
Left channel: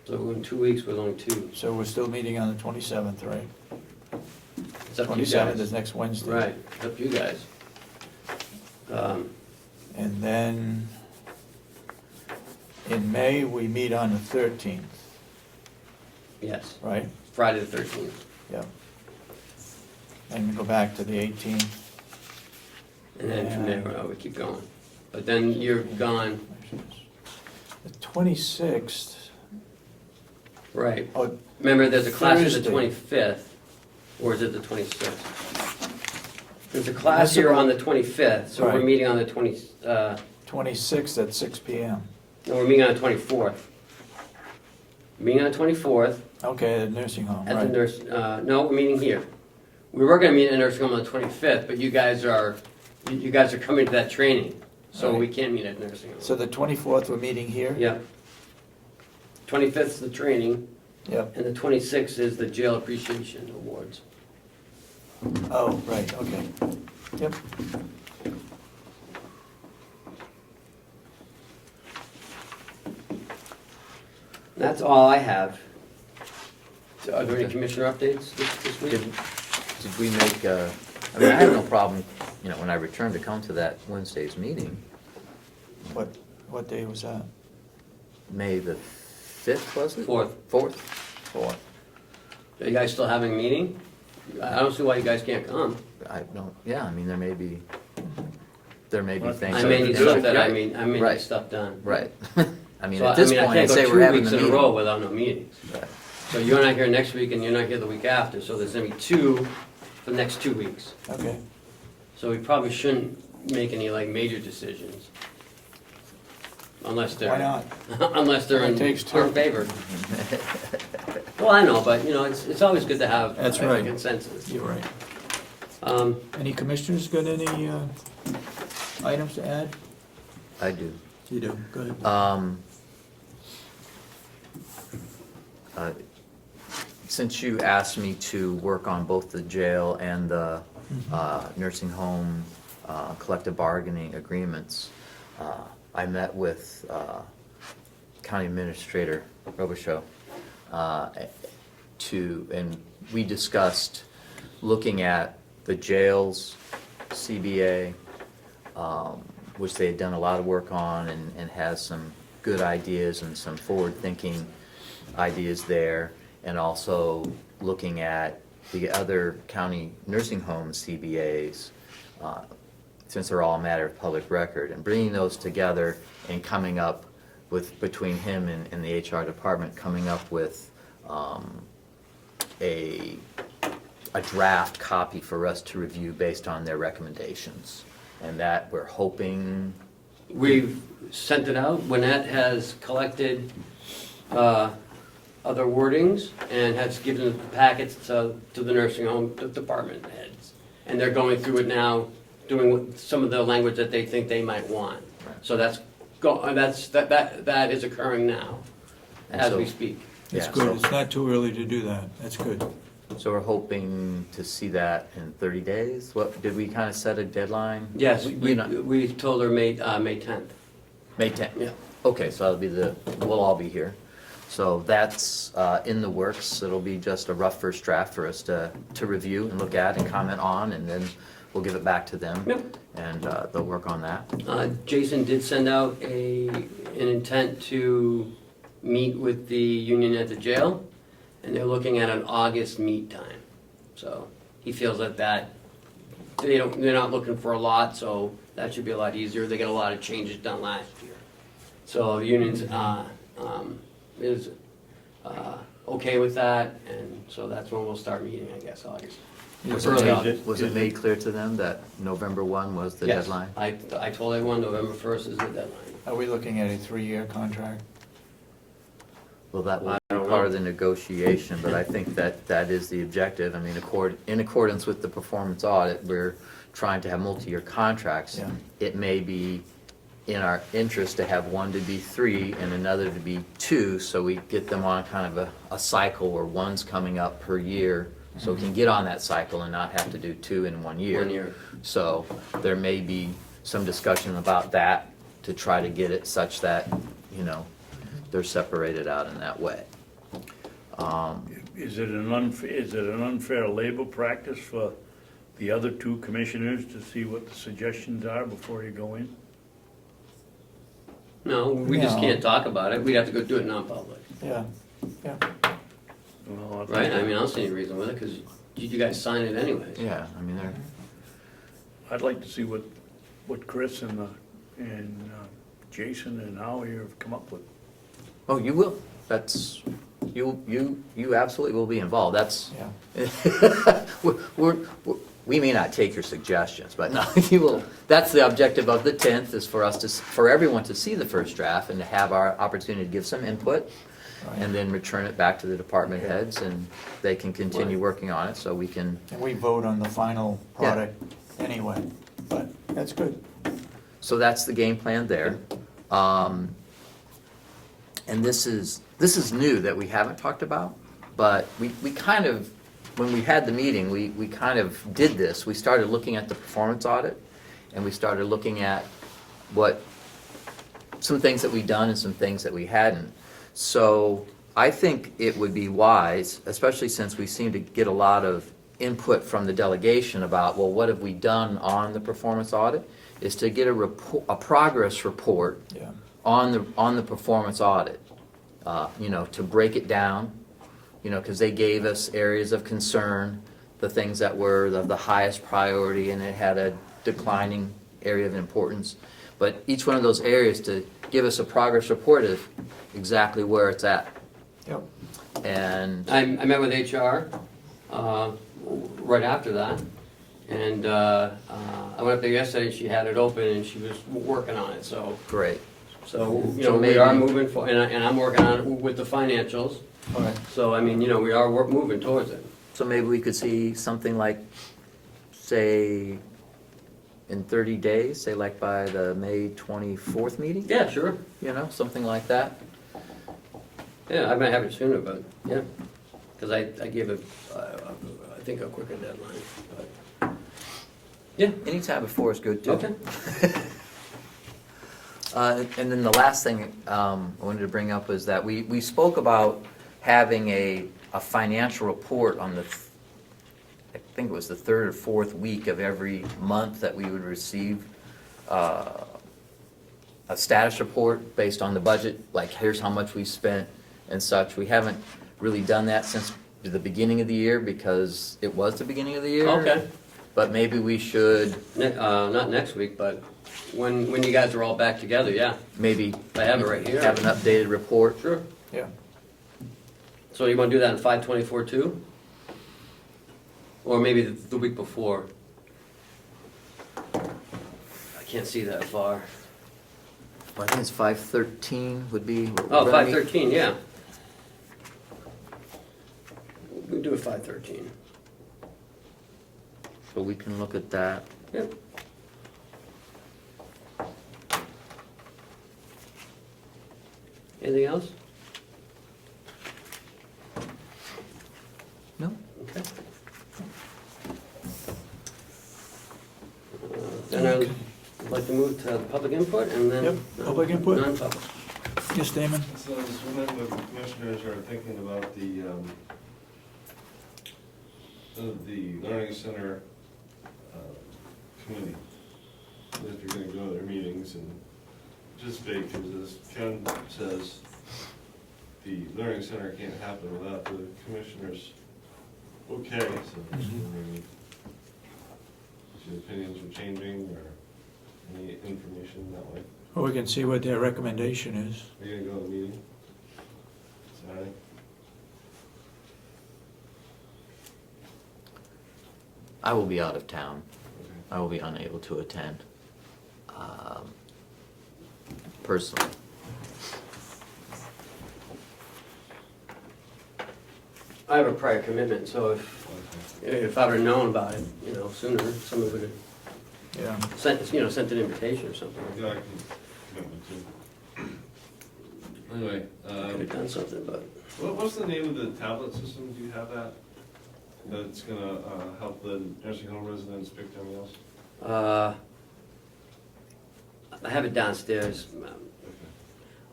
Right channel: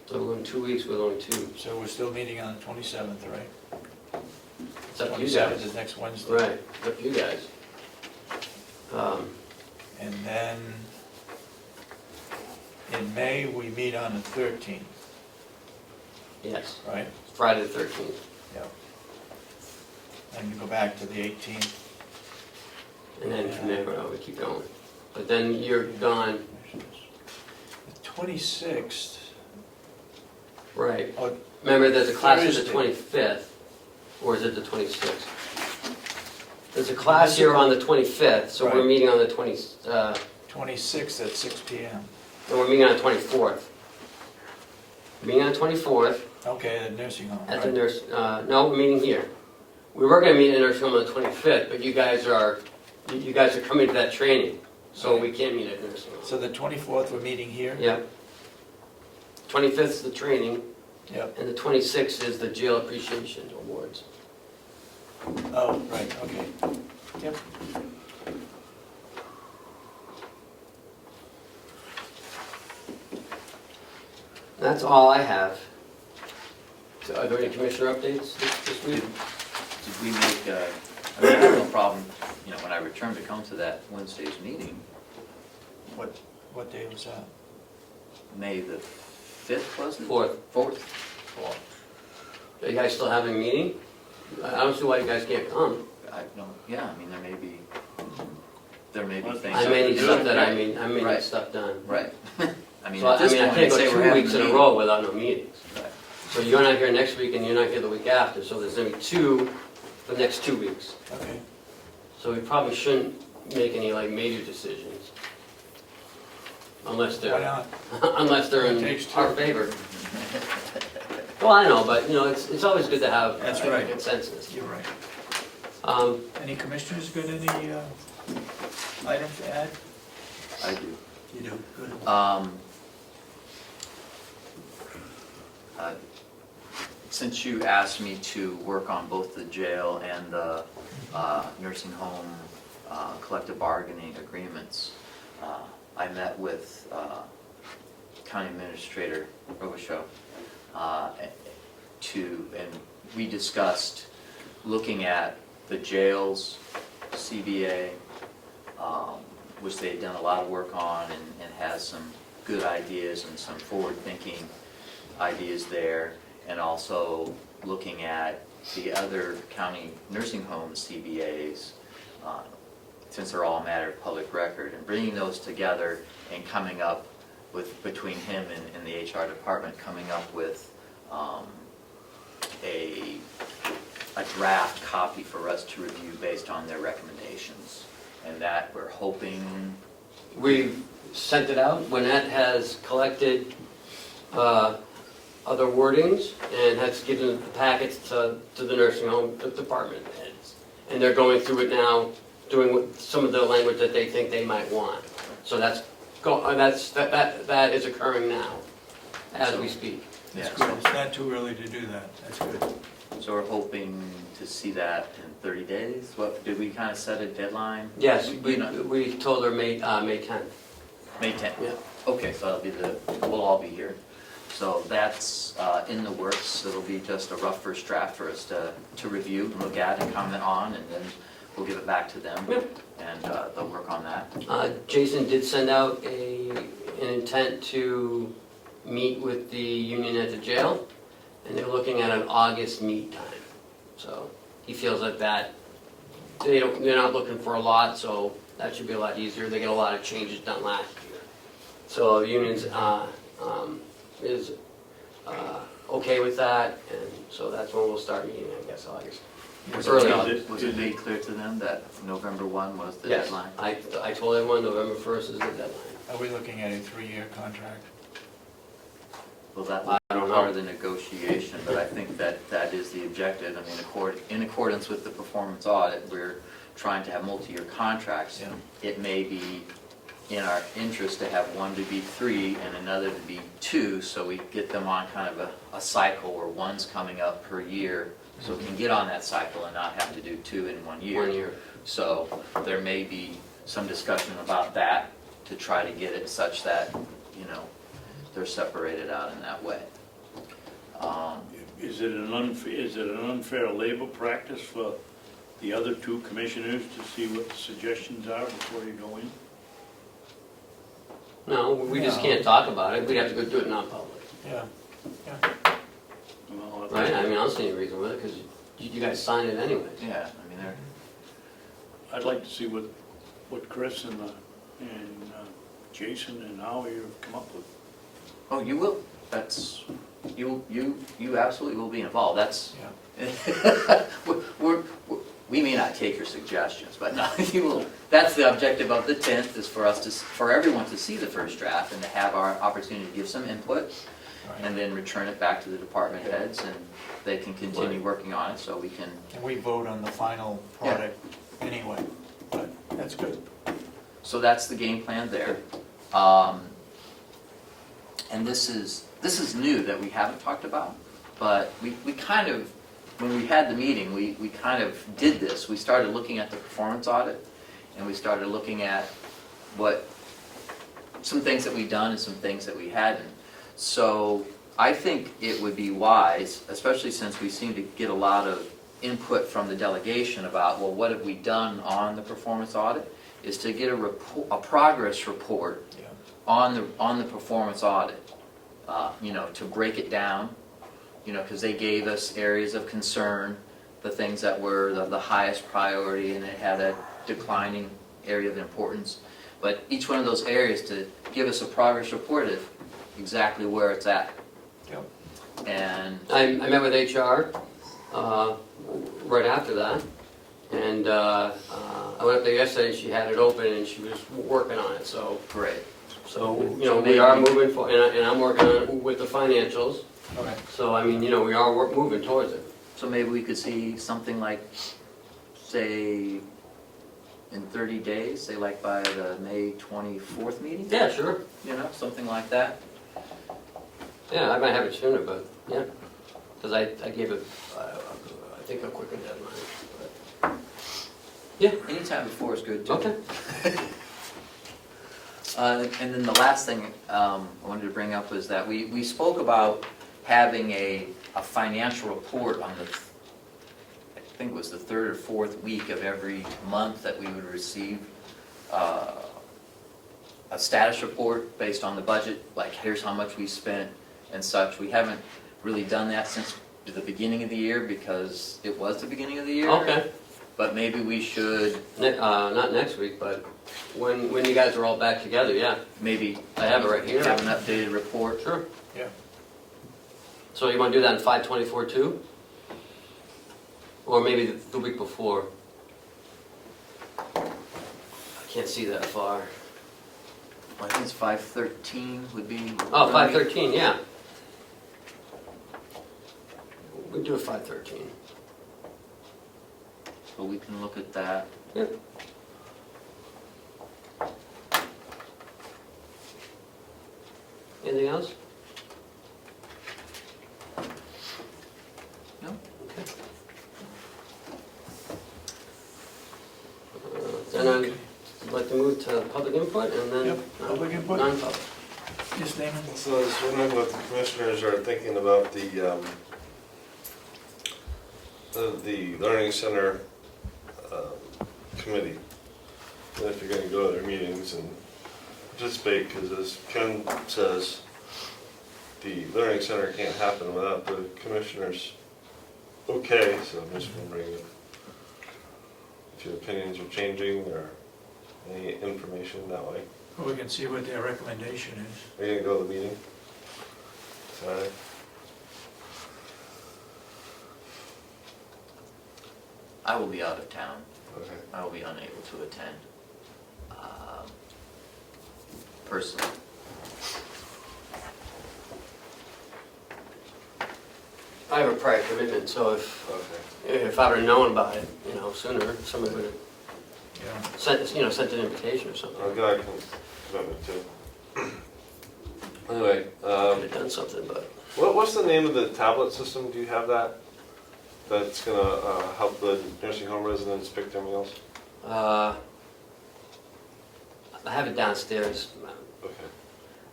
So in 2 weeks, we're only two. So we're still meeting on the 27th, right? It's up to you 27th guys. is next Wednesday. Right, it's up to you guys. And then in May, we meet on the 13th, Yes, right? Friday the 13th. Yeah. And we go back to the 18th. And then from there, we keep going. But then you're gone, The 26th, right. oh, Remember, there's a class on the Thursday. 25th, or is it the 26th? There's a class here on the 25th, so we're Right. meeting on the 26th at 6 PM. no, we're meeting on the 24th. Meeting on the 24th Okay, the nursing home, at the right? nurse, no, we're meeting here. We were gonna meet in the nursing home on the 25th, but you guys are coming to that training, so we can't meet at the nursing home. So the 24th, we're meeting here? Yeah. 25th is the training, Yep. and the 26th is the jail appreciation awards. Oh, right, okay. Yep. That's all I have. So are there any commissioner updates this week? Did we make, I have no problem, when I return to come to that Wednesday's meeting, What day was that? May the 5th, was it? 4th. 4th? 4th. Are you guys still having a meeting? I don't see why you guys can't come. I don't, yeah, I mean, there may be things. I may need do stuff it, that, yeah. I mean need Right. stuff done. Right. I mean, So, at this I point, can't I'd go say we're 2 having weeks a in a meeting. row without no meetings. Right. So you're not here next week and you're not here the week after, so there's gonna be 2 for the next 2 weeks. Okay. So we probably shouldn't make any like major decisions. Unless Why they're, not? unless they're It in takes 2. our favor. Well, I know, but you know, it's always good to have That's a right. consensus. You're right. Um, Any commissioners got any items to add? I do. You do, good. Uh, Since you asked me to work on both the jail and the nursing home collective bargaining agreements, I met with County Administrator Robichaud and we discussed looking at the jails, CBA, which they had done a lot of work on and has some good ideas and some forward-thinking ideas there, and also looking at the other county nursing home CBAs, since they're all a matter of public record, and bringing those together and coming up with, between him and the HR department, coming up with a draft copy for us to review based on their recommendations. And that we're hoping, We've sent it out. Lynette has collected other wordings and has given the packets to the nursing home department heads. And they're going through it now, doing some of the language that they think they might want. So that is occurring now, And as so- we speak. That's yeah, good, so- it's not too early to do that, that's good. so we're hoping to see that in 30 days? What, did we kind of set a deadline? Yes, We not- we told her May 10th. May 10th? Yeah. Okay, so that'll be we'll all be here. So that's in the works. It'll be just a rough first draft for us to review and look at and comment on, and then we'll give it back to them. Yep. And they'll work on that. Jason did send out an intent to meet with the union at the jail, and they're looking at an August meet time. So he feels that they're not looking for a lot, so that should be a lot easier. They get a lot of changes done last year. So the union's is okay with that, and so that's when we'll start meeting, I guess, August. Early Is on, it- was it made clear to them that November 1 was the Yes, deadline? I told everyone November 1st is the deadline. Are we looking at a 3-year contract? Well, that I was don't part of know. the negotiation, but I think that is the objective. I mean, in accordance with the performance audit, we're trying to have multi-year contracts. Yeah. It may be in our interest to have one to be 3 and another to be 2, so we get them on kind of a cycle where one's coming up per year, so we can get on that cycle and not have to do 2 in 1 year. 1 year. So there may be some discussion about that to try to get it such that, you know, they're separated out in that way. Is it an unfair labor practice for the other 2 commissioners to see what the suggestions are before you go in? No, we just No. can't talk about it. We'd have to go do it non-public. Yeah, Well, Right, I mean, I don't see any reason with it, because you guys signed it anyways. Yeah, I mean, they're, I'd like to see what Chris and Jason and Howie have come up with. oh, you will, that's, you absolutely will be involved, that's, yeah. we may not take your suggestions, but no, you will, that's the objective of the 10th, is for us for everyone to see the first draft and to have our opportunity to give some input, and then return it back to the department heads, and they can continue working on it, so we can, And we vote on the final product anyway, but that's good. so that's the game plan there. And this is new that we haven't talked about, but we kind of, when we had the meeting, we kind of did this. We started looking at the performance audit, and we started looking at some things that we'd done and some things that we hadn't. So I think it would be wise, especially since we seem to get a lot of input from the delegation about, well, what have we done on the performance audit, is to get a progress report Yeah. on the performance audit. You know, to break it down, you know, because they gave us areas of concern the things that were the highest priority, and it had a declining area of importance. But each one of those areas to give us a progress report of exactly where it's at. Yep. And I met with HR right after that, and I went up there yesterday, she had it open and she was working on it, so. great. So, you know, we are moving for, and I'm working on it with the financials, Okay. so I mean, you know, we are moving towards it. So maybe we could see something like, say, in 30 days, say like by the May 24th meeting? Yeah, sure. You know, something like that. Yeah, I might have it sooner, but, yeah, because I gave it, I think a quicker deadline. Yeah, anytime before is good too. Okay. And then the last thing I wanted to bring up is that we spoke about having a financial report on the, I think it was the third or fourth week of every month that we would receive a status report based on the budget, like here's how much we spent and such. We haven't really done that since the beginning of the year because it was the beginning of the year. Okay, But maybe we should not next week, but when you guys are all back together, yeah, maybe I have it right here. have an updated report. Sure. Yeah. So you wanna do that in 5/24 too? Or maybe the week before? I can't see that far. I think it's 5/13 would be. Oh, 5/13, yeah. We do a 5/13. So we can look at that. Yeah. Anything else? No. Okay. And then I'd like to move to public input and then. Yep, public input. Non-public. Yes, Damon? So I was wondering what the commissioners are thinking about the Learning Center committee. And if you're gonna go to their meetings and participate, because as Ken says, the Learning Center can't happen without the commissioners. Okay, so I'm just wondering if your opinions are changing or any information that way. Well, we can see what their recommendation is. Are you gonna go to the meeting Saturday? I will be out of town. Okay. I will be unable to attend. Personally. I have a prior commitment, so if I would've known about it, you know, sooner, someone would've Yeah. sent an invitation or something. I've got a commitment too. Anyway, Could have done something, but. what's the name of the tablet system? Do you have that? That's gonna help the nursing home residents pick their meals? I have it downstairs, Okay.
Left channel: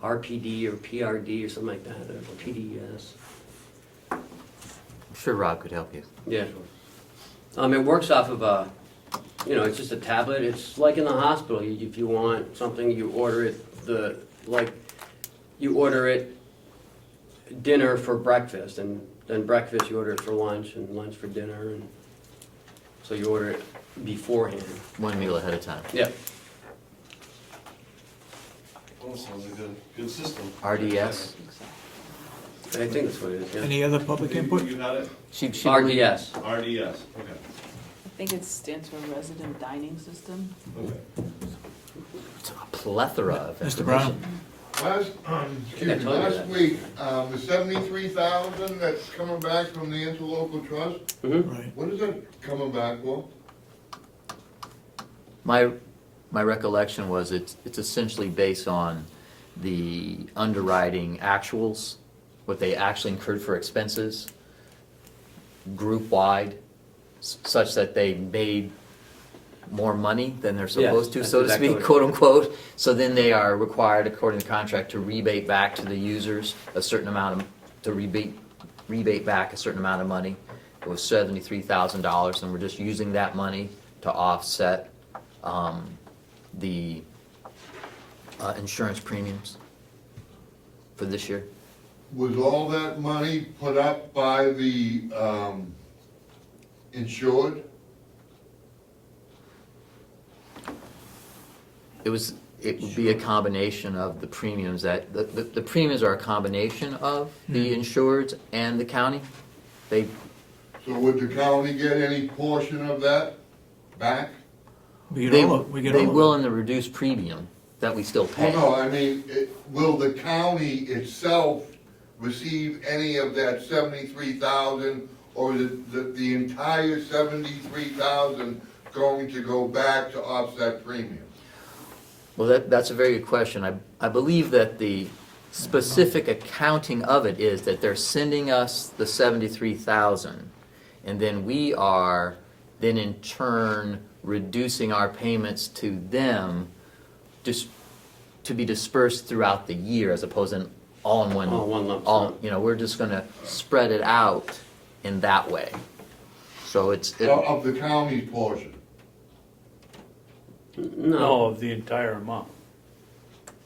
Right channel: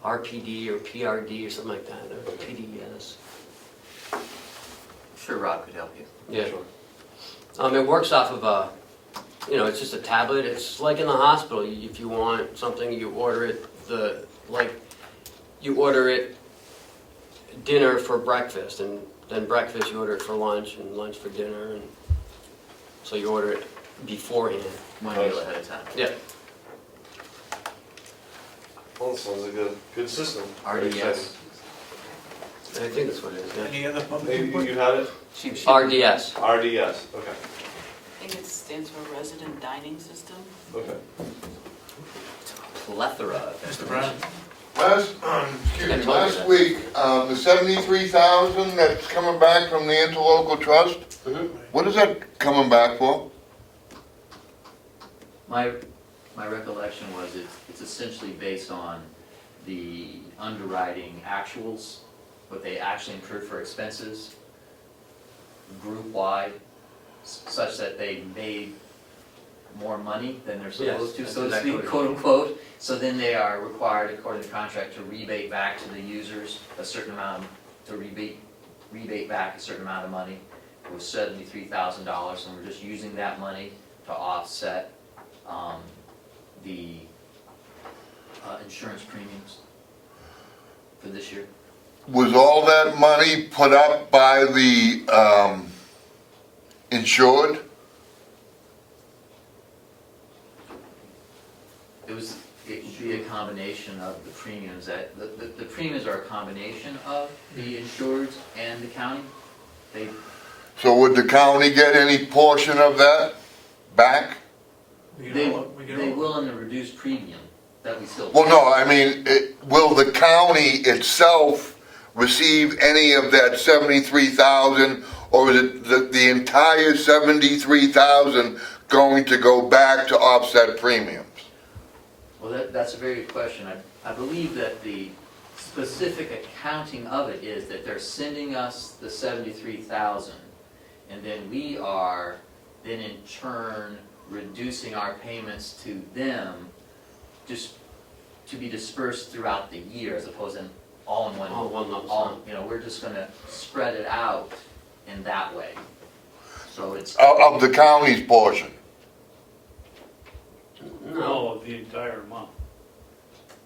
RPD or PRD or something like that, or Okay. PDS. I'm sure Rob could help you. Yeah. Sure. It works off of it's just a tablet. It's like in the hospital. If you want something, you order it. You order it dinner for breakfast, and then breakfast you order it for lunch, and lunch for dinner, and so you order it beforehand. One meal ahead of time. Yeah. Well, that sounds like a good system. RDS. I think that's what it is. Yeah. Any other public Maybe input? you had it? RDS. RDS, okay, I think it stands for Resident Dining System. okay. Plethora of Mr. Brown? Last week, the 73,000 that's coming back from the interlocal trust, Mm-hmm. Right. what is that coming back for? My recollection was it's essentially based on the underwriting actuals, what they actually incurred for expenses, group-wide, such that they made more money than they're supposed to, that's so to exactly speak, what- quote unquote. So then they are required, according to contract, to rebate back to the users a certain amount, to rebate back a certain amount of money. It was $73,000, and we're just using that money to offset the insurance premiums for this year. Was all that money put up by the insured? It would be a combination of the premiums that, the premiums are a combination of the insureds and the county. They, So would the county get any portion of that back? We they, get all, we get they all. will in the reduced premium that we still pay. Well, no, I mean, will the county itself receive any of that 73,000, or is it the entire 73,000 going to go back to offset premiums? Well, that's a very good question. I believe that the specific accounting of it is that they're sending us the 73,000, and then we are then in turn reducing our payments to them just to be dispersed throughout the year as opposed to all in one. All one lump All, sum. you know, we're just gonna spread it out in that way. So it's. Of the county's portion? No, of the entire amount.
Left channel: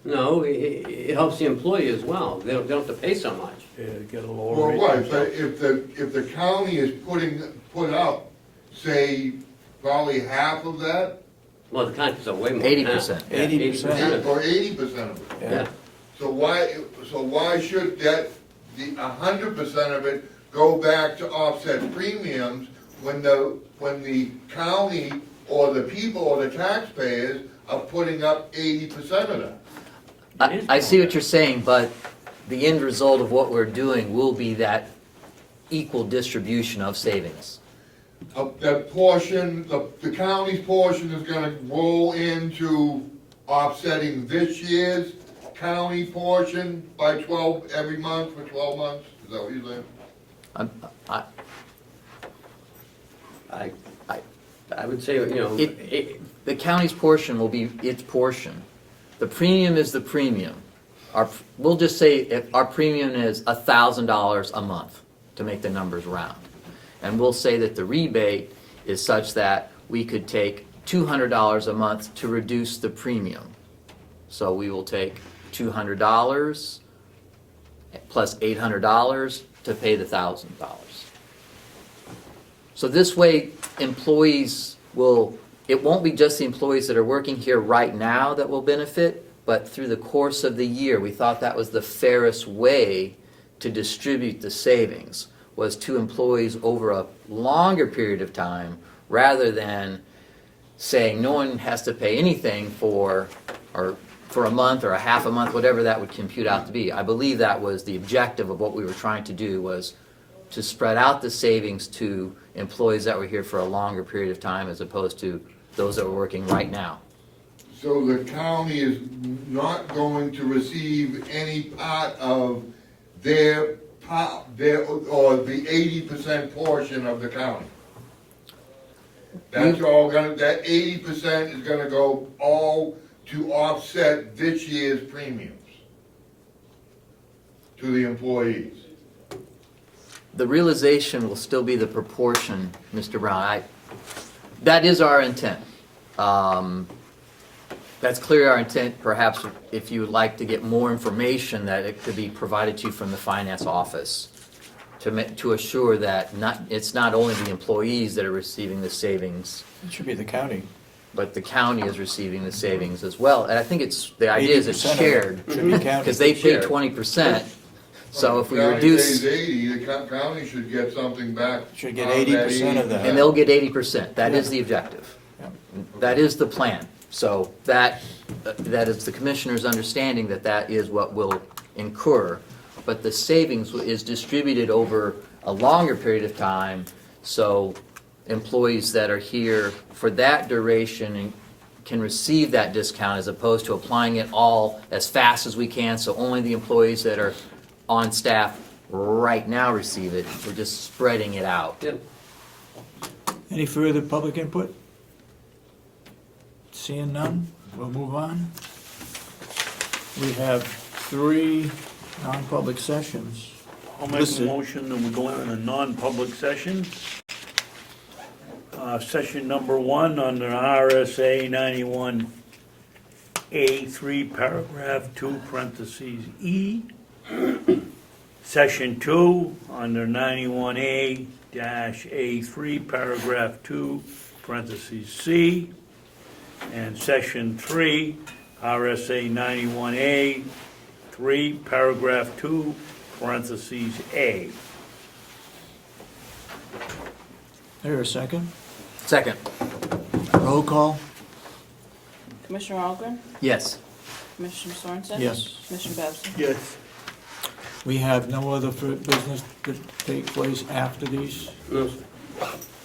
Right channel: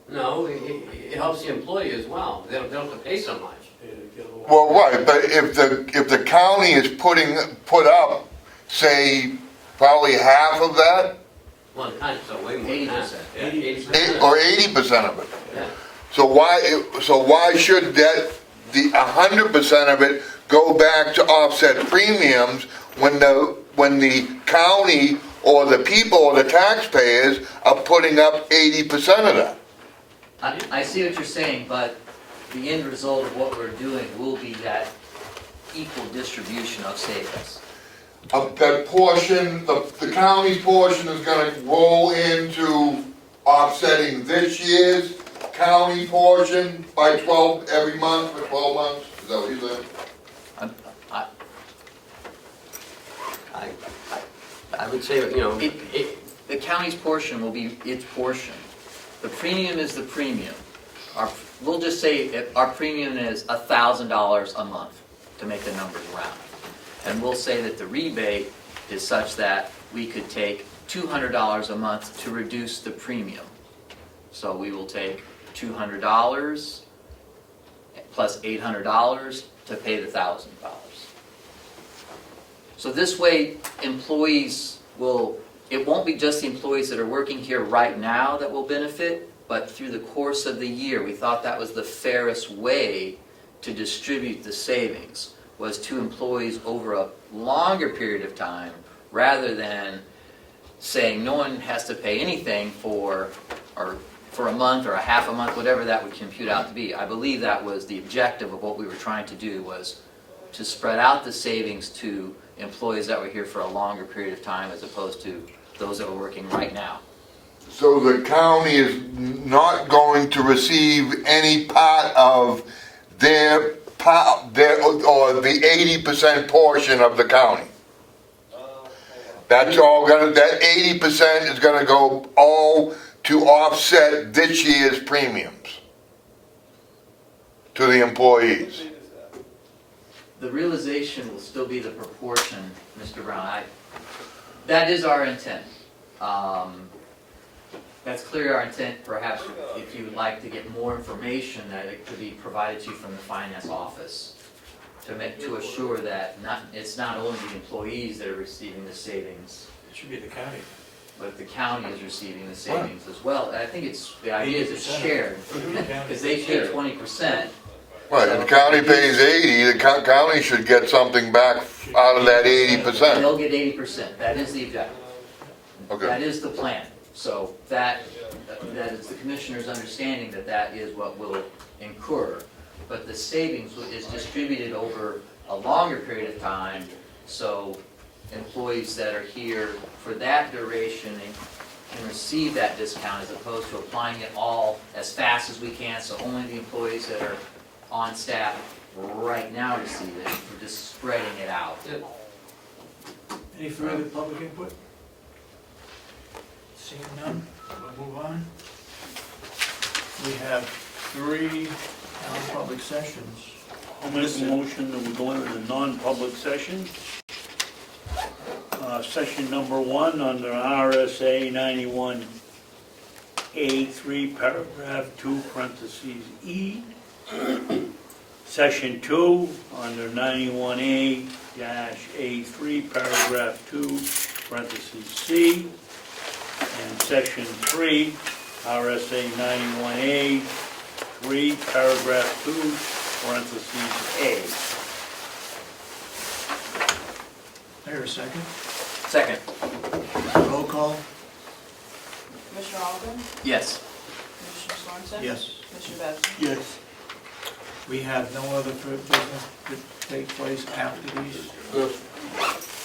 no, it helps the employee as well. They don't have to pay so much. Get a little. Well, right, but if the county is put up, say, probably half of that, Well, the contract's way more than that. 80%. Yeah, 80%. or 80% of it, Yeah. so why should that, the 100% of it go back to offset premiums when the county or the people or the taxpayers are putting up 80% of that? I see what you're saying, but the end result of what we're doing will be that equal distribution of savings. That portion, the county's portion is gonna roll into offsetting this year's county portion by 12, every month for 12 months, is that what you said? I would say, you know, The county's portion will be its portion. The premium is the premium. We'll just say if our premium is $1,000 a month, to make the numbers round. And we'll say that the rebate is such that we could take $200 a month to reduce the premium. So we will take $200 plus $800 to pay the $1,000. So this way, employees will, it won't be just the employees that are working here right now that will benefit, but through the course of the year, we thought that was the fairest way to distribute the savings, was to employees over a longer period of time, rather than saying no one has to pay anything for a month or a half a month, whatever that would compute out to be. I believe that was the objective of what we were trying to do, was to spread out the savings to employees that were here for a longer period of time as opposed to those that were working right now. So the county is not going to receive any part of their, or the 80% portion of the county? That's all that 80% is gonna go all to offset this year's premiums to the employees? The realization will still be the proportion, Mr. Brown. That is our intent. That's clearly our intent. Perhaps if you would like to get more information, that it could be provided to you from the finance office to assure that it's not only the employees that are receiving the savings, It should be the county. but the county is receiving the savings as well. And I think the idea is it's 80% of it shared, should be county. because they pay 20%. Right, So the if we county reduce- pays 80, the county should get something back Should get out of that 80% of that. And 80%. they'll get 80%, that is the objective. Okay. That is the plan. So that is the commissioner's understanding that that is what will incur. But the savings is distributed over a longer period of time, so employees that are here for that duration can receive that discount as opposed to applying it all as fast as we can, so only the employees that are on staff right now receive it. We're just spreading it out. yeah. Any further public input? Seeing none, we'll move on. We have 3 non-public sessions. I'll make a motion and we'll go into non-public session. Session number 1 under RSA 91A3 paragraph 2 parentheses E. Section 2, under 91A-A3, paragraph 2, parentheses C. And section 3, RSA 91A, 3, paragraph 2, parentheses A. There, a second? Second. Roll call? Commissioner Ahlgren? Yes. Commissioner Sorensen? Yes. Commissioner Babson? Yes. We have no other business to take place after these? No.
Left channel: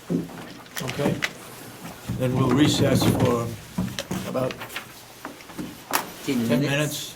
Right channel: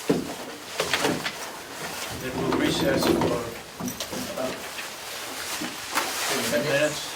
Okay. Then we'll recess for about 10 minutes.